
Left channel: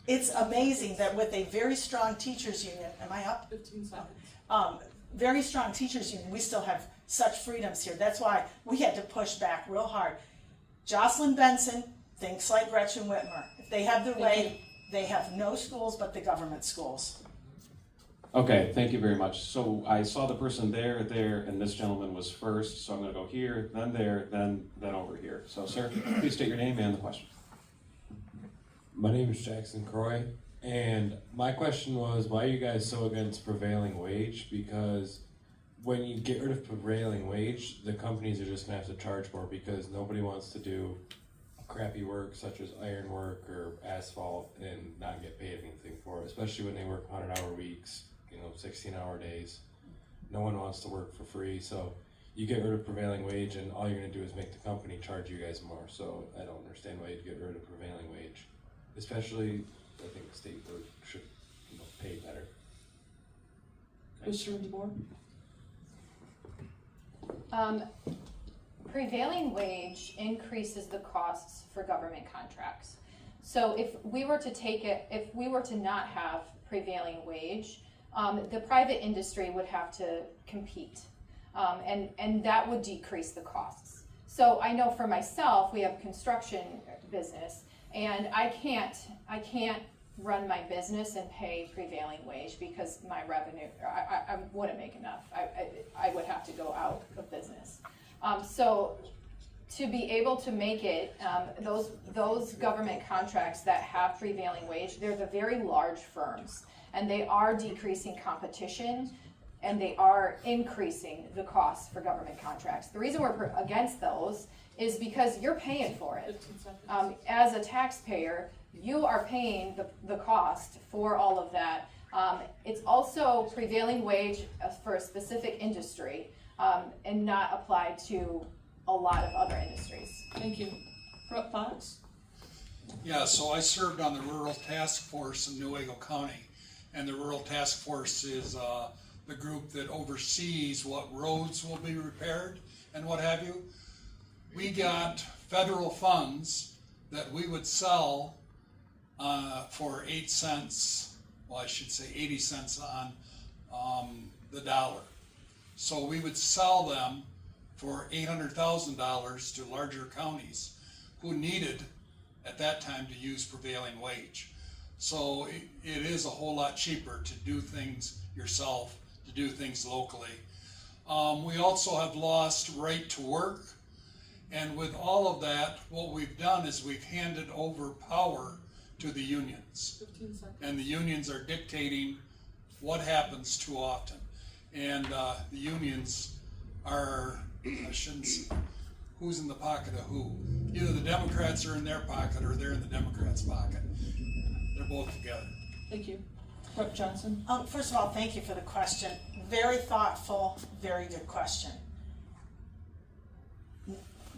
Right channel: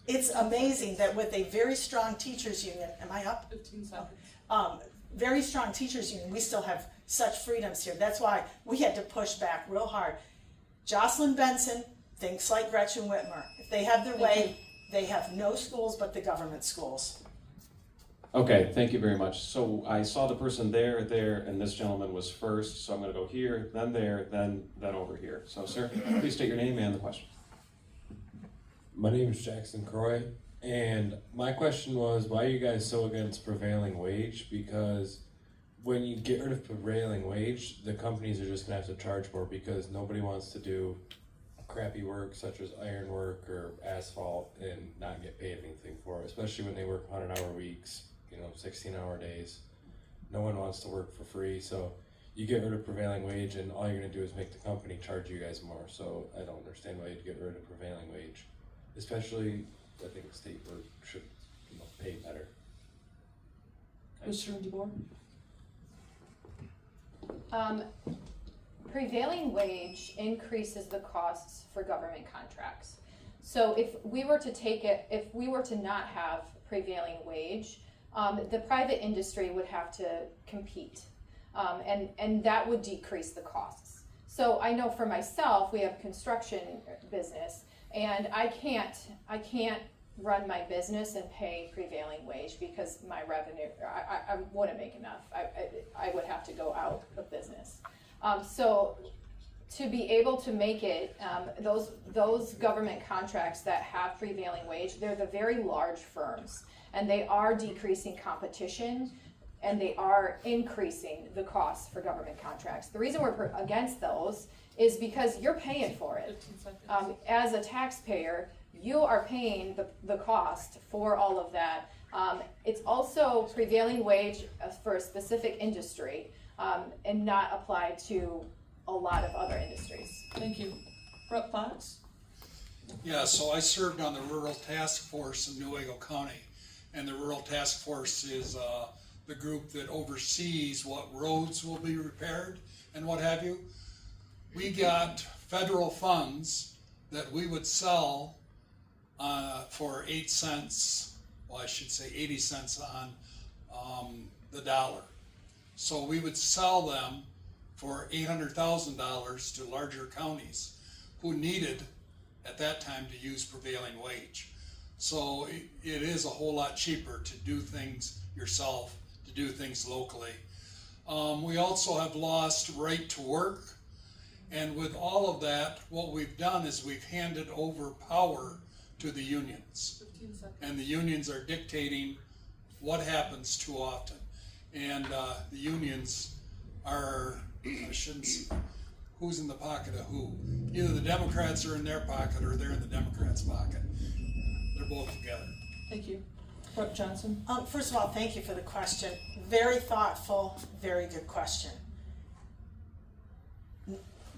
It's amazing that with a very strong teachers union, am I up? 15 seconds. Very strong teachers union, we still have such freedoms here. That's why we had to push back real hard. Jocelyn Benson thinks like Gretchen Whitmer. If they have their way, they have no schools but the government schools. Okay, thank you very much. So I saw the person there, and this gentleman was first, so I'm gonna go here, then there, then over here. So sir, please state your name and the question. My name is Jackson Croy, and my question was, why are you guys so against prevailing wage? Because when you get rid of prevailing wage, the companies are just gonna have to charge more because nobody wants to do crappy work such as iron work or asphalt and not get paid anything for it, especially when they work 100-hour weeks, 16-hour days. No one wants to work for free, so you get rid of prevailing wage and all you're gonna do is make the company charge you guys more. So I don't understand why you'd get rid of prevailing wage. Especially, I think the state board should pay better. Commissioner DeBoer. Prevailing wage increases the costs for government contracts. So if we were to not have prevailing wage, the private industry would have to compete, and that would decrease the costs. So I know for myself, we have a construction business, and I can't run my business and pay prevailing wage because my revenue, I wouldn't make enough. I would have to go out of business. So to be able to make it, those government contracts that have prevailing wage, they're the very large firms, and they are decreasing competition, and they are increasing the cost for government contracts. The reason we're against those is because you're paying for it. As a taxpayer, you are paying the cost for all of that. It's also prevailing wage for a specific industry and not applied to a lot of other industries. Thank you. Rep. Fox? Yeah, so I served on the Rural Task Force in Newaygo County, and the Rural Task Force is the group that oversees what roads will be repaired and what have you. We got federal funds that we would sell for 8 cents, well, I should say 80 cents on the dollar. So we would sell them for $800,000 to larger counties who needed at that time to use prevailing wage. So it is a whole lot cheaper to do things yourself, to do things locally. We also have lost right to work, and with all of that, what we've done is we've handed over power to the unions. 15 seconds. And the unions are dictating what happens too often. And the unions are, I shouldn't say, who's in the pocket of who? Either the Democrats are in their pocket or they're in the Democrats' pocket. They're both together. Thank you. Rep. Johnson? First of all, thank you for the question. Very thoughtful, very good question.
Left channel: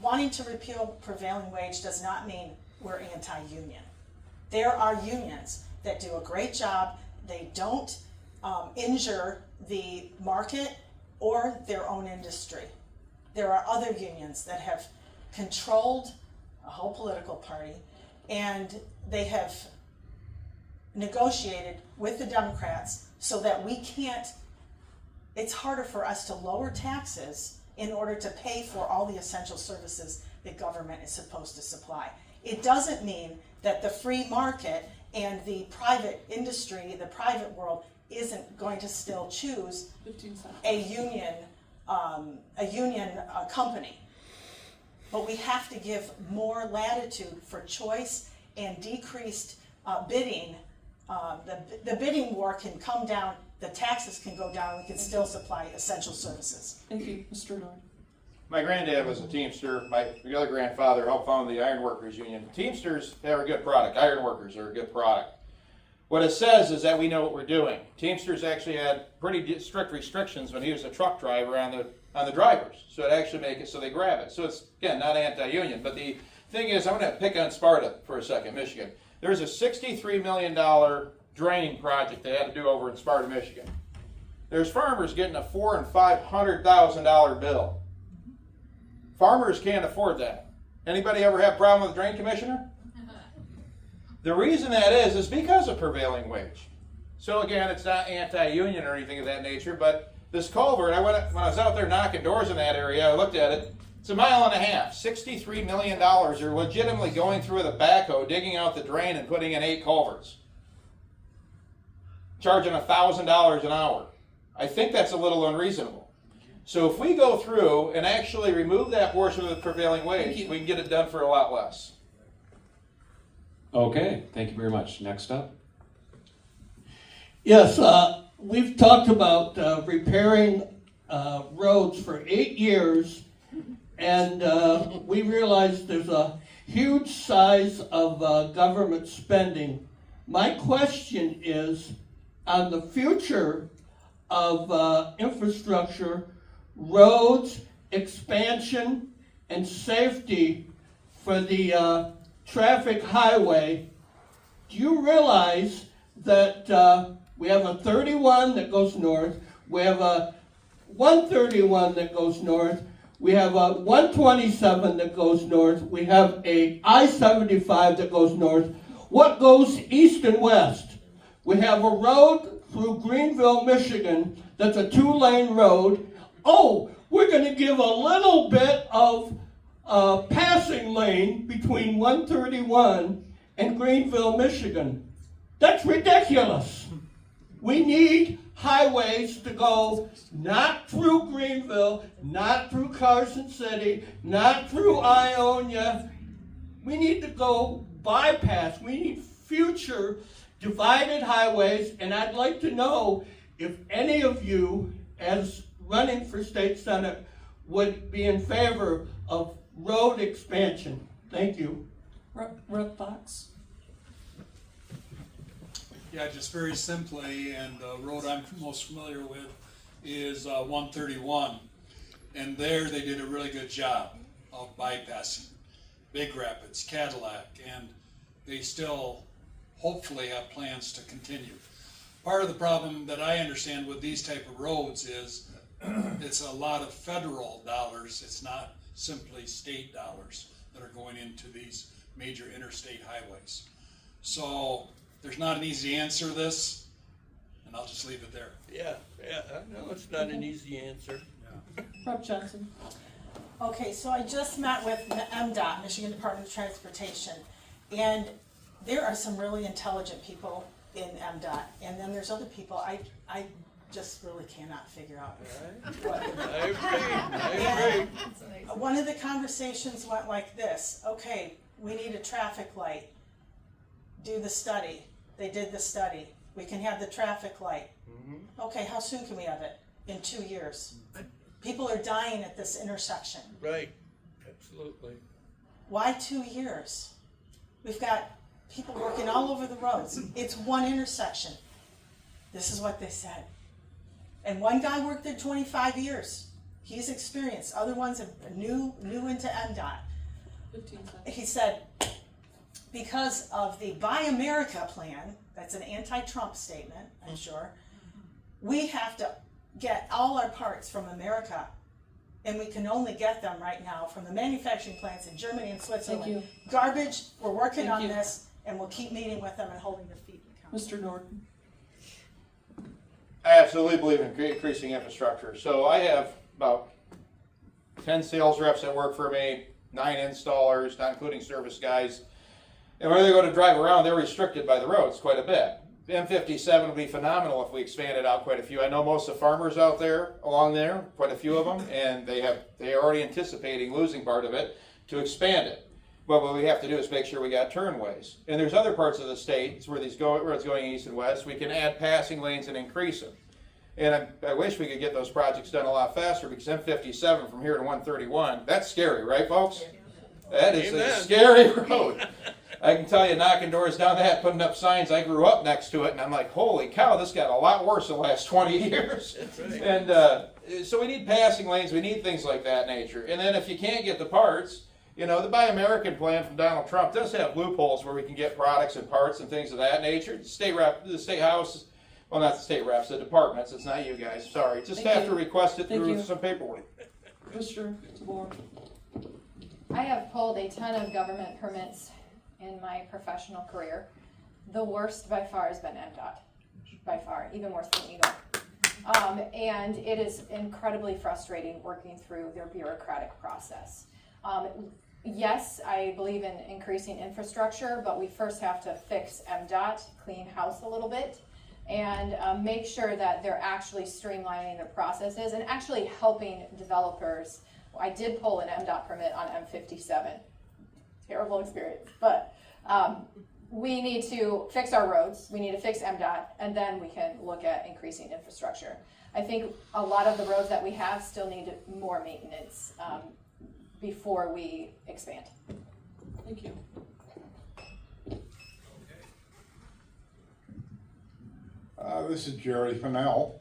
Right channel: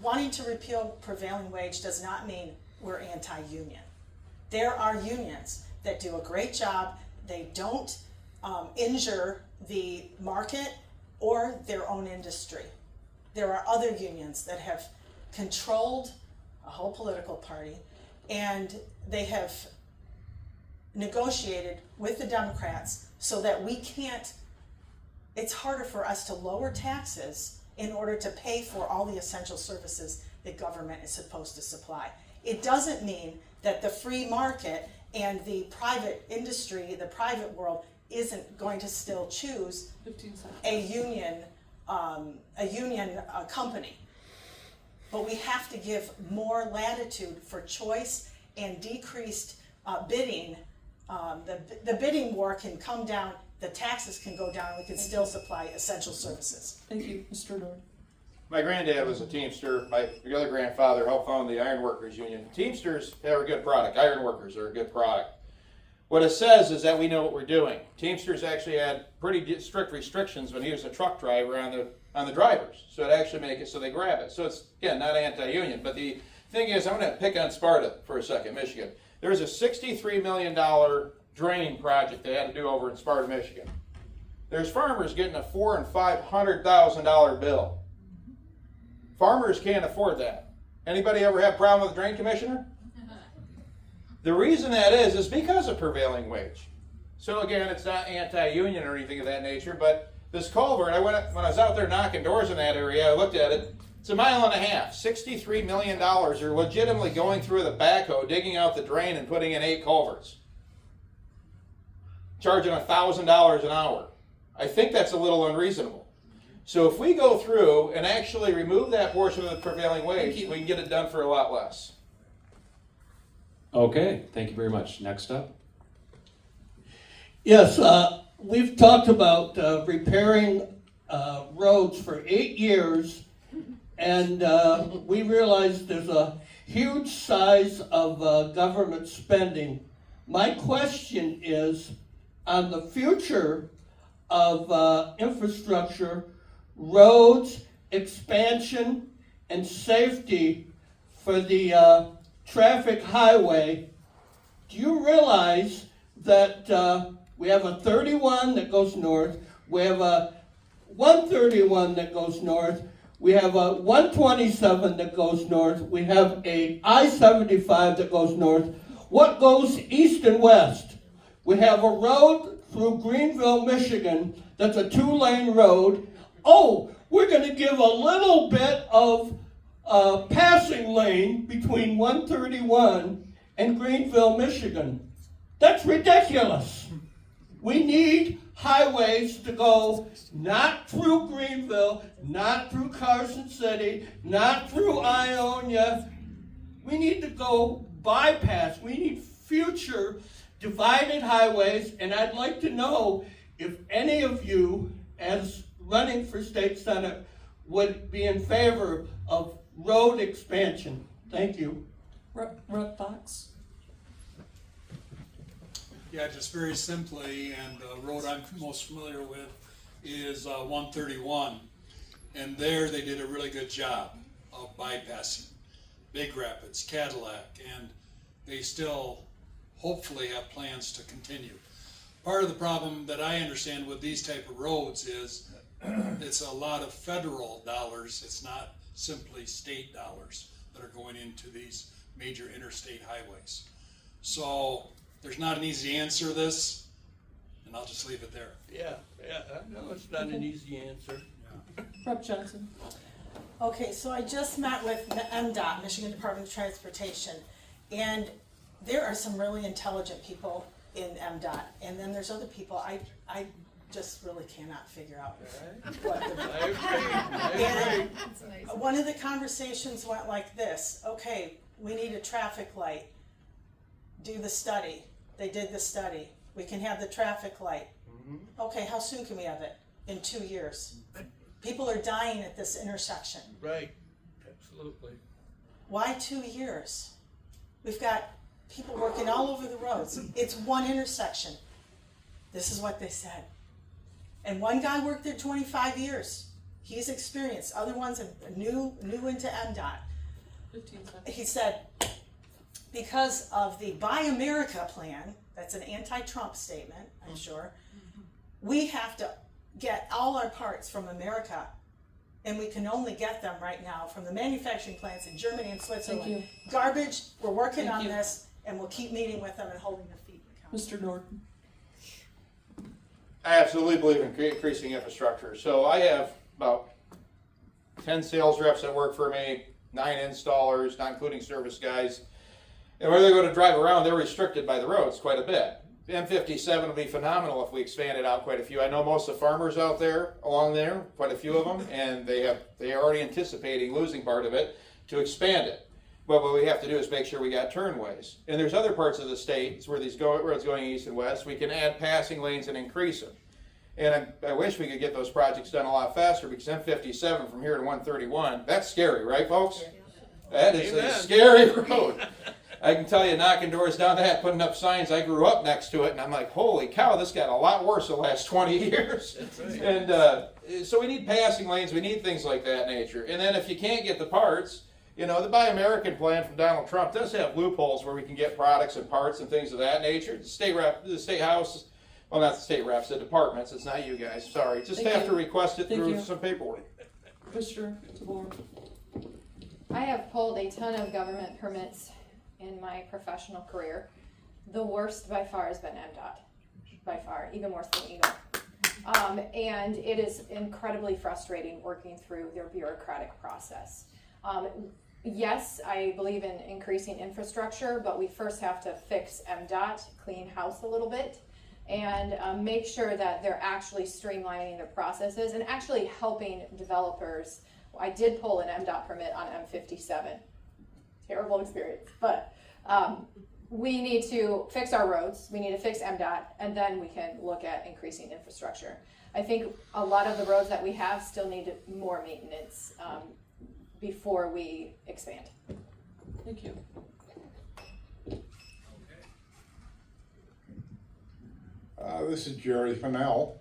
Wanting to repeal prevailing wage does not mean we're anti-union. There are unions that do a great job. They don't injure the market or their own industry. There are other unions that have controlled a whole political party, and they have negotiated with the Democrats so that we can't, it's harder for us to lower taxes in order to pay for all the essential services that government is supposed to supply. It doesn't mean that the free market and the private industry, the private world, isn't going to still choose 15 seconds. a union company. But we have to give more latitude for choice and decreased bidding. The bidding war can come down, the taxes can go down, we can still supply essential services. Thank you. Mr. Nord? My granddad was a Teamster. My other grandfather helped found the Iron Workers Union. Teamsters have a good product. Iron Workers are a good product. What it says is that we know what we're doing. Teamsters actually had pretty strict restrictions when he was a truck driver on the drivers. So it actually make it so they grab it. So it's, again, not anti-union. But the thing is, I'm going to pick on Sparta for a second, Michigan. There's a $63 million draining project they had to do over in Sparta, Michigan. There's farmers getting a $400,000 and $500,000 bill. Farmers can't afford that. Anybody ever have a problem with the drain commissioner? The reason that is because of prevailing wage. So again, it's not anti-union or anything of that nature, but this culvert, when I was out there knocking doors in that area, I looked at it. It's 1.5 miles. $63 million are legitimately going through with a backhoe, digging out the drain and putting in 8 culverts. Charging $1,000 an hour. I think that's a little unreasonable. So if we go through and actually remove that portion of the prevailing wage, we can get it done for a lot less. Okay, thank you very much. Next up. Yes, we've talked about repairing roads for 8 years, and we realize there's a huge size of government spending. My question is on the future of infrastructure, roads, expansion, and safety for the traffic highway. Do you realize that we have a 31 that goes north, we have a 131 that goes north, we have a 127 that goes north, we have a I-75 that goes north. What goes east and west? We have a road through Greenville, Michigan that's a 2-lane road. Oh, we're going to give a little bit of passing lane between 131 and Greenville, Michigan. That's ridiculous. We need highways to go not through Greenville, not through Carson City, not through Ionia. We need to go bypass. We need future divided highways, and I'd like to know if any of you, as running for state senate, would be in favor of road expansion. Thank you. Rep Fox. Yeah, just very simply, and the road I'm most familiar with is 131. And there they did a really good job of bypassing Big Rapids, Cadillac, and they still hopefully have plans to continue. Part of the problem that I understand with these type of roads is it's a lot of federal dollars. It's not simply state dollars that are going into these major interstate highways. So there's not an easy answer to this, and I'll just leave it there. Yeah, I know it's not an easy answer. Rep Johnson. Okay, so I just met with MDOT, Michigan Department of Transportation, and there are some really intelligent people in MDOT, and then there's other people I just really cannot figure out. I agree. And one of the conversations went like this: okay, we need a traffic light. Do the study. They did the study. We can have the traffic light. Okay, how soon can we have it? In 2 years. People are dying at this intersection. Right, absolutely. Why 2 years? We've got people working all over the roads. It's one intersection. This is what they said. And one guy worked there 25 years. He's experienced. Other ones are new into MDOT. 15 seconds. He said, because of the Buy America plan, that's an anti-Trump statement, I'm sure, we have to get all our parts from America, and we can only get them right now from the manufacturing plants in Germany and Switzerland. Thank you. Garbage, we're working Thank on you. this, and we'll keep meeting with them and holding their feet accountable. Mr. Norton. I absolutely believe in increasing infrastructure. So I have about 10 sales reps that work for me, 9 installers, not including service guys. And where they go to drive around, they're restricted by the roads quite a bit. The M57 would be phenomenal if we expanded out quite a few. I know most of the farmers out there, along there, quite a few of them, and they are already anticipating losing part of it to expand it. But what we have to do is make sure we got turnways. And there's other parts of the state where where it's going east and west. We can add passing lanes and increase them. And I wish we could get those projects done a lot faster, because M57 from here to 131, that's scary, right, folks? That is a scary road. I can tell you, knocking doors down that, putting up signs, I grew up next to it, and I'm like, holy cow, this got a lot worse the last 20 years. Right. And so we need passing lanes, we need things like that nature. And then if you can't get the parts, you know, the Buy American plan from Donald Trump does have loopholes where we can get products and parts and things of that nature. The state house, well, not the state reps, the departments, it's not you guys, sorry. Just have to request it through some paperwork. Mr. DeBoer. I have pulled a ton of government permits in my professional career. The worst by far has been MDOT, by far, even worse than Eagle. And it is incredibly frustrating working through their bureaucratic process. Yes, I believe in increasing infrastructure, but we first have to fix MDOT, clean house a little bit, and make sure that they're actually streamlining their processes and actually helping developers. I did pull an MDOT permit on M57. Terrible experience, but we need to fix our roads, we need to fix MDOT, and then we can look at increasing infrastructure. I think a lot of the roads that we have still need more maintenance before we expand. Thank you. This is Jerry Fennell.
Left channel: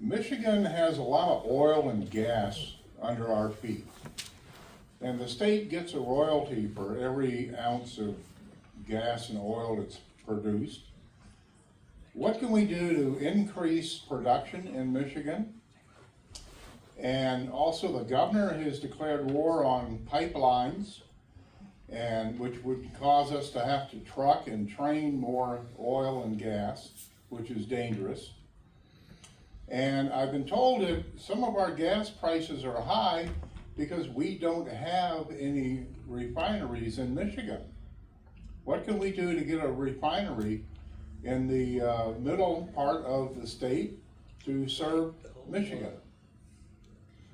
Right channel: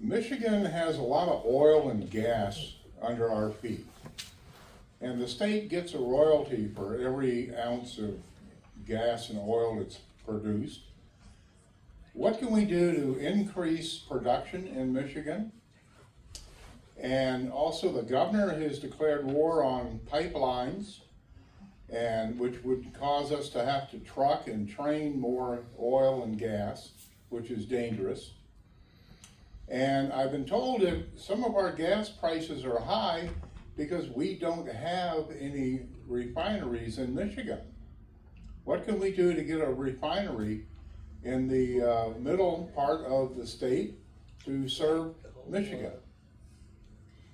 Michigan has a lot of oil and gas under our feet. And the state gets a royalty for every ounce of gas and oil that's produced. What can we do to increase production in Michigan? And also the governor has declared war on pipelines, and which would cause us to have to truck and train more oil and gas, which is dangerous. And I've been told that some of our gas prices are high because we don't have any refineries in Michigan. What can we do to get a refinery in the middle part of the state to serve Michigan?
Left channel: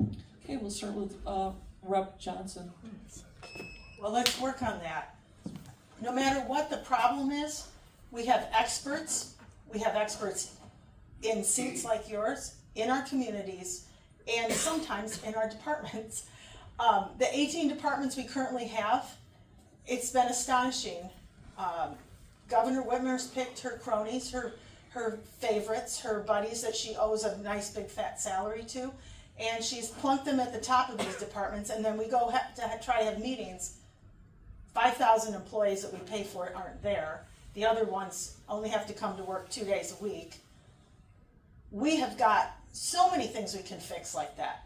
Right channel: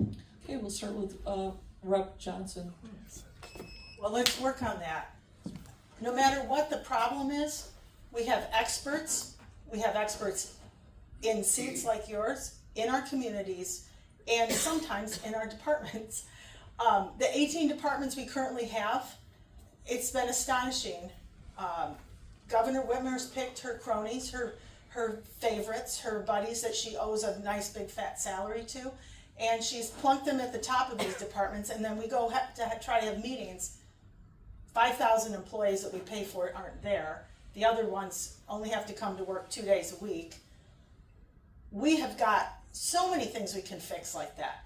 Okay, we'll start with Rep. Johnson. Well, let's work on that. No matter what the problem is, we have experts. We have experts in seats like yours, in our communities, and sometimes in our departments. The 18 departments we currently have, it's been astonishing. Governor Whitmer's picked her cronies, her favorites, her buddies that she owes a nice big fat salary to, and she's plunked them at the top of these departments, and then we go try to have meetings. 5,000 employees that we pay for aren't there. The other ones only have to come to work 2 days a week. We have got so many things we can fix like that.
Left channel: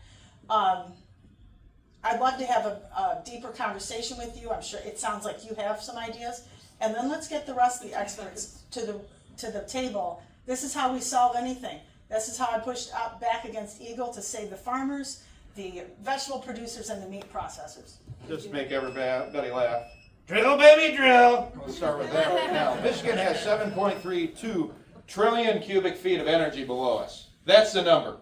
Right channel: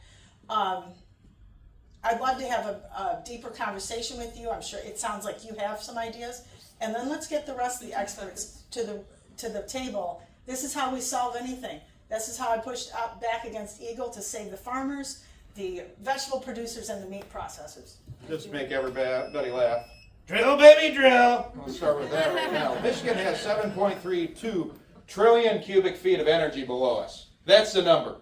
I'd love to have a deeper conversation with you. I'm sure it sounds like you have some ideas. And then let's get the rest of the experts to the table. This is how we solve anything. This is how I pushed back against Eagle to save the farmers, the vegetable producers, and the meat processors. Just to make everybody laugh. Drill, baby, drill. We'll start with that right now. Michigan has 7.32 trillion cubic feet of energy below us. That's the number.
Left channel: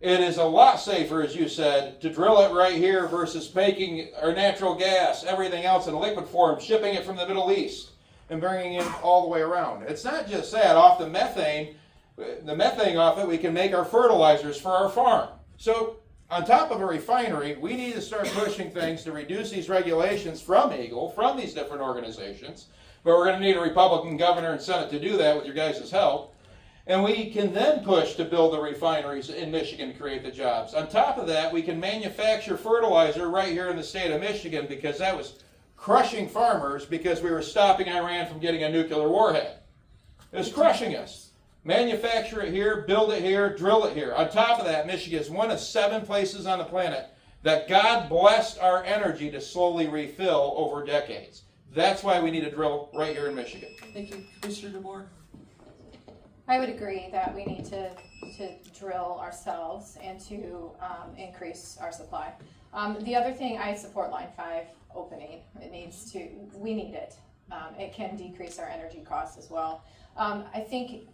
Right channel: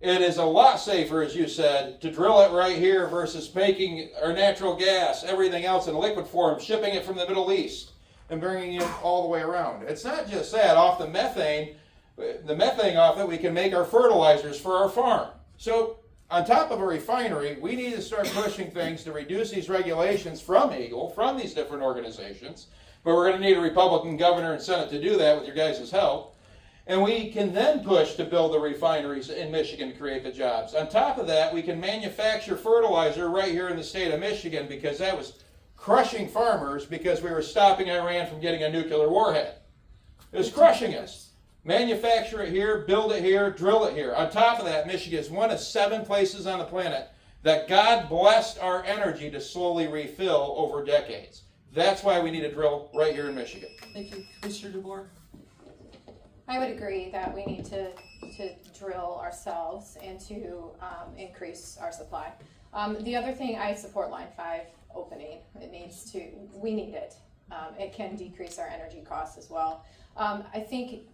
It is a lot safer, as you said, to drill it right here versus making our natural gas, everything else in liquid form, shipping it from the Middle East and bringing it all the way around. It's not just that. Off the methane off it, we can make our fertilizers for our farm. So on top of a refinery, we need to start pushing things to reduce these regulations from Eagle, from these different organizations. But we're going to need a Republican governor and Senate to do that with your guys' help. And we can then push to build the refineries in Michigan to create the jobs. On top of that, we can manufacture fertilizer right here in the state of Michigan, because that was crushing farmers because we were stopping Iran from getting a nuclear warhead. It was crushing us. Manufacture it here, build it here, drill it here. On top of that, Michigan is one of 7 places on the planet that God blessed our energy to slowly refill over decades. That's why we need to drill right here in Michigan. Thank you. Commissioner DeBoer. I would agree that we need to drill ourselves and to increase our supply. The other thing, I support Line 5 opening. We need it. It can decrease our energy costs as well. I think,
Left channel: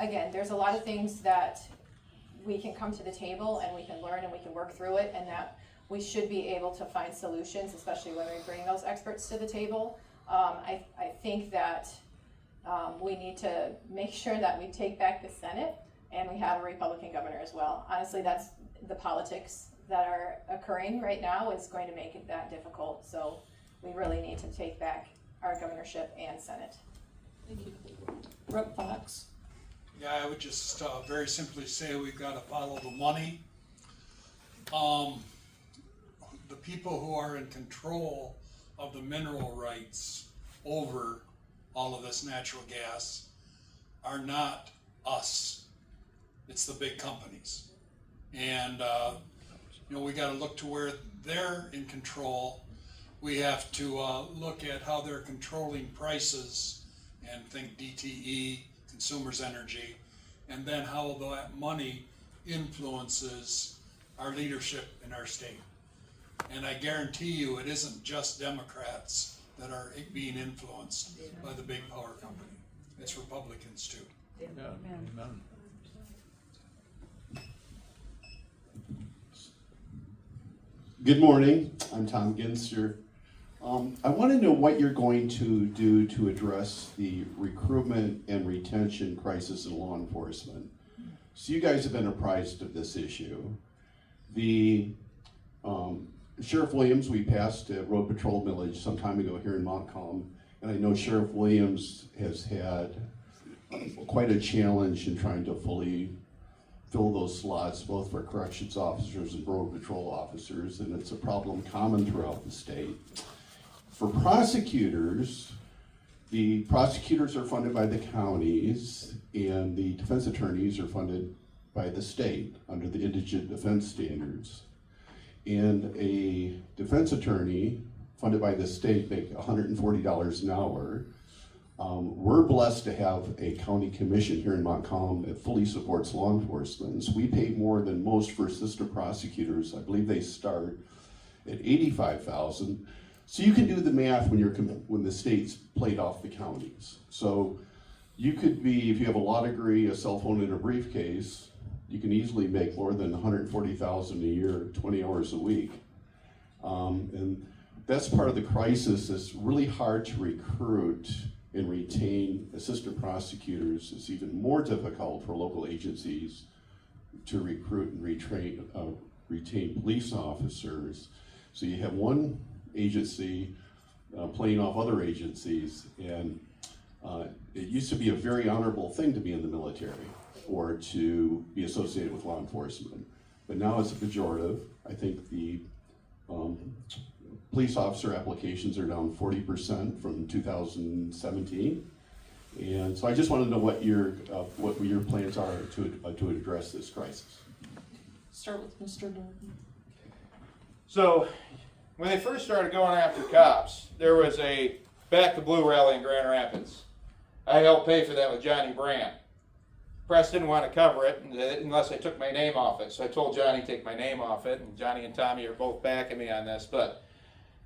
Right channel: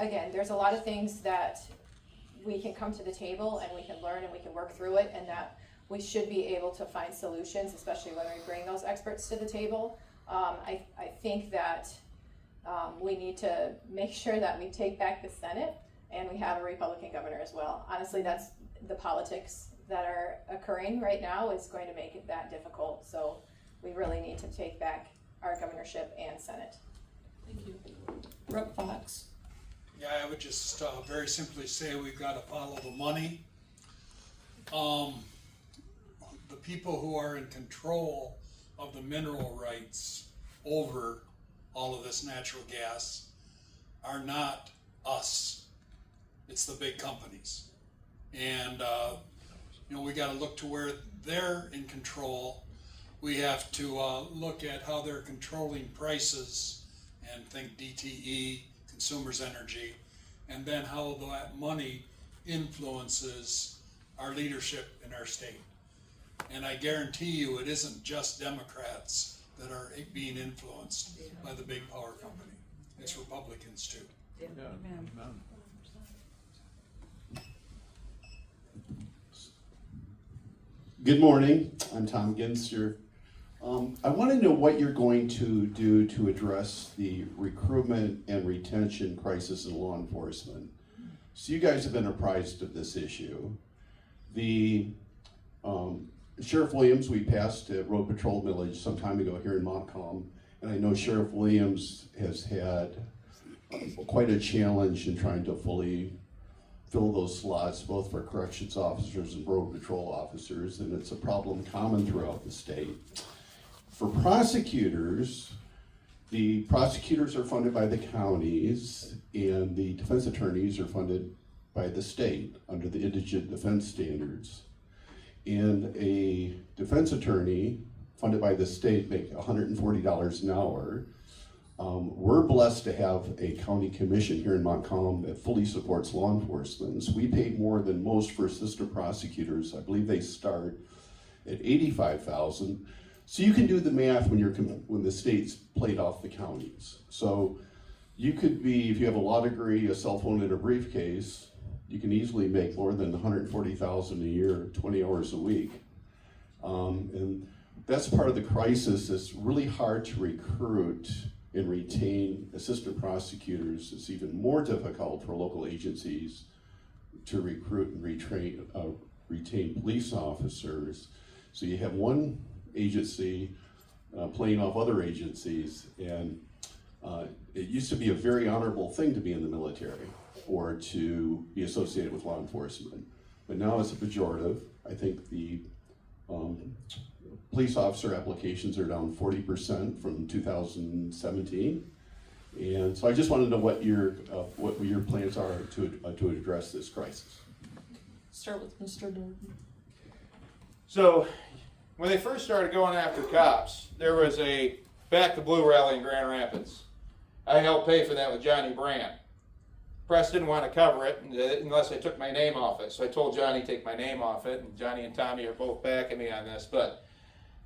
again, there's a lot of things that we can come to the table and we can learn and we can work through it, and that we should be able to find solutions, especially when we bring those experts to the table. I think that we need to make sure that we take back the Senate and we have a Republican governor as well. Honestly, that's the politics that are occurring right now is going to make it that difficult. So we really need to take back our governorship and Senate. Thank you. Rep. Fox. Yeah, I would just very simply say we've got to follow the money. The people who are in control of the mineral rights over all of this natural gas are not us. It's the big companies. And, we got to look to where they're in control. We have to look at how they're controlling prices and think DTE, consumers' energy, and then how that money influences our leadership in our state. And I guarantee you it isn't just Democrats that are being influenced by the big power company. It's Republicans too. Yeah. Amen. Good morning, I'm Tom Ginster. I want to know what you're going to do to address the recruitment and retention crisis in law enforcement. So you guys have been apprised of this issue. The Sheriff Williams, we passed a road patrol millage some time ago here in Montcalm, and I know Sheriff Williams has had quite a challenge in trying to fully fill those slots, both for corrections officers and road patrol officers, and it's a problem common throughout the state. For prosecutors, the prosecutors are funded by the counties, and the defense attorneys are funded by the state under the indigent defense standards. And a defense attorney funded by the state make $140 an hour. We're blessed to have a county commission here in Montcalm that fully supports law enforcement. So we pay more than most for assistant prosecutors. I believe they start at $85,000. So you can do the math when the states played off the counties. So you could be, if you have a law degree, a cell phone, and a briefcase, you can easily make more than $140,000 a year, 20 hours a week. And that's part of the crisis. It's really hard to recruit and retain assistant prosecutors. It's even more difficult for local agencies to recruit and retain police officers. So you have one agency playing off other agencies, and it used to be a very honorable thing to be in the military or to be associated with law enforcement. But now it's a pejorative. I think the police officer applications are down 40% from 2017. And so I just wanted to know what your plans are to address this crisis. Start with Mr. Norton. So, when they first started going after cops, there was a Back the Blue rally in Grand Rapids. I helped pay for that with Johnny Brandt. Press didn't want to cover it unless I took my name off it. So I told Johnny, take my name off it, and Johnny and Tommy are both backing me on this. But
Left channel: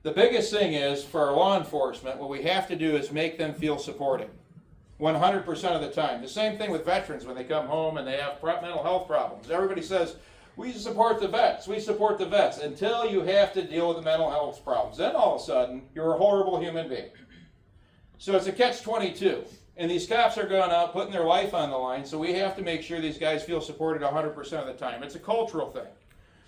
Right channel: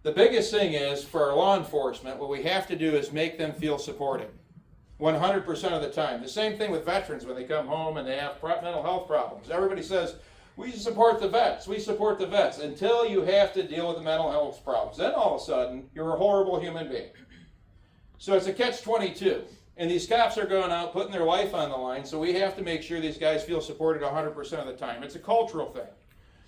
the biggest thing is, for our law enforcement, what we have to do is make them feel supported 100% of the time. The same thing with veterans when they come home and they have mental health problems. Everybody says, we support the vets, we support the vets, until you have to deal with the mental health problems. Then all of a sudden, you're a horrible human being. So it's a catch-22. And these cops are going out, putting their life on the line, so we have to make sure these guys feel supported 100% of the time. It's a cultural thing.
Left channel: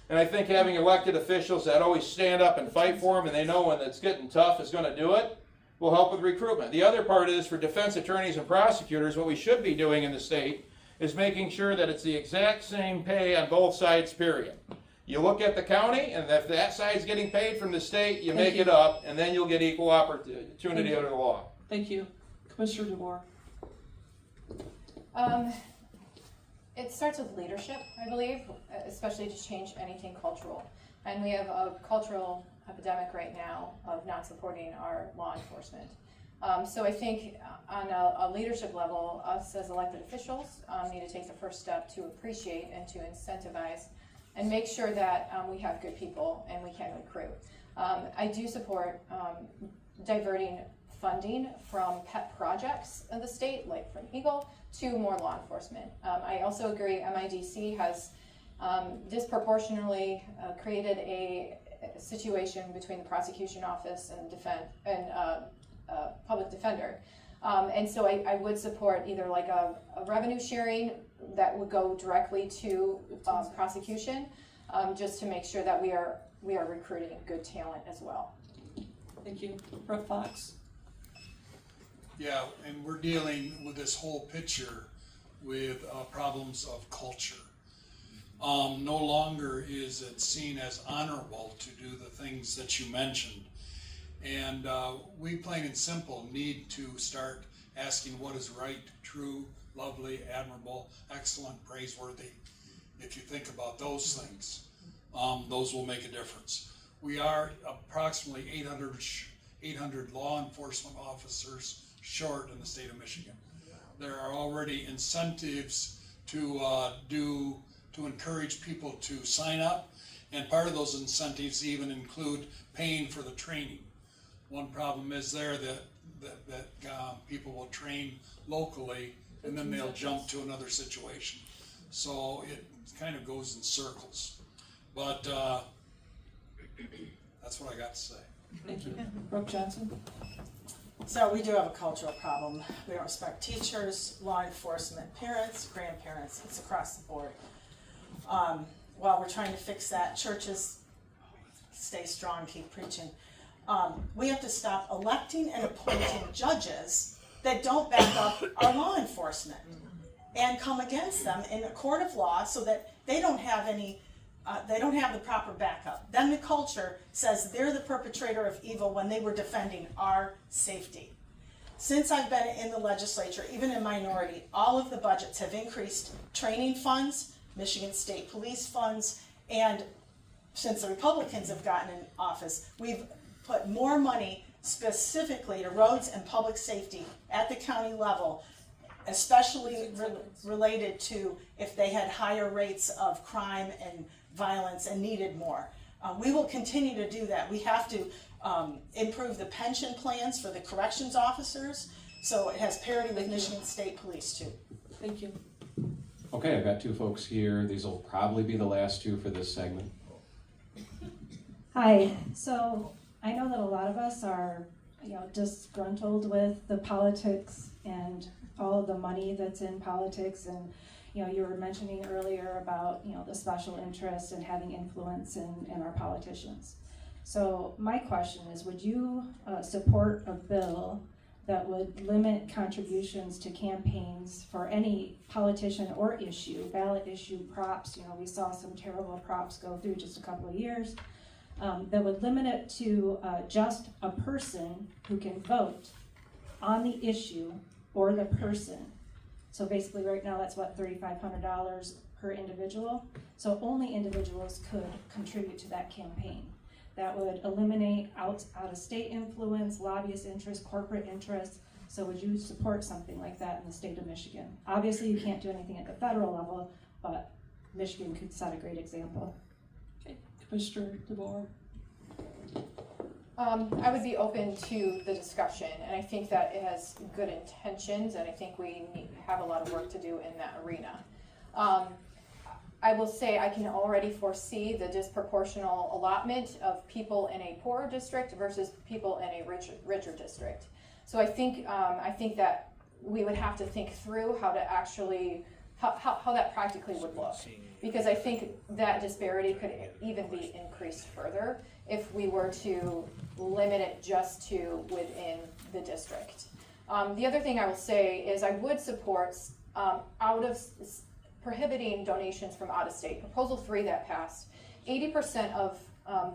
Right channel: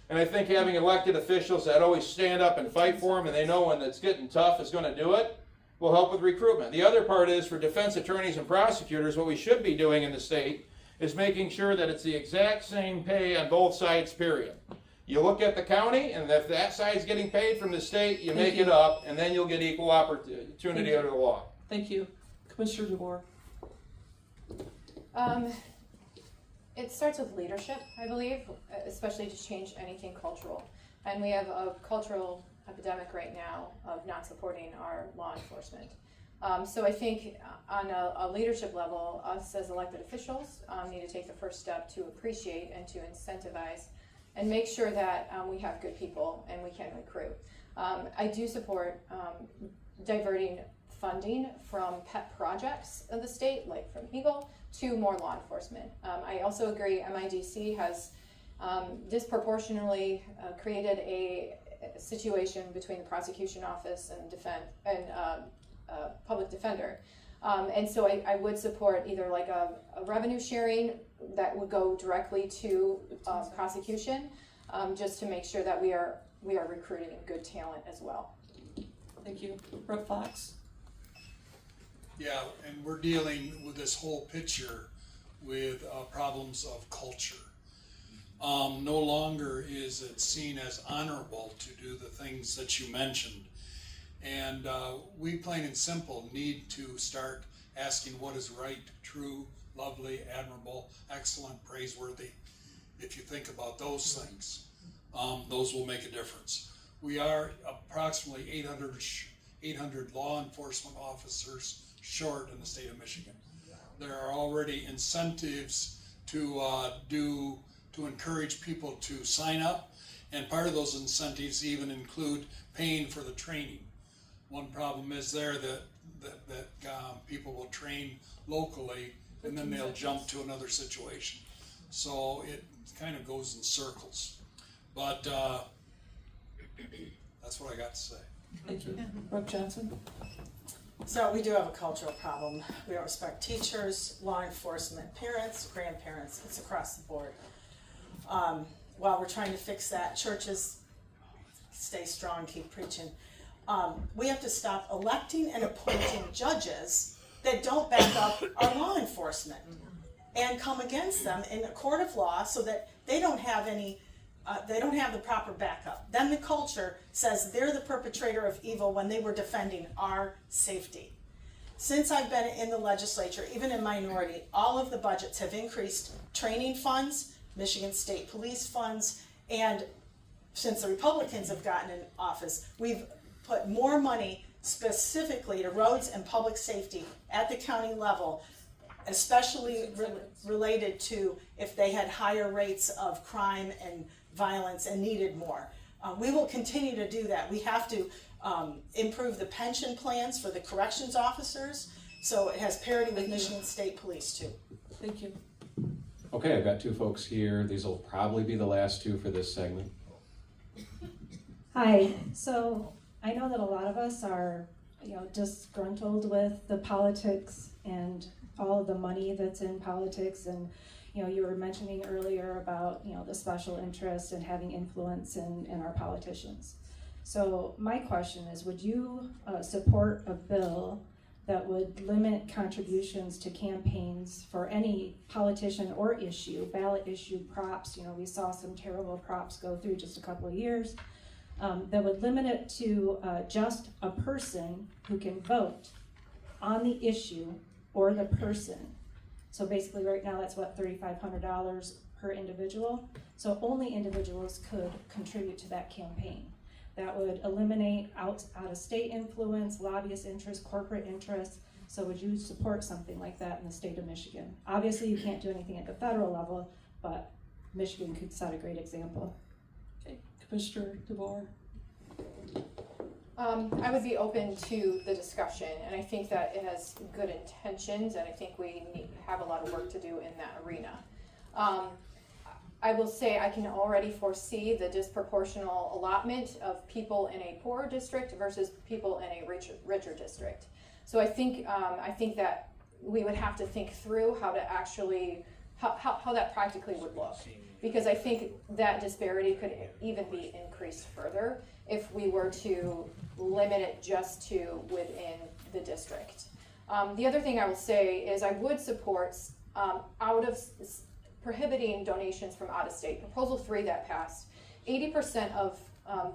And I think having elected officials that always stand up and fight for them, and they know when it's getting tough is going to do it, will help with recruitment. The other part is, for defense attorneys and prosecutors, what we should be doing in the state is making sure that it's the exact same pay on both sides, period. You look at the county, and if that side's getting paid from the state, you make it up, and then you'll get equal opportunity under the law. Thank you. Commissioner DeBoer. It starts with leadership, I believe, especially to change anything cultural. And we have a cultural epidemic right now of not supporting our law enforcement. So I think on a leadership level, us as elected officials need to take the first step to appreciate and to incentivize and make sure that we have good people and we can recruit. I do support diverting funding from pet projects of the state, like from Eagle, to more law enforcement. I also agree MIDC has disproportionately created a situation between the prosecution office and public defender. And so I would support either like a revenue sharing that would go directly to prosecution, just to make sure that we are recruiting good talent as well. Thank you. Rep. Fox. Yeah, and we're dealing with this whole picture with problems of culture. No longer is it seen as honorable to do the things that you mentioned. And we, plain and simple, need to start asking what is right, true, lovely, admirable, excellent, praiseworthy. If you think about those things, those will make a difference. We are approximately 800 law enforcement officers short in the state of Michigan. There are already incentives to encourage people to sign up, and part of those incentives even include paying for the training. One problem is there that people will train locally and then they'll jump to another situation. So it kind of goes in circles. But that's what I got to say. Thank you. Rep. Johnson. So we do have a cultural problem. We don't respect teachers, law enforcement, parents, grandparents. It's across the board. While we're trying to fix that, churches stay strong, keep preaching. We have to stop electing and appointing judges that don't back up our law enforcement and come against them in a court of law so that they don't have the proper backup. Then the culture says they're the perpetrator of evil when they were defending our safety. Since I've been in the legislature, even in minority, all of the budgets have increased training funds, Michigan State Police funds, and since the Republicans have gotten in office, we've put more money specifically to roads and public safety at the county level, especially related to if they had higher rates of crime and violence and needed more. We will continue to do that. We have to improve the pension plans for the corrections officers. So it has parity with Michigan State Police too. Thank you. Okay, I've got two folks here. These will probably be the last two for this segment. Hi. So I know that a lot of us are, disgruntled with the politics and all of the money that's in politics. And, you were mentioning earlier about, the special interest and having influence in our politicians. So my question is, would you support a bill that would limit contributions to campaigns for any politician or issue, ballot issue, props? We saw some terrible props go through just a couple of years. That would limit it to just a person who can vote on the issue or the person. So basically right now that's what, $3,500 per individual? So only individuals could contribute to that campaign. That would eliminate out-of-state influence, lobbyist interest, corporate interest. So would you support something like that in the state of Michigan? Obviously you can't do anything at the federal level, but Michigan could set a great example. Okay, Commissioner DeBoer. I would be open to the discussion, and I think that it has good intentions, and I think we have a lot of work to do in that arena. I will say I can already foresee the disproportional allotment of people in a poorer district versus people in a richer district. So I think that we would have to think through how to actually how that practically would look, because I think that disparity could even be increased further if we were to limit it just to within the district. The other thing I will say is I would support prohibiting donations from out of state. Proposal 3 that passed, 80% of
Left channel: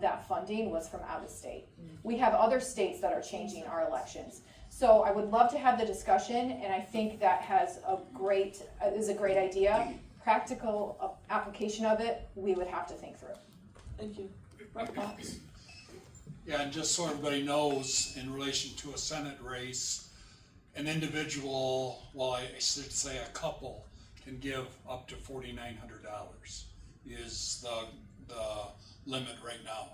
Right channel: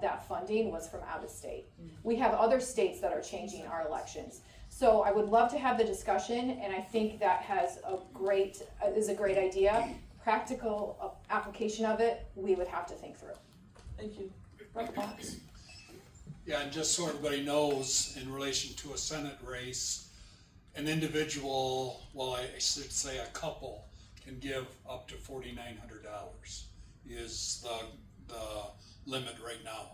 that funding was from out of state. We have other states that are changing our elections. So I would love to have the discussion, and I think that is a great idea. Practical application of it, we would have to think through. Thank you. Brett Fox. Yeah, and just so everybody knows, in relation to a Senate race, an individual, well, I should say a couple, can give up to $4,900 is the limit right now.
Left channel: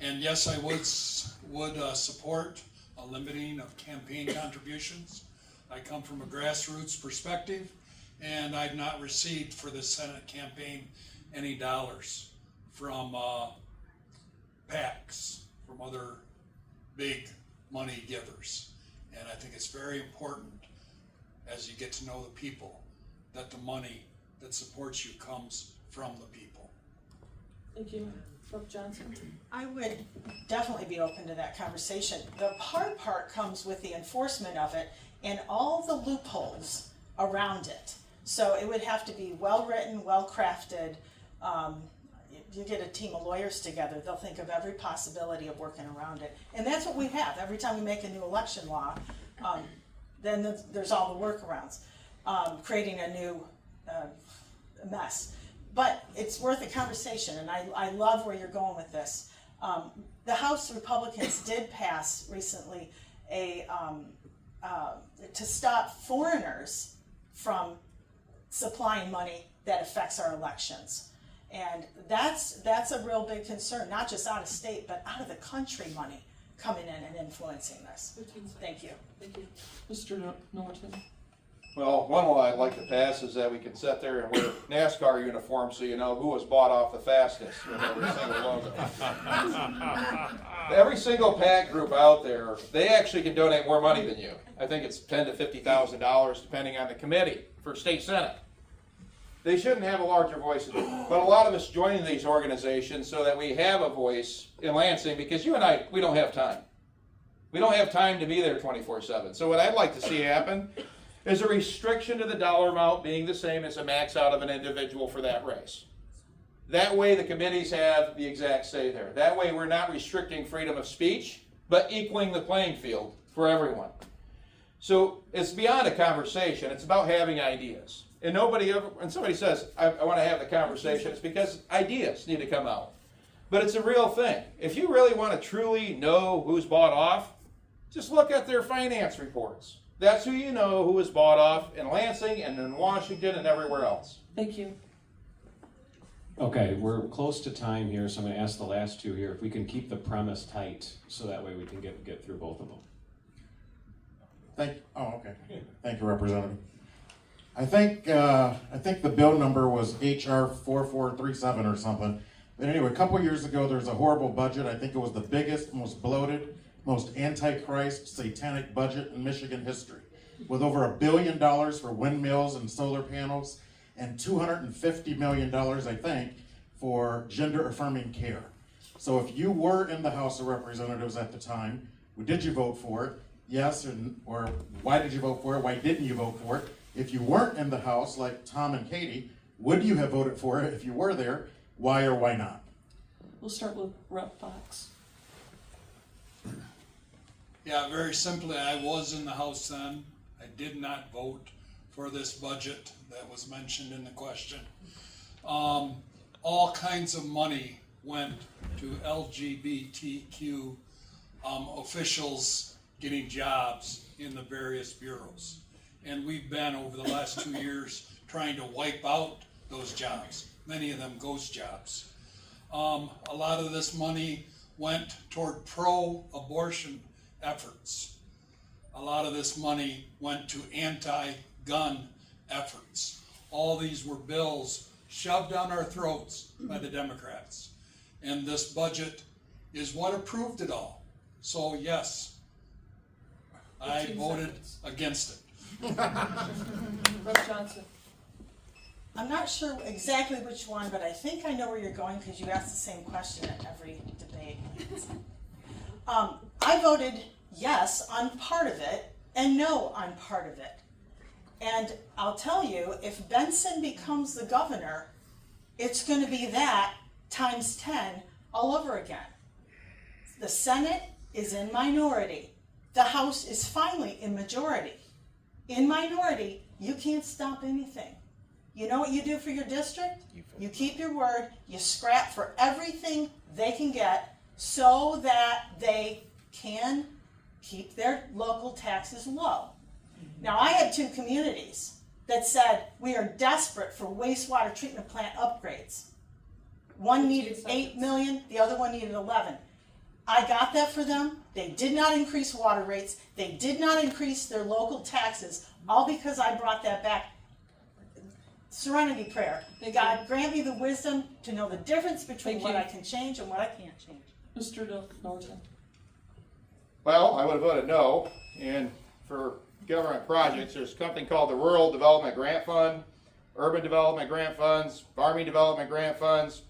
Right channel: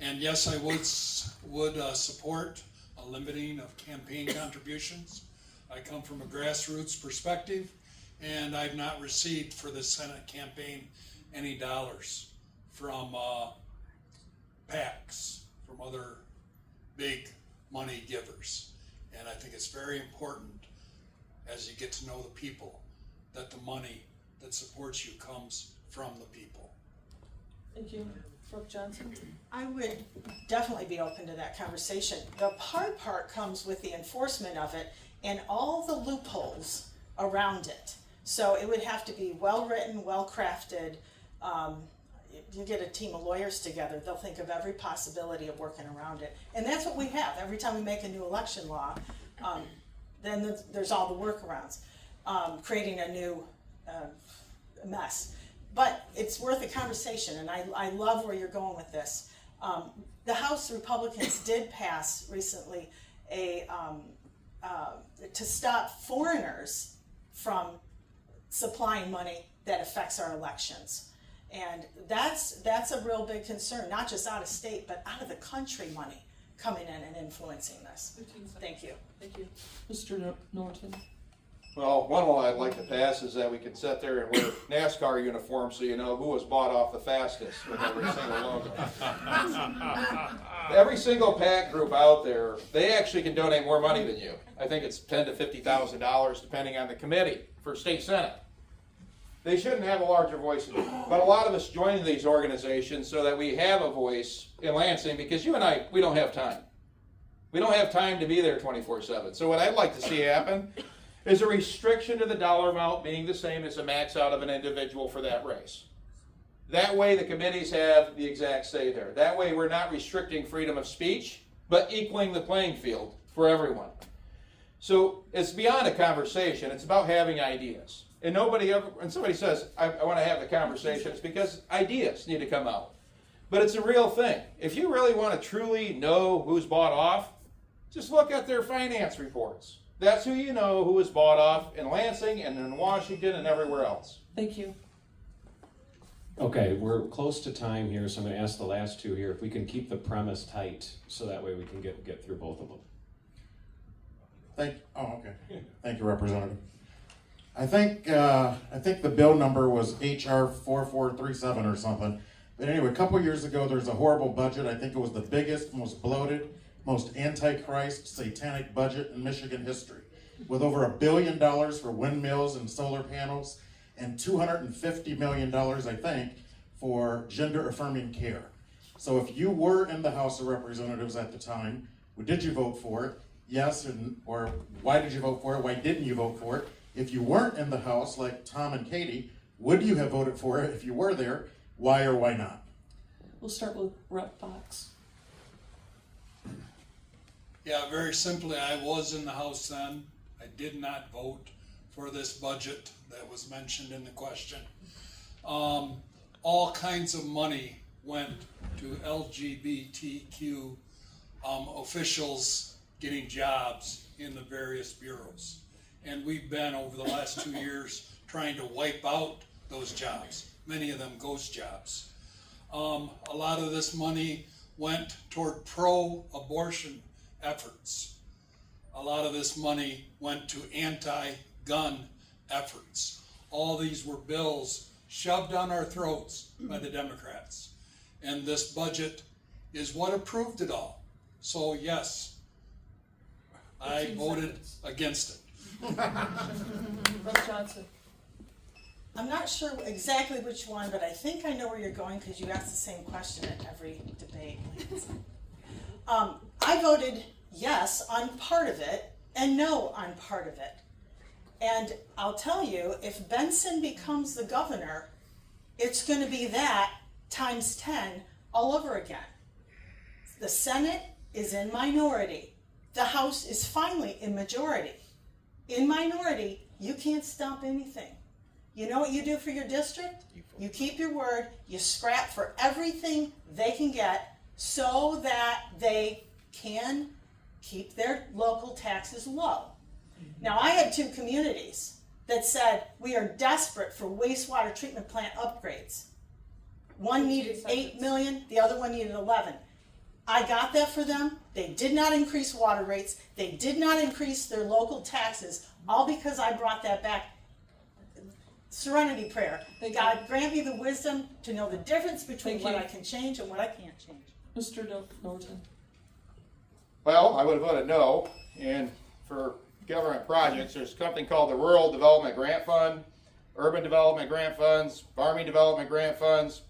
And yes, I would support a limiting of campaign contributions. I come from a grassroots perspective, and I've not received for the Senate campaign any dollars from PACs, from other big money givers. And I think it's very important, as you get to know the people, that the money that supports you comes from the people. Thank you. Brooke Johnson. I would definitely be open to that conversation. The hard part comes with the enforcement of it and all the loopholes around it. So it would have to be well-written, well-crafted. You get a team of lawyers together, they'll think of every possibility of working around it. And that's what we have. Every time we make a new election law, then there's all the workarounds, creating a new mess. But it's worth a conversation, and I love where you're going with this. The House Republicans did pass recently to stop foreigners from supplying money that affects our elections. And that's a real big concern, not just out of state, but out of the country money coming in and influencing this. Thank you. Thank you. Mr. Norton. Well, one law I'd like to pass is that we could sit there and wear NASCAR uniforms so you know who was bought off the fastest with every single logo. Every single PAC group out there, they actually can donate more money than you. I think it's $10,000 to $50,000 depending on the committee for state senate. They shouldn't have a larger voice, but a lot of us join these organizations so that we have a voice in Lansing, because you and I, we don't have time. We don't have time to be there 24/7. So what I'd like to see happen is a restriction to the dollar amount being the same as the max out of an individual for that race. That way the committees have the exact say there. That way we're not restricting freedom of speech, but equaling the playing field for everyone. So it's beyond a conversation, it's about having ideas. And when somebody says, I want to have the conversation, it's because ideas need to come out. But it's a real thing. If you really want to truly know who's bought off, just look at their finance reports. That's who you know who was bought off in Lansing and in Washington and everywhere else. Thank you. Okay, we're close to time here, so I'm gonna ask the last two here, if we can keep the premise tight, so that way we can get through both of them. Thank you, Representative. I think the bill number was HR 4437 or something. But anyway, a couple years ago, there was a horrible budget. I think it was the biggest, most bloated, most antichrist, satanic budget in Michigan history, with over $1 billion for windmills and solar panels, and $250 million, I think, for gender-affirming care. So if you were in the House of Representatives at the time, did you vote for it? Yes, or why did you vote for it? Why didn't you vote for it? If you weren't in the House, like Tom and Katie, would you have voted for it if you were there? Why or why not? We'll start with Rep. Fox. Yeah, very simply, I was in the House then. I did not vote for this budget that was mentioned in the question. All kinds of money went to LGBTQ officials getting jobs in the various bureaus. And we've been, over the last 2 years, trying to wipe out those jobs, many of them ghost jobs. A lot of this money went toward pro-abortion efforts. A lot of this money went to anti-gun efforts. All these were bills shoved down our throats by the Democrats. And this budget is what approved it all. So yes, I voted against it. Rep. Johnson. I'm not sure exactly which one, but I think I know where you're going because you ask the same question at every debate. I voted yes on part of it and no on part of it. And I'll tell you, if Benson becomes the governor, it's going to be that times 10 all over again. The Senate is in minority. The House is finally in majority. In minority, you can't stop anything. You know what you do for your district? You keep your word, you scrap for everything they can get so that they can keep their local taxes low. Now, I had 2 communities that said, we are desperate for wastewater treatment plant upgrades. One needed 8 million, the other one needed 11. I got that for them. They did not increase water rates. They did not increase their local taxes, all because I brought that back. Serenity prayer. God, grant me the wisdom to know the difference between what I can change and what I can't change. Mr. Norton. Well, I would have voted no. And for government projects, there's a company called the Rural Development Grant Fund, Urban Development Grant Funds, Farming Development Grant Funds.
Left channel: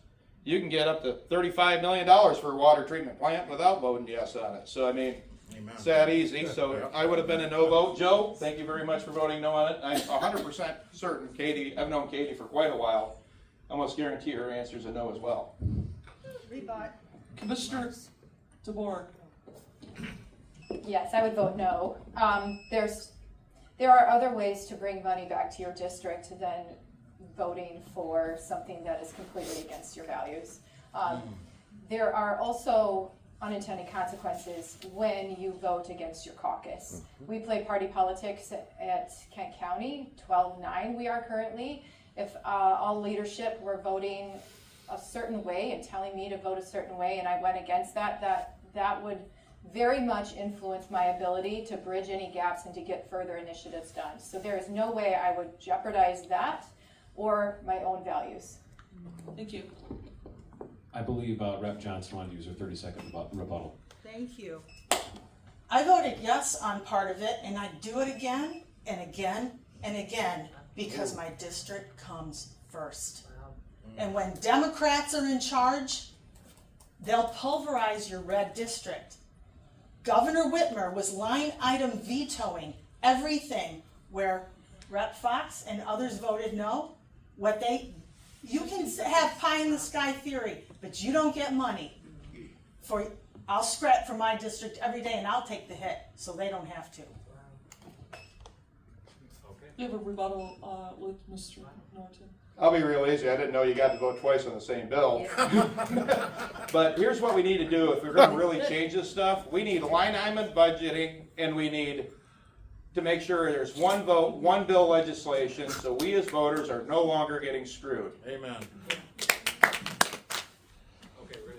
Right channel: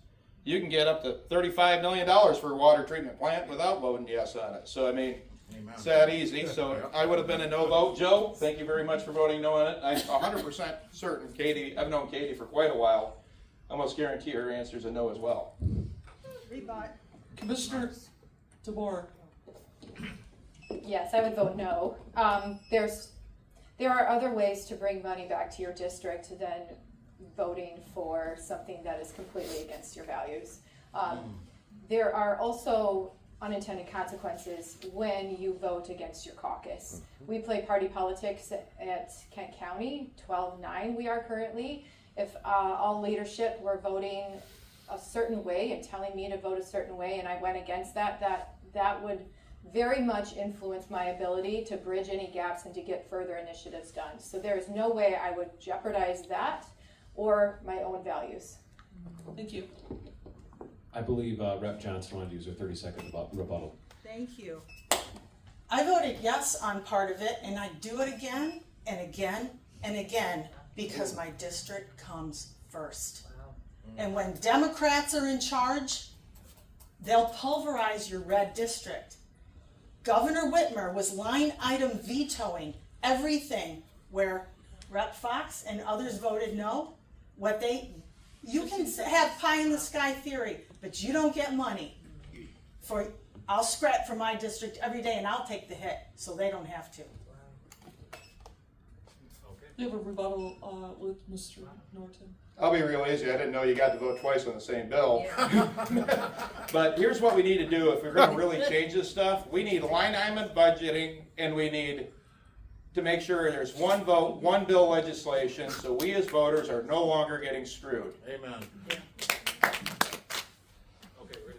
You can get up to $35 million for a water treatment plant without voting yes on it. So, I mean, Amen. it's that easy. So I would have been a no vote. Joe, thank you very much for voting no on it. I'm 100% certain Katie, I've known Katie for quite a while. I almost guarantee her answer is a no as well. Rebut. Commissioner DeBoer. Yes, I would vote no. There are other ways to bring money back to your district than voting for something that is completely against your values. There are also unintended consequences when you vote against your caucus. We play party politics at Kent County, 12-9 we are currently. If all leadership were voting a certain way and telling me to vote a certain way and I went against that would very much influence my ability to bridge any gaps and to get further initiatives done. So there is no way I would jeopardize that or my own values. Thank you. I believe Rep. Johnson wanted to use her 30-second rebuttal. Thank you. I voted yes on part of it, and I do it again and again and again because my district comes first. And when Democrats are in charge, they'll pulverize your red district. Governor Whitmer was line item vetoing everything where Rep. Fox and others voted no. You can have pie in the sky theory, but you don't get money. I'll scrap for my district every day and I'll take the hit so they don't have to. You have a rebuttal with Mr. Norton. I'll be real easy. I didn't know you got to vote twice on the same bill. But here's what we need to do if we're going to really change this stuff. We need line item budgeting, and we need to make sure there's one vote, one bill legislation, so we as voters are no longer getting screwed. Amen.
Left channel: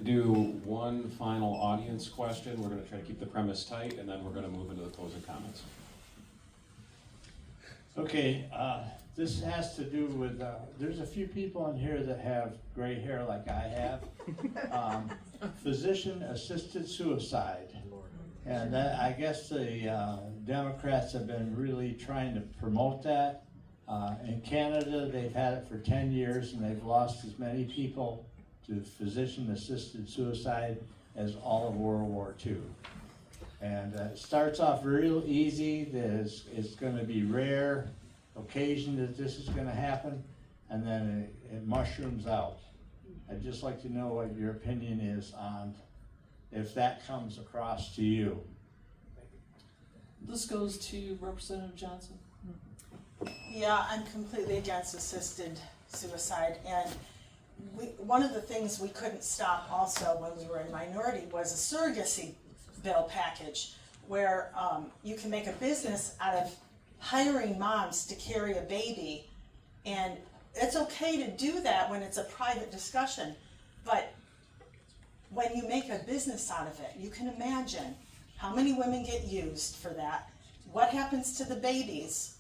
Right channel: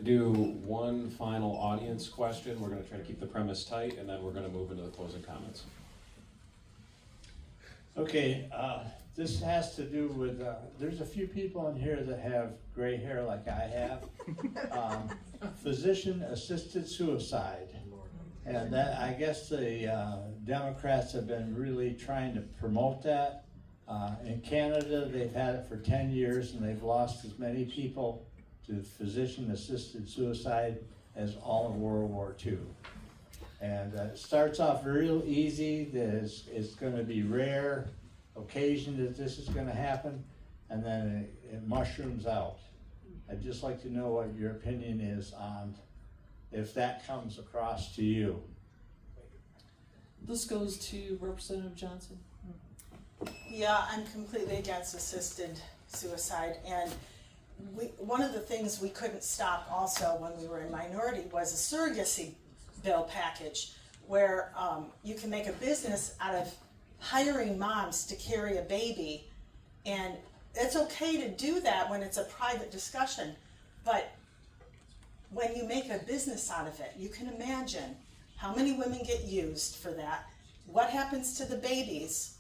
do one final audience question. We're going to try to keep the premise tight, and then we're going to move into the closing comments. Okay, this has to do with, there's a few people in here that have gray hair like I have. Physician-assisted suicide. And that, I guess the Democrats have been really trying to promote that. In Canada, they've had it for 10 years and they've lost as many people to physician-assisted suicide as all of World War II. And it starts off real easy, that it's going to be rare occasion that this is going to happen, and then it mushrooms out. I'd just like to know what your opinion is on if that comes across to you. This goes to Representative Johnson. Yeah, I'm completely against assisted suicide, and one of the things we couldn't stop also when we were in minority was a surrogacy bill package where you can make a business out of hiring moms to carry a baby, and it's okay to do that when it's a private discussion, but when you make a business out of it, you can imagine how many women get used for that, what happens to the babies.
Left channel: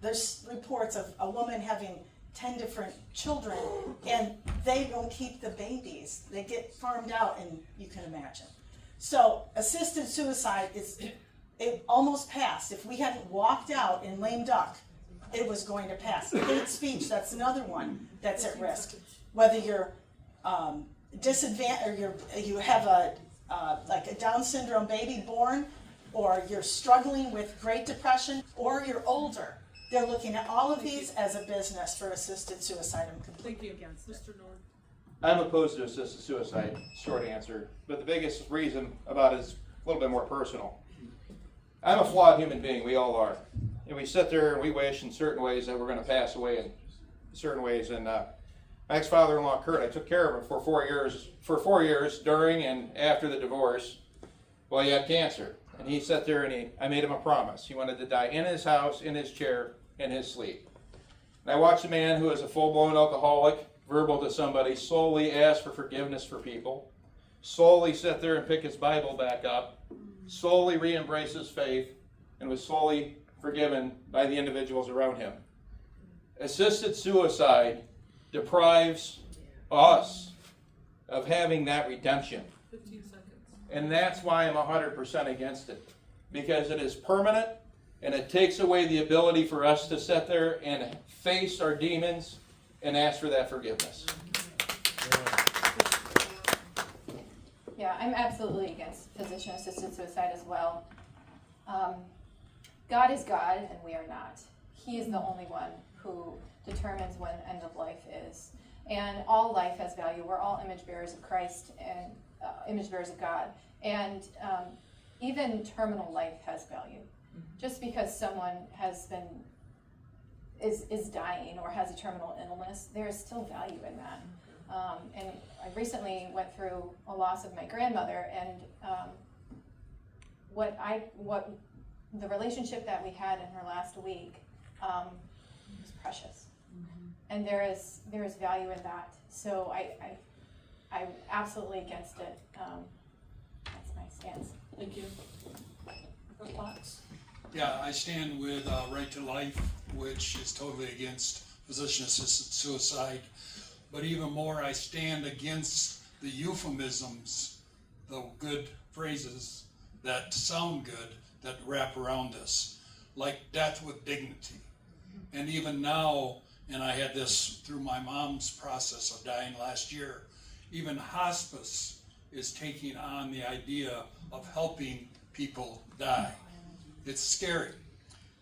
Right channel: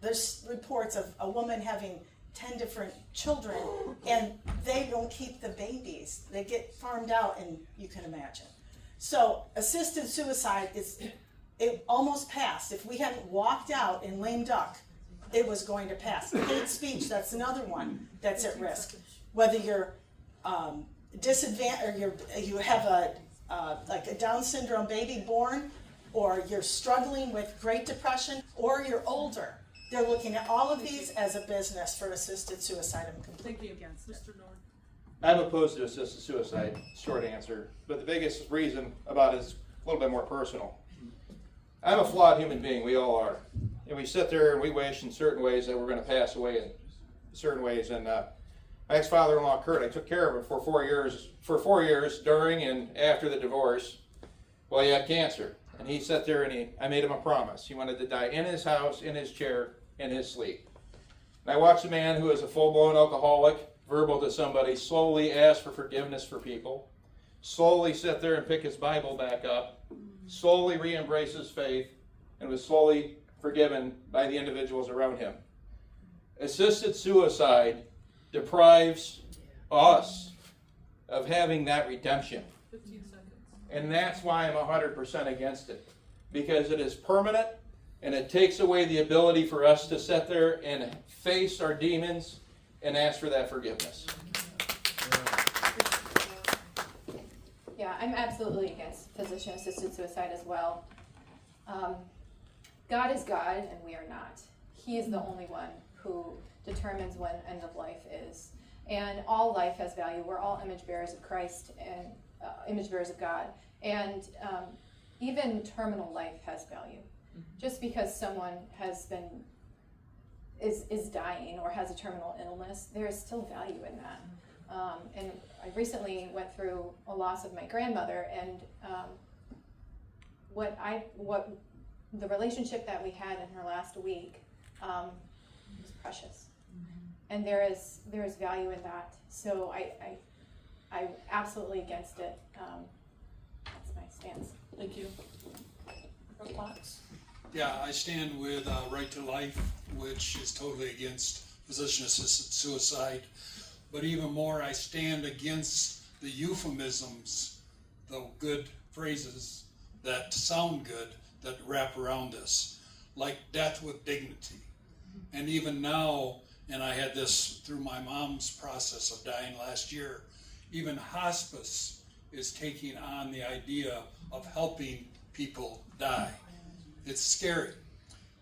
There's reports of a woman having 10 different children and they don't keep the babies. They get farmed out, and you can imagine. So assisted suicide it almost passed. If we hadn't walked out in lame duck, it was going to pass. Hate speech, that's another one that's at risk. Whether you're disadvantaged, or you have like a Down syndrome baby born, or you're struggling with Great Depression, or you're older. They're looking at all of these as a business for assisted suicide. I'm completely against it. I'm opposed to assisted suicide, short answer. But the biggest reason about it is a little bit more personal. I'm a flawed human being, we all are. And we sit there and we wish in certain ways that we're going to pass away in certain ways. And my ex-father-in-law, Kurt, I took care of him for 4 years during and after the divorce. Well, he had cancer. And he sat there and I made him a promise. He wanted to die in his house, in his chair, in his sleep. And I watched a man who is a full-blown alcoholic, verbal to somebody, slowly ask for forgiveness for people, slowly sit there and pick his Bible back up, slowly re-embrace his faith, and was slowly forgiven by the individuals around him. Assisted suicide deprives us of having that redemption. 15 seconds. And that's why I'm 100% against it. Because it is permanent, and it takes away the ability for us to sit there and face our demons and ask for that forgiveness. Yeah, I'm absolutely against physician-assisted suicide as well. God is God, and we are not. He is the only one who determines when end of life is. And all life has value. We're all image bearers of Christ and image bearers of God. And even terminal life has value. Just because someone is dying or has a terminal illness, there is still value in that. And I recently went through a loss of my grandmother, and what the relationship that we had in her last week was precious, and there is value in that. So I'm absolutely against it. That's my stance. Thank you. Fox. Yeah, I stand with Right to Life, which is totally against physician-assisted suicide. But even more, I stand against the euphemisms, the good phrases that sound good, that wrap around this, like death with dignity. And even now, and I had this through my mom's process of dying last year, even hospice is taking on the idea of helping people die. It's scary.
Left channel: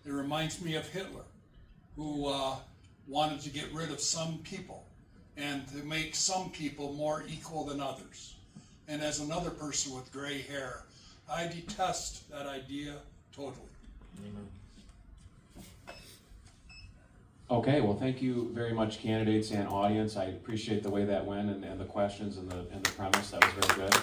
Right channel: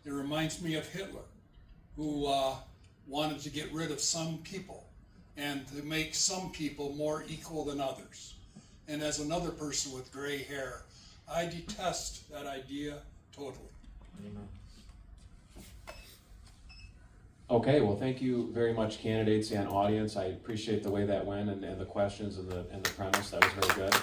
It reminds me of Hitler, who wanted to get rid of some people and to make some people more equal than others. And as another person with gray hair, I detest that idea totally. Amen. Okay, well, thank you very much, candidates and audience. I appreciate the way that went and the questions and the premise. That was very good.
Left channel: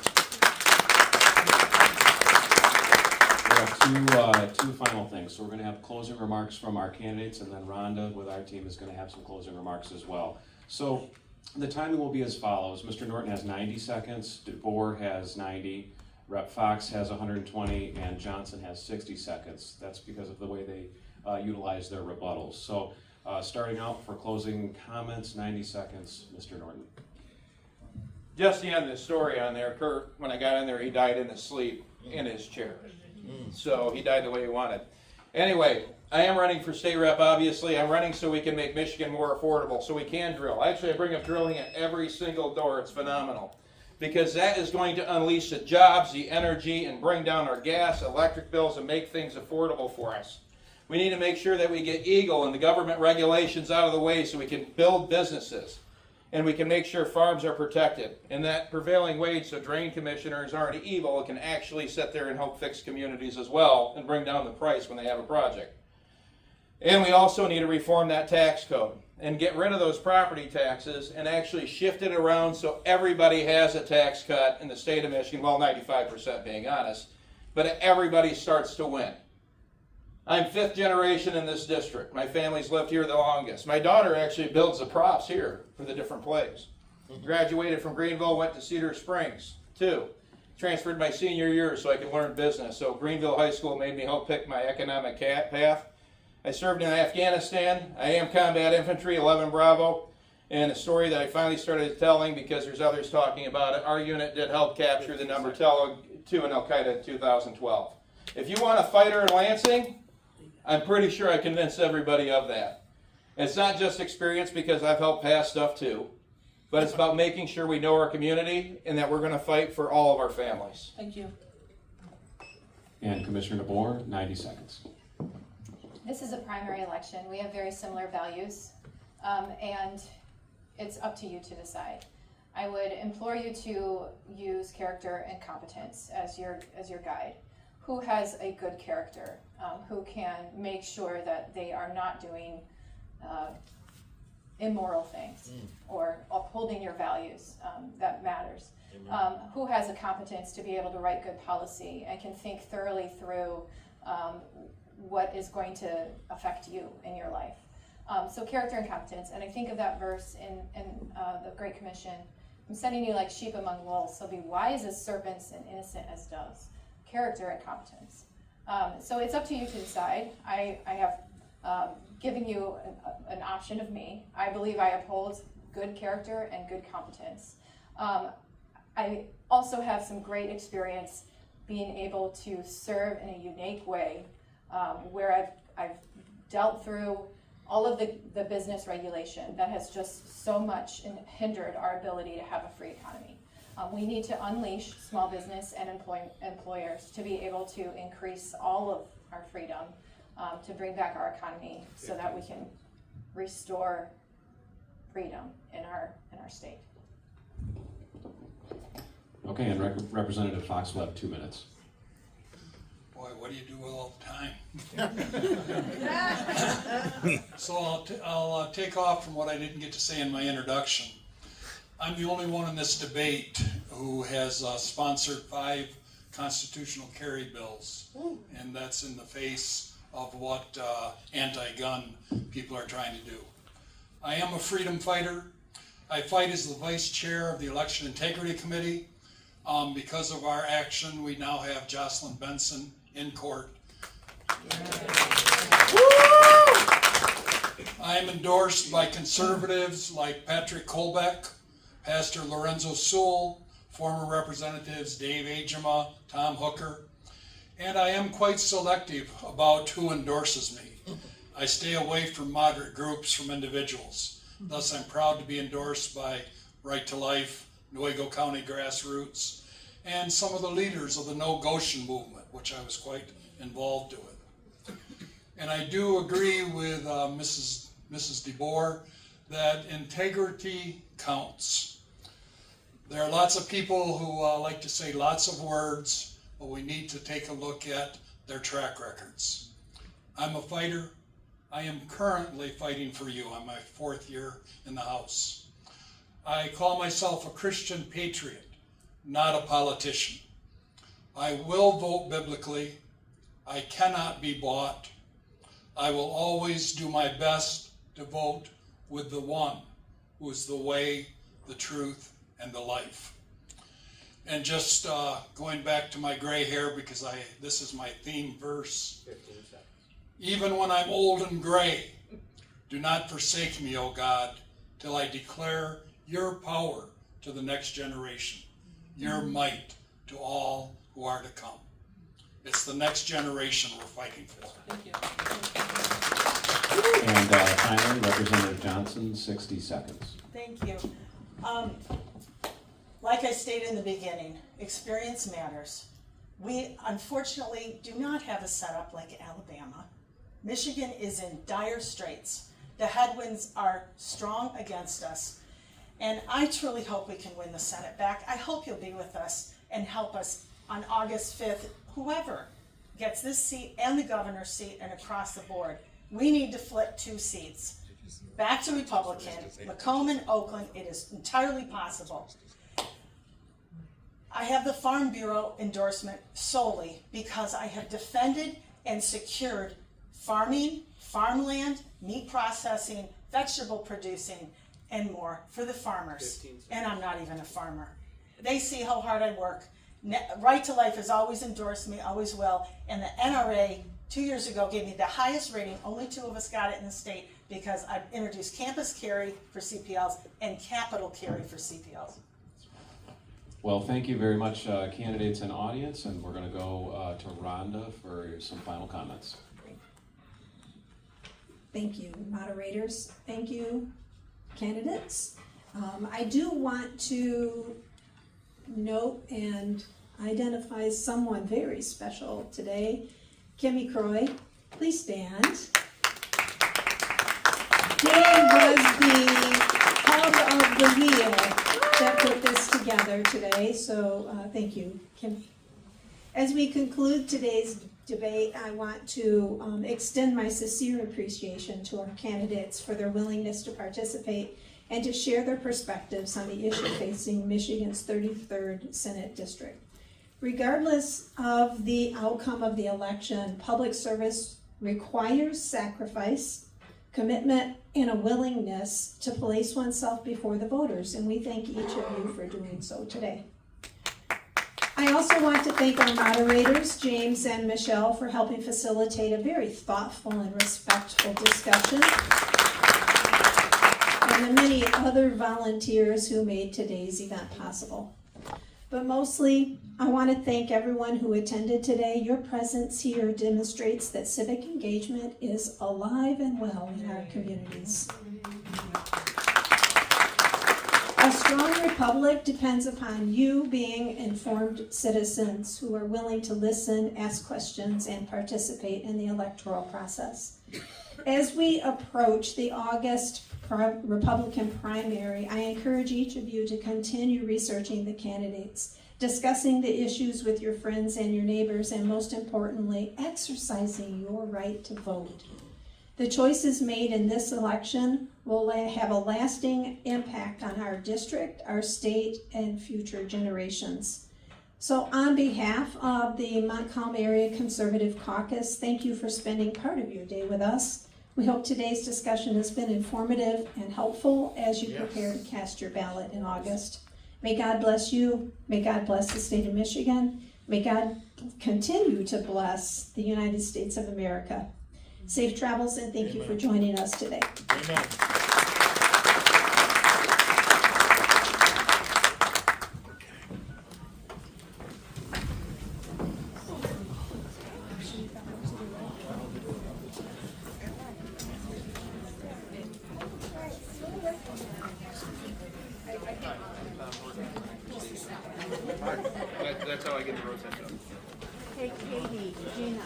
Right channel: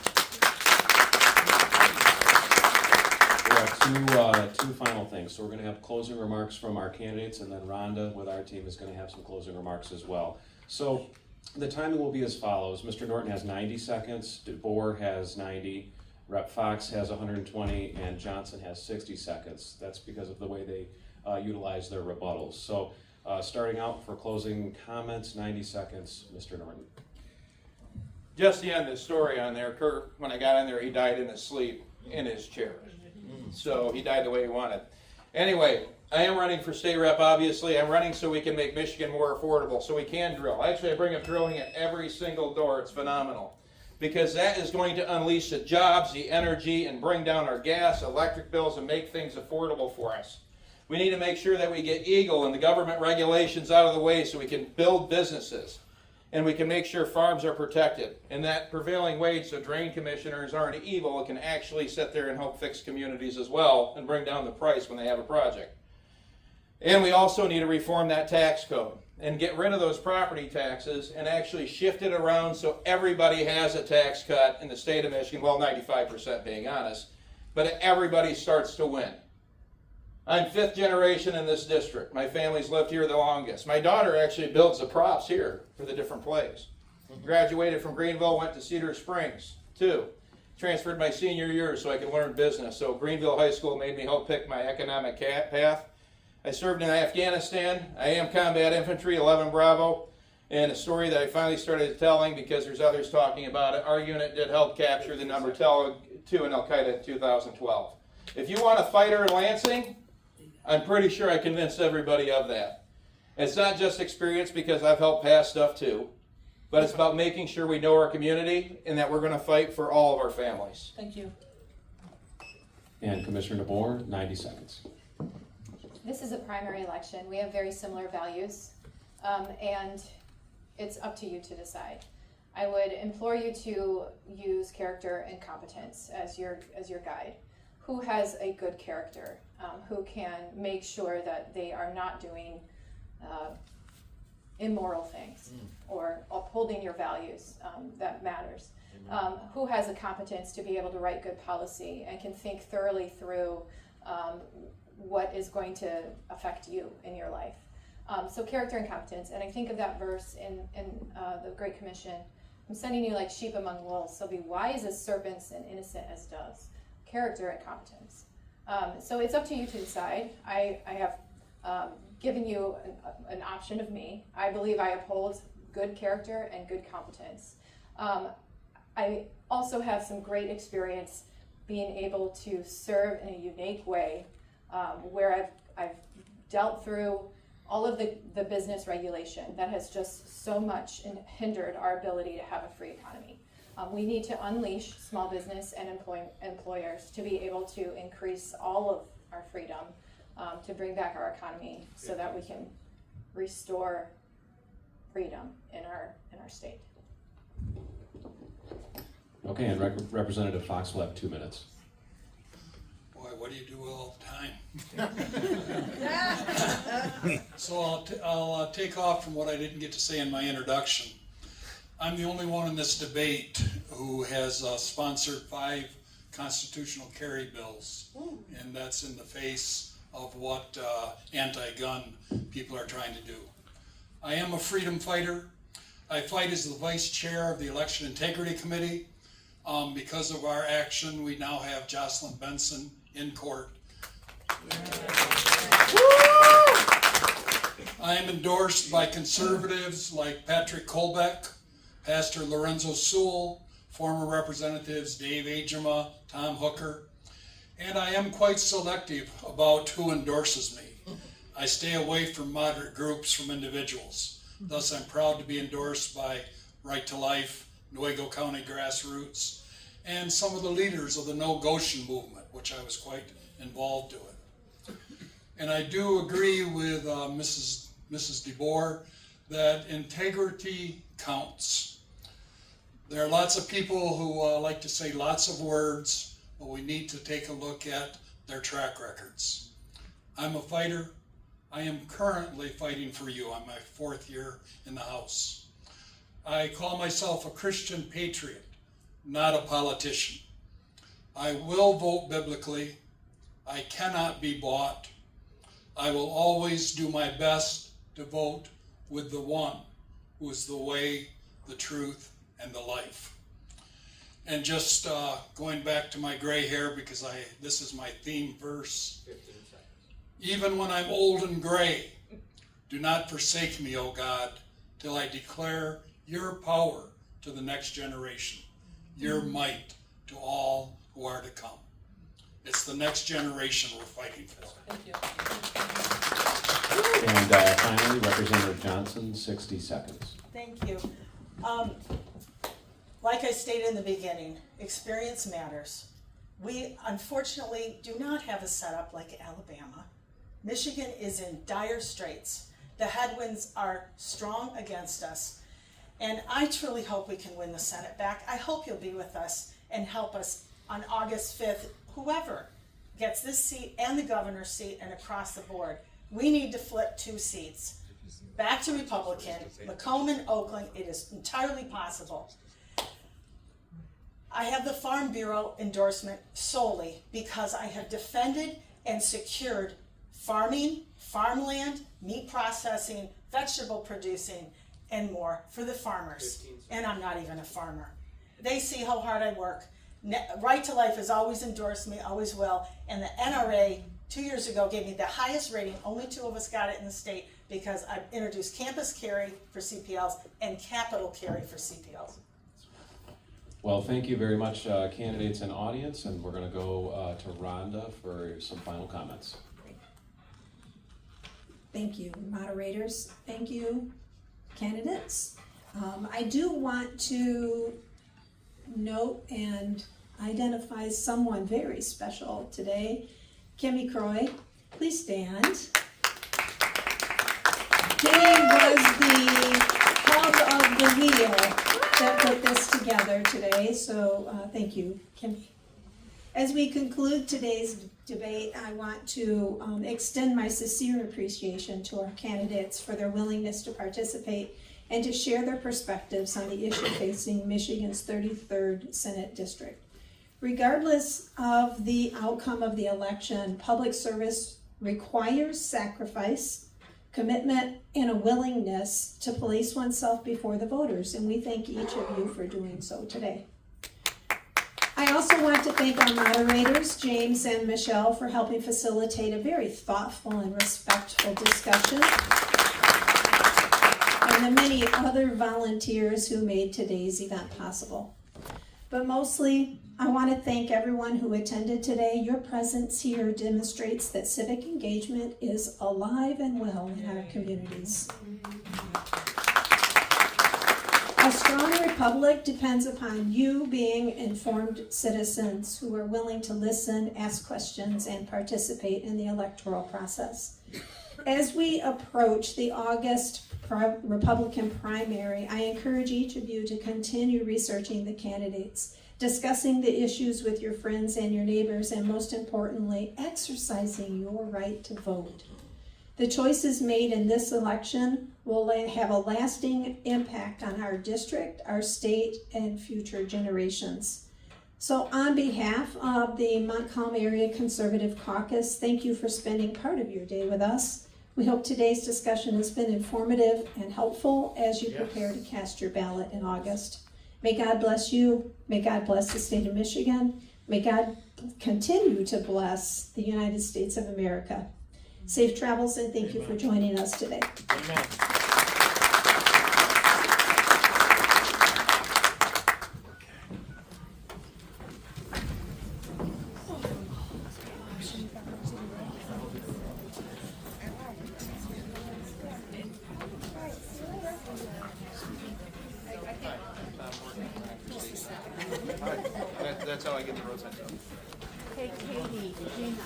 We have two final things. So we're going to have closing remarks from our candidates, and then Rhonda with our team is going to have some closing remarks as well. So The timing will be as follows. Mr. Norton has 90 seconds, DeBoer has 90, Rep. Fox has 120, and Johnson has 60 seconds. That's because of the way they utilize their rebuttals. So starting out for closing comments, 90 seconds, Mr. Norton. Just the end of the story on there, Kurt, when I got in there, he died in his sleep in his chair. So he died the way he wanted. Anyway, I am running for state rep, obviously. I'm running so we can make Michigan more affordable, so we can drill. Actually, I bring up drilling at every single door. It's phenomenal. Because that is going to unleash the jobs, the energy, and bring down our gas, electric bills, and make things affordable for us. We need to make sure that we get EGLE and the government regulations out of the way so we can build businesses. And we can make sure farms are protected. And that prevailing wage, so drain commissioners aren't evil, and can actually sit there and help fix communities as well and bring down the price when they have a project. And we also need to reform that tax code and get rid of those property taxes and actually shift it around so everybody has a tax cut in the state of Michigan, well, 95% being honest, but everybody starts to win. I'm 5th generation in this district. My family's lived here the longest. My daughter actually builds the props here for the different plays. Graduated from Greenville, went to Cedar Springs, 2. Transferred my senior year so I could learn business. So Greenville High School made me help pick my economic path. I served in Afghanistan. I am combat infantry, 11 Bravo. And a story that I finally started telling because there's others talking about it. Our unit did help capture the number 2 in Al-Qaeda in 2012. If you want a fighter in Lansing, I'm pretty sure I convinced everybody of that. It's not just experience because I've helped pass stuff too, but it's about making sure we know our community and that we're going to fight for all of our families. Thank you. And Commissioner DeBoer, 90 seconds. This is a primary election. We have very similar values, and it's up to you to decide. I would implore you to use character and competence as your guide. Who has a good character? Who can make sure that they are not doing immoral things or upholding your values? That matters. Who has a competence to be able to write good policy and can think thoroughly through what is going to affect you in your life? So character and competence. And I think of that verse in the Great Commission. I'm sending you like sheep among wolves, so be wise as serpents and innocent as doves. Character and competence. So it's up to you to decide. I have given you an option of me. I believe I uphold good character and good competence. I also have some great experience being able to serve in a unique way where I've dealt through all of the business regulation that has just so much hindered our ability to have a free economy. We need to unleash small business and employers to be able to increase all of our freedom, to bring back our economy so that we can restore freedom in our state. Okay, and Representative Fox will have 2 minutes. Boy, what do you do with all the time? So I'll take off from what I didn't get to say in my introduction. I'm the only one in this debate who has sponsored 5 constitutional carry bills, and that's in the face of what anti-gun people are trying to do. I am a freedom fighter. I fight as the vice chair of the Election Integrity Committee. Because of our action, we now have Jocelyn Benson in court. I am endorsed by conservatives like Patrick Kolbeck, Pastor Lorenzo Sewell, former representatives Dave Ajema, Tom Hooker, and I am quite selective about who endorses me. I stay away from moderate groups from individuals. Thus, I'm proud to be endorsed by Right to Life, Nuevo County Grassroots, and some of the leaders of the No Goshen movement, which I was quite involved with. And I do agree with Mrs. DeBoer that integrity counts. There are lots of people who like to say lots of words, but we need to take a look at their track records. I'm a fighter. I am currently fighting for you. I'm my 4th year in the House. I call myself a Christian patriot, not a politician. I will vote biblically. I cannot be bought. I will always do my best to vote with the one who is the way, the truth, and the life. And just going back to my gray hair, because this is my theme verse. Even when I'm old and gray, do not forsake me, O God, till I declare your power to the next generation, your might to all who are to come. It's the next generation we're fighting for. Thank you. And finally, Representative Johnson, 60 seconds. Thank you. Like I stated in the beginning, experience matters. We unfortunately do not have a setup like Alabama. Michigan is in dire straits. The headwinds are strong against us. And I truly hope we can win the Senate back. I hope you'll be with us and help us on August 5th, whoever gets this seat and the governor's seat and across the board. We need to flip 2 seats. Back to Republican, Macomb and Oakland, it is entirely possible. I have the Farm Bureau endorsement solely because I have defended and secured farming, farmland, meat processing, vegetable producing, and more for the farmers. And I'm not even a farmer. They see how hard I work. Right to Life has always endorsed me, always will, and the NRA 2 years ago gave me the highest rating. Only 2 of us got it in the state because I've introduced campus carry for CPLs and capital carry for CPLs. Well, thank you very much, candidates and audience, and we're going to go to Rhonda for some final comments. Thank you, moderators. Thank you, candidates. I do want to note and identify someone very special today. Kimmy Croy, please stand. He was the hub of the wheel that put this together today, so thank you, Kimmy. As we conclude today's debate, I want to extend my sincere appreciation to our candidates for their willingness to participate and to share their perspectives on the issue facing Michigan's 33rd Senate District. Regardless of the outcome of the election, public service requires sacrifice, commitment, and a willingness to place oneself before the voters, and we thank each of you for doing so today. I also want to thank our moderators, James and Michelle, for helping facilitate a very thoughtful and respectful discussion, and the many other volunteers who made today's event possible. But mostly, I want to thank everyone who attended today. Your presence here demonstrates that civic engagement is alive and well in our communities. A strong republic depends upon you being informed citizens who are willing to listen, ask questions, and participate in the electoral process. As we approach the August Republican primary, I encourage each of you to continue researching the candidates, discussing the issues with your friends and your neighbors, and most importantly, exercising your right to vote. The choices made in this election will have a lasting impact on our district, our state, and future generations. So on behalf of the Montcalm Area Conservative Caucus, thank you for spending part of your day with us. We hope today's discussion has been informative and helpful as you prepare to cast your ballot in August. May God bless you. May God bless the state of Michigan. May God continue to bless the United States of America. Safe travels, and thank you for joining us today. Amen. That's how I get the roses done. Hey, Katie, Gina.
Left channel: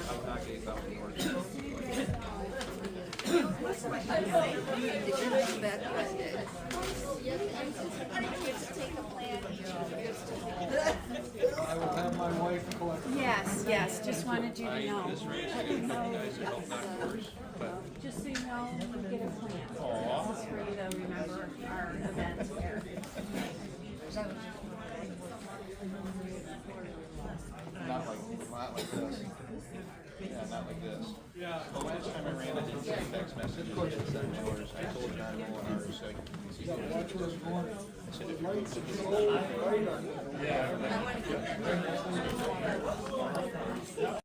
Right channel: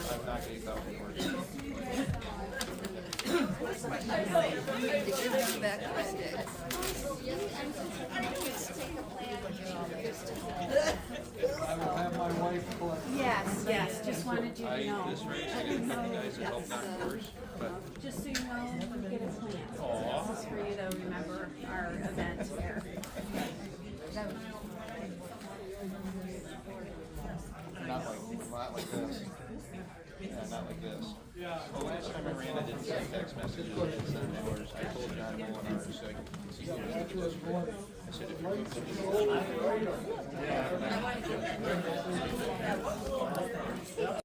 I will have my wife collect. Yes, just wanted you to know. This race, I got a couple guys that helped knock yours, but. Just so you know, we get a plant. Aw. This is for you to remember our event here. Not like this. Yeah. not like this. Well, last time I ran, I didn't send text messages, I didn't send mailers. I told John Molinari, so I said, if you're moving to the